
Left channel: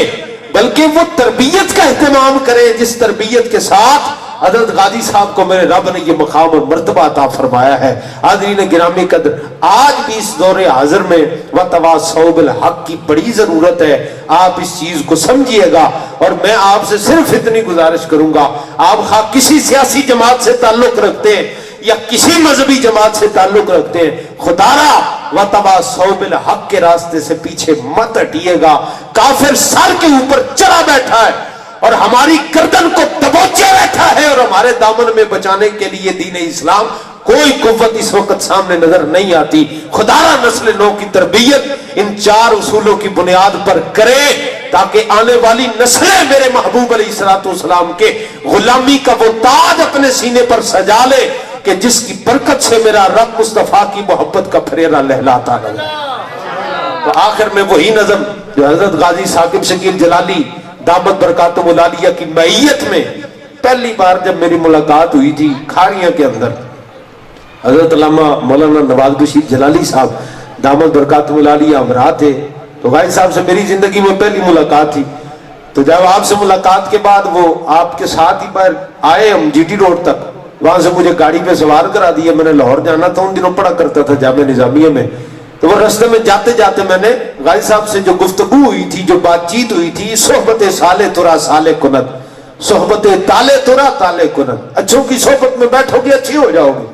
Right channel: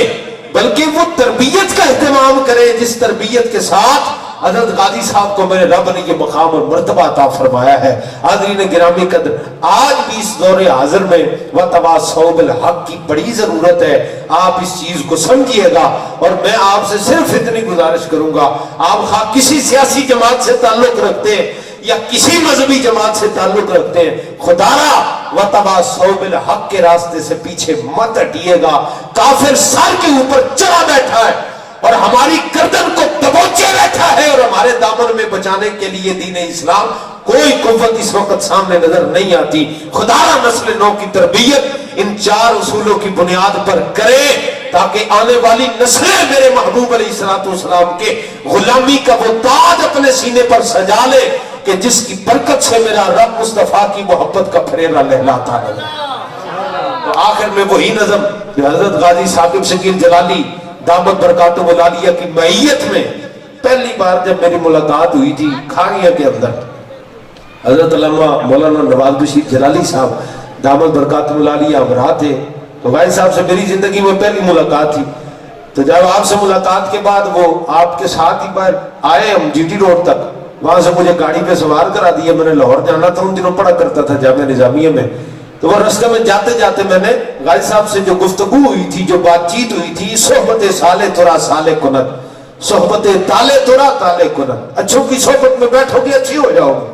بلکہ وہ تربیت کا اہتمام کرے جس تربیت کے ساتھ حضرت غازی صاحب کو میرے رب نے یہ مقام اور مرتبہ عطا فرمایا ہے. حاضرین گرامی قدر، آج بھی اس دور حاضر میں وتواصوا بالحق کی بڑی ضرورت ہے. آپ اس چیز کو سمجھیے گا، اور میں آپ سے صرف اتنی گزارش کروں گا، آپ خواہ کسی سیاسی جماعت سے تعلق رکھتے ہیں یا کسی مذہبی جماعت سے تعلق رکھتے ہیں، خدا را وتواصوا بالحق کے راستے سے پیچھے مت ہٹیے گا. کافر سر کے اوپر چڑھا بیٹھا ہے اور ہماری گردن کو دبوچے بیٹھا ہے، اور ہمارے دامن میں بچانے کے لیے دین اسلام کوئی قوت اس وقت سامنے نظر نہیں آتی. خدا را نسل نو کی تربیت ان 4 اصولوں کی بنیاد پر کرے تاکہ آنے والی نسلیں میرے محبوب علیہ السلام کے غلامی کا وہ تاج اپنے سینے پر سجا لے کہ جس کی برکت سے میرا رب مصطفیٰ کی محبت کا پھریرا لہلاتا ہے. تو آخر میں وہی نظم جو حضرت غازی ثاقب شکیل جلالی دامت برکاتہ العالیہ کی معیت میں پہلی بار جب میری ملاقات ہوئی تھی کھاریاں کے اندر، حضرت علامہ مولانا نواز بشیر جلالی صاحب دامت برکاتہ العالیہ ہمراہ تھے. تو غازی صاحب سے میری زندگی میں پہلی ملاقات تھی. تو جب آپ سے ملاقات کے بعد وہ آپ کے ساتھ ہی پر آئے ہم جی ٹی روڈ تک، وہاں سے مجھے گاڑی پہ سوار کرا دیا. میں نے لاہور جانا تھا، ان دنوں پڑھا کرتا تھا جامعہ نظامیہ میں. تو وہ راستے میں جاتے جاتے میں نے غازی صاحب سے جو گفتگو ہوئی تھی، جو بات چیت ہوئی تھی، صحبت سالے ترا سالے کنت، صحبت تالے ترا تالے کنت. اچھوں کی صحبت میں بیٹھو گے اچھی ہو جاؤ گے،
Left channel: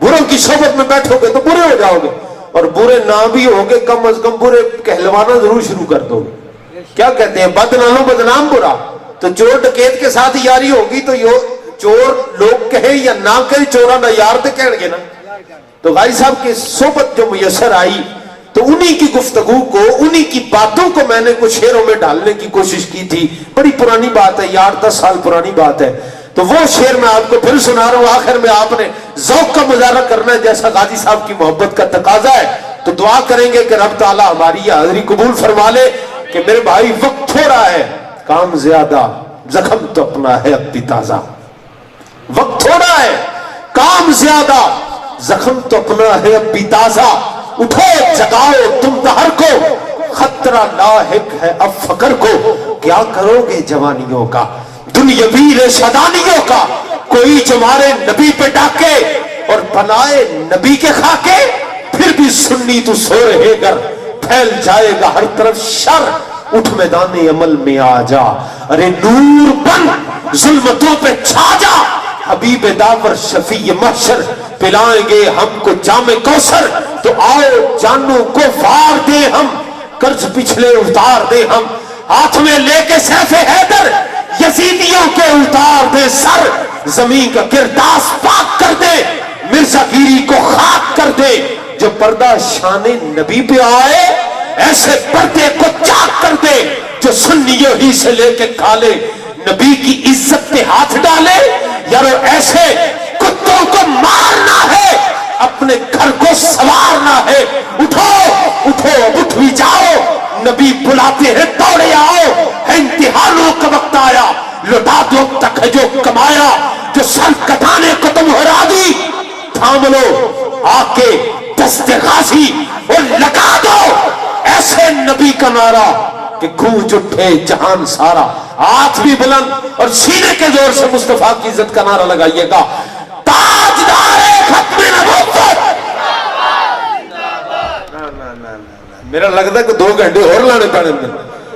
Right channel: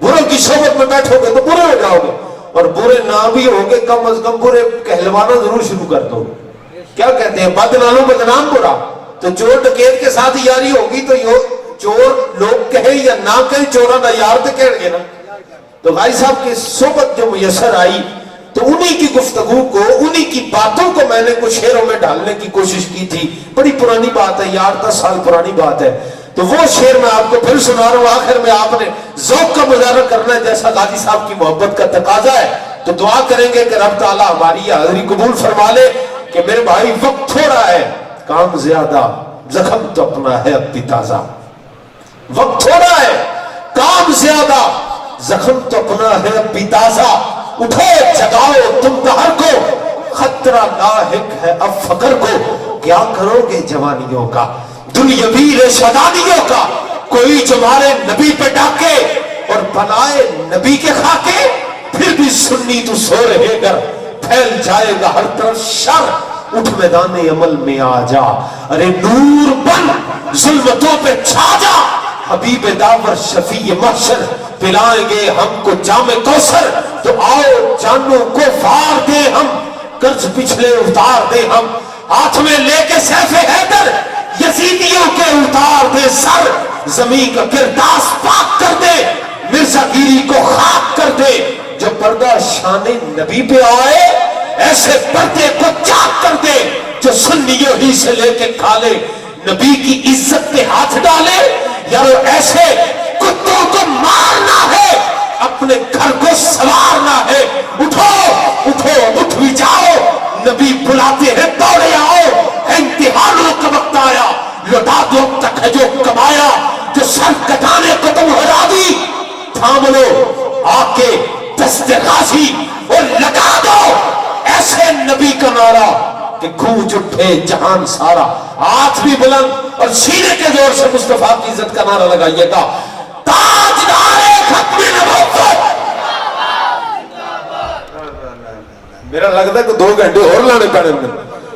بروں کی صحبت میں بیٹھو گے تو برے ہو جاؤ گے، اور برے نہ بھی ہوگے کم از کم برے کہلوانا ضرور شروع کر دو. کیا کہتے ہیں بد نالوں بدنام برا. تو چور ڈکیت کے ساتھ یاری ہوگی تو چور لوگ کہے یا نہ کہے چورا نہ یار تو کہہ گے نا. تو غازی صاحب کی صحبت جو میسر آئی تو انہی کی گفتگو کو، انہی کی باتوں کو میں نے کچھ شعروں میں ڈالنے کی کوشش کی تھی. بڑی پرانی بات ہے یار، 10 سال پرانی بات ہے. تو وہ شعر میں آپ کو پھر سنا رہا ہوں. آخر میں آپ نے ذوق کا مظاہرہ کرنا ہے جیسا غازی صاحب کی محبت کا تقاضا ہے. تو دعا کریں گے کہ رب تعالیٰ ہماری یہ حاضری قبول فرما لے کہ میرے بھائی وقت تھوڑا ہے، کام زیادہ، زخم تو اپنا ہے اب بھی تازہ. وقت تھوڑا ہے، کام زیادہ، زخم تو اپنا ہے اب بھی تازہ. اٹھو جگاؤ تم دہر کو، خطرہ لاحق ہے اب فقر کو. کیا کرو گے جوانیوں کا، دنیاوی ریشادانیوں کا، کوئی جو مارے نبی پہ ڈاکے اور بنائے نبی کے خاکے. پھر بھی سنی تو سو رہے گر، پھیل جائے گا ہر طرف شر. اٹھ میدان عمل میں آ جا، ارے نور بن ظلمتوں پہ چھا جا. حبیب داور شفیع محشر پلائیں گے ہم کو جام کوثر. تو آؤ جانوں کو وار دے ہم، قرض پچھلے اتار دے ہم. ہاتھ میں لے کے سیف حیدر یزیدیوں کے اتار دے سر. زمین کا کرداس پاک کر دے، مرزا گیری کو خاک کر دے. جو پردہ شان نبی پہ آئے ایسے پردے کو چاک کر دے. جو سنیوں ہی سے لے کے کھالے نبی کی عزت پہ ہاتھ ڈالے. یارو ایسے کتوں کو مارنا ہے، اپنے گھر کو سوارنا ہے. اٹھو اٹھو اٹھ بھی جاؤ، نبی بلاتے ہیں دوڑے آؤ. ہے امتحانوں کا وقت آیا، لوٹا دو تک ہے جو کمایا. جو سر کٹانے کو تم ہرا دی، تھام لو آ کے دست غازی اور لگا دو ایسے نبی کا نعرہ کہ گونج اٹھے جہان سارا. ہاتھ بھی بلند اور سینے کے زور سے مصطفیٰ کی عزت کا نعرہ لگائیے گا. تاجدار ختم نبوت. میرا لگتا ہے کہ 2 گھنٹے اور لانے پڑے.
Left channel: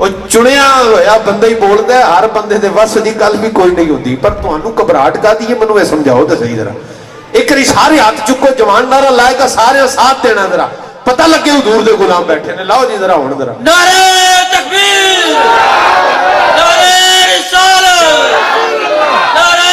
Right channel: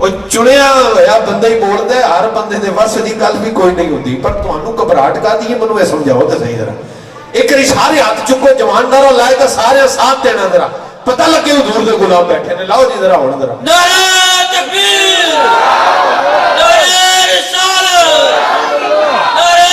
ਉਹ ਚੁਣਿਆ ਹੋਇਆ ਬੰਦਾ ਹੀ ਬੋਲਦਾ, ਹਰ ਬੰਦੇ ਦੇ ਵੱਸ ਦੀ ਗੱਲ ਵੀ ਕੋਈ ਨਹੀਂ ਹੁੰਦੀ। ਪਰ ਤੁਹਾਨੂੰ ਘਬਰਾਹਟ ਕਾਹਦੀ ਹੈ ਮੈਨੂੰ ਇਹ ਸਮਝਾਓ ਤਾਂ ਸਹੀ ਜਰਾ। ਇੱਕ ਵਾਰੀ ਸਾਰੇ ਹੱਥ ਚੁੱਕੋ, ਜਵਾਨ ਨਾਰਾ ਲਾਏਗਾ, ਸਾਰੇ ਸਾਥ ਦੇਣਾ ਜਰਾ, ਪਤਾ ਲੱਗੇ ਹਜ਼ੂਰ ਦੇ ਗੁਲਾਮ ਬੈਠੇ ਨੇ। ਲਾਓ ਜੀ ਜਰਾ ਹੁਣ ਜਰਾ ਨਾਰੇ ਤਕਬੀਰ ਨਾਰੇ ਰਿਸਾਲਤ ਨਾਰੇ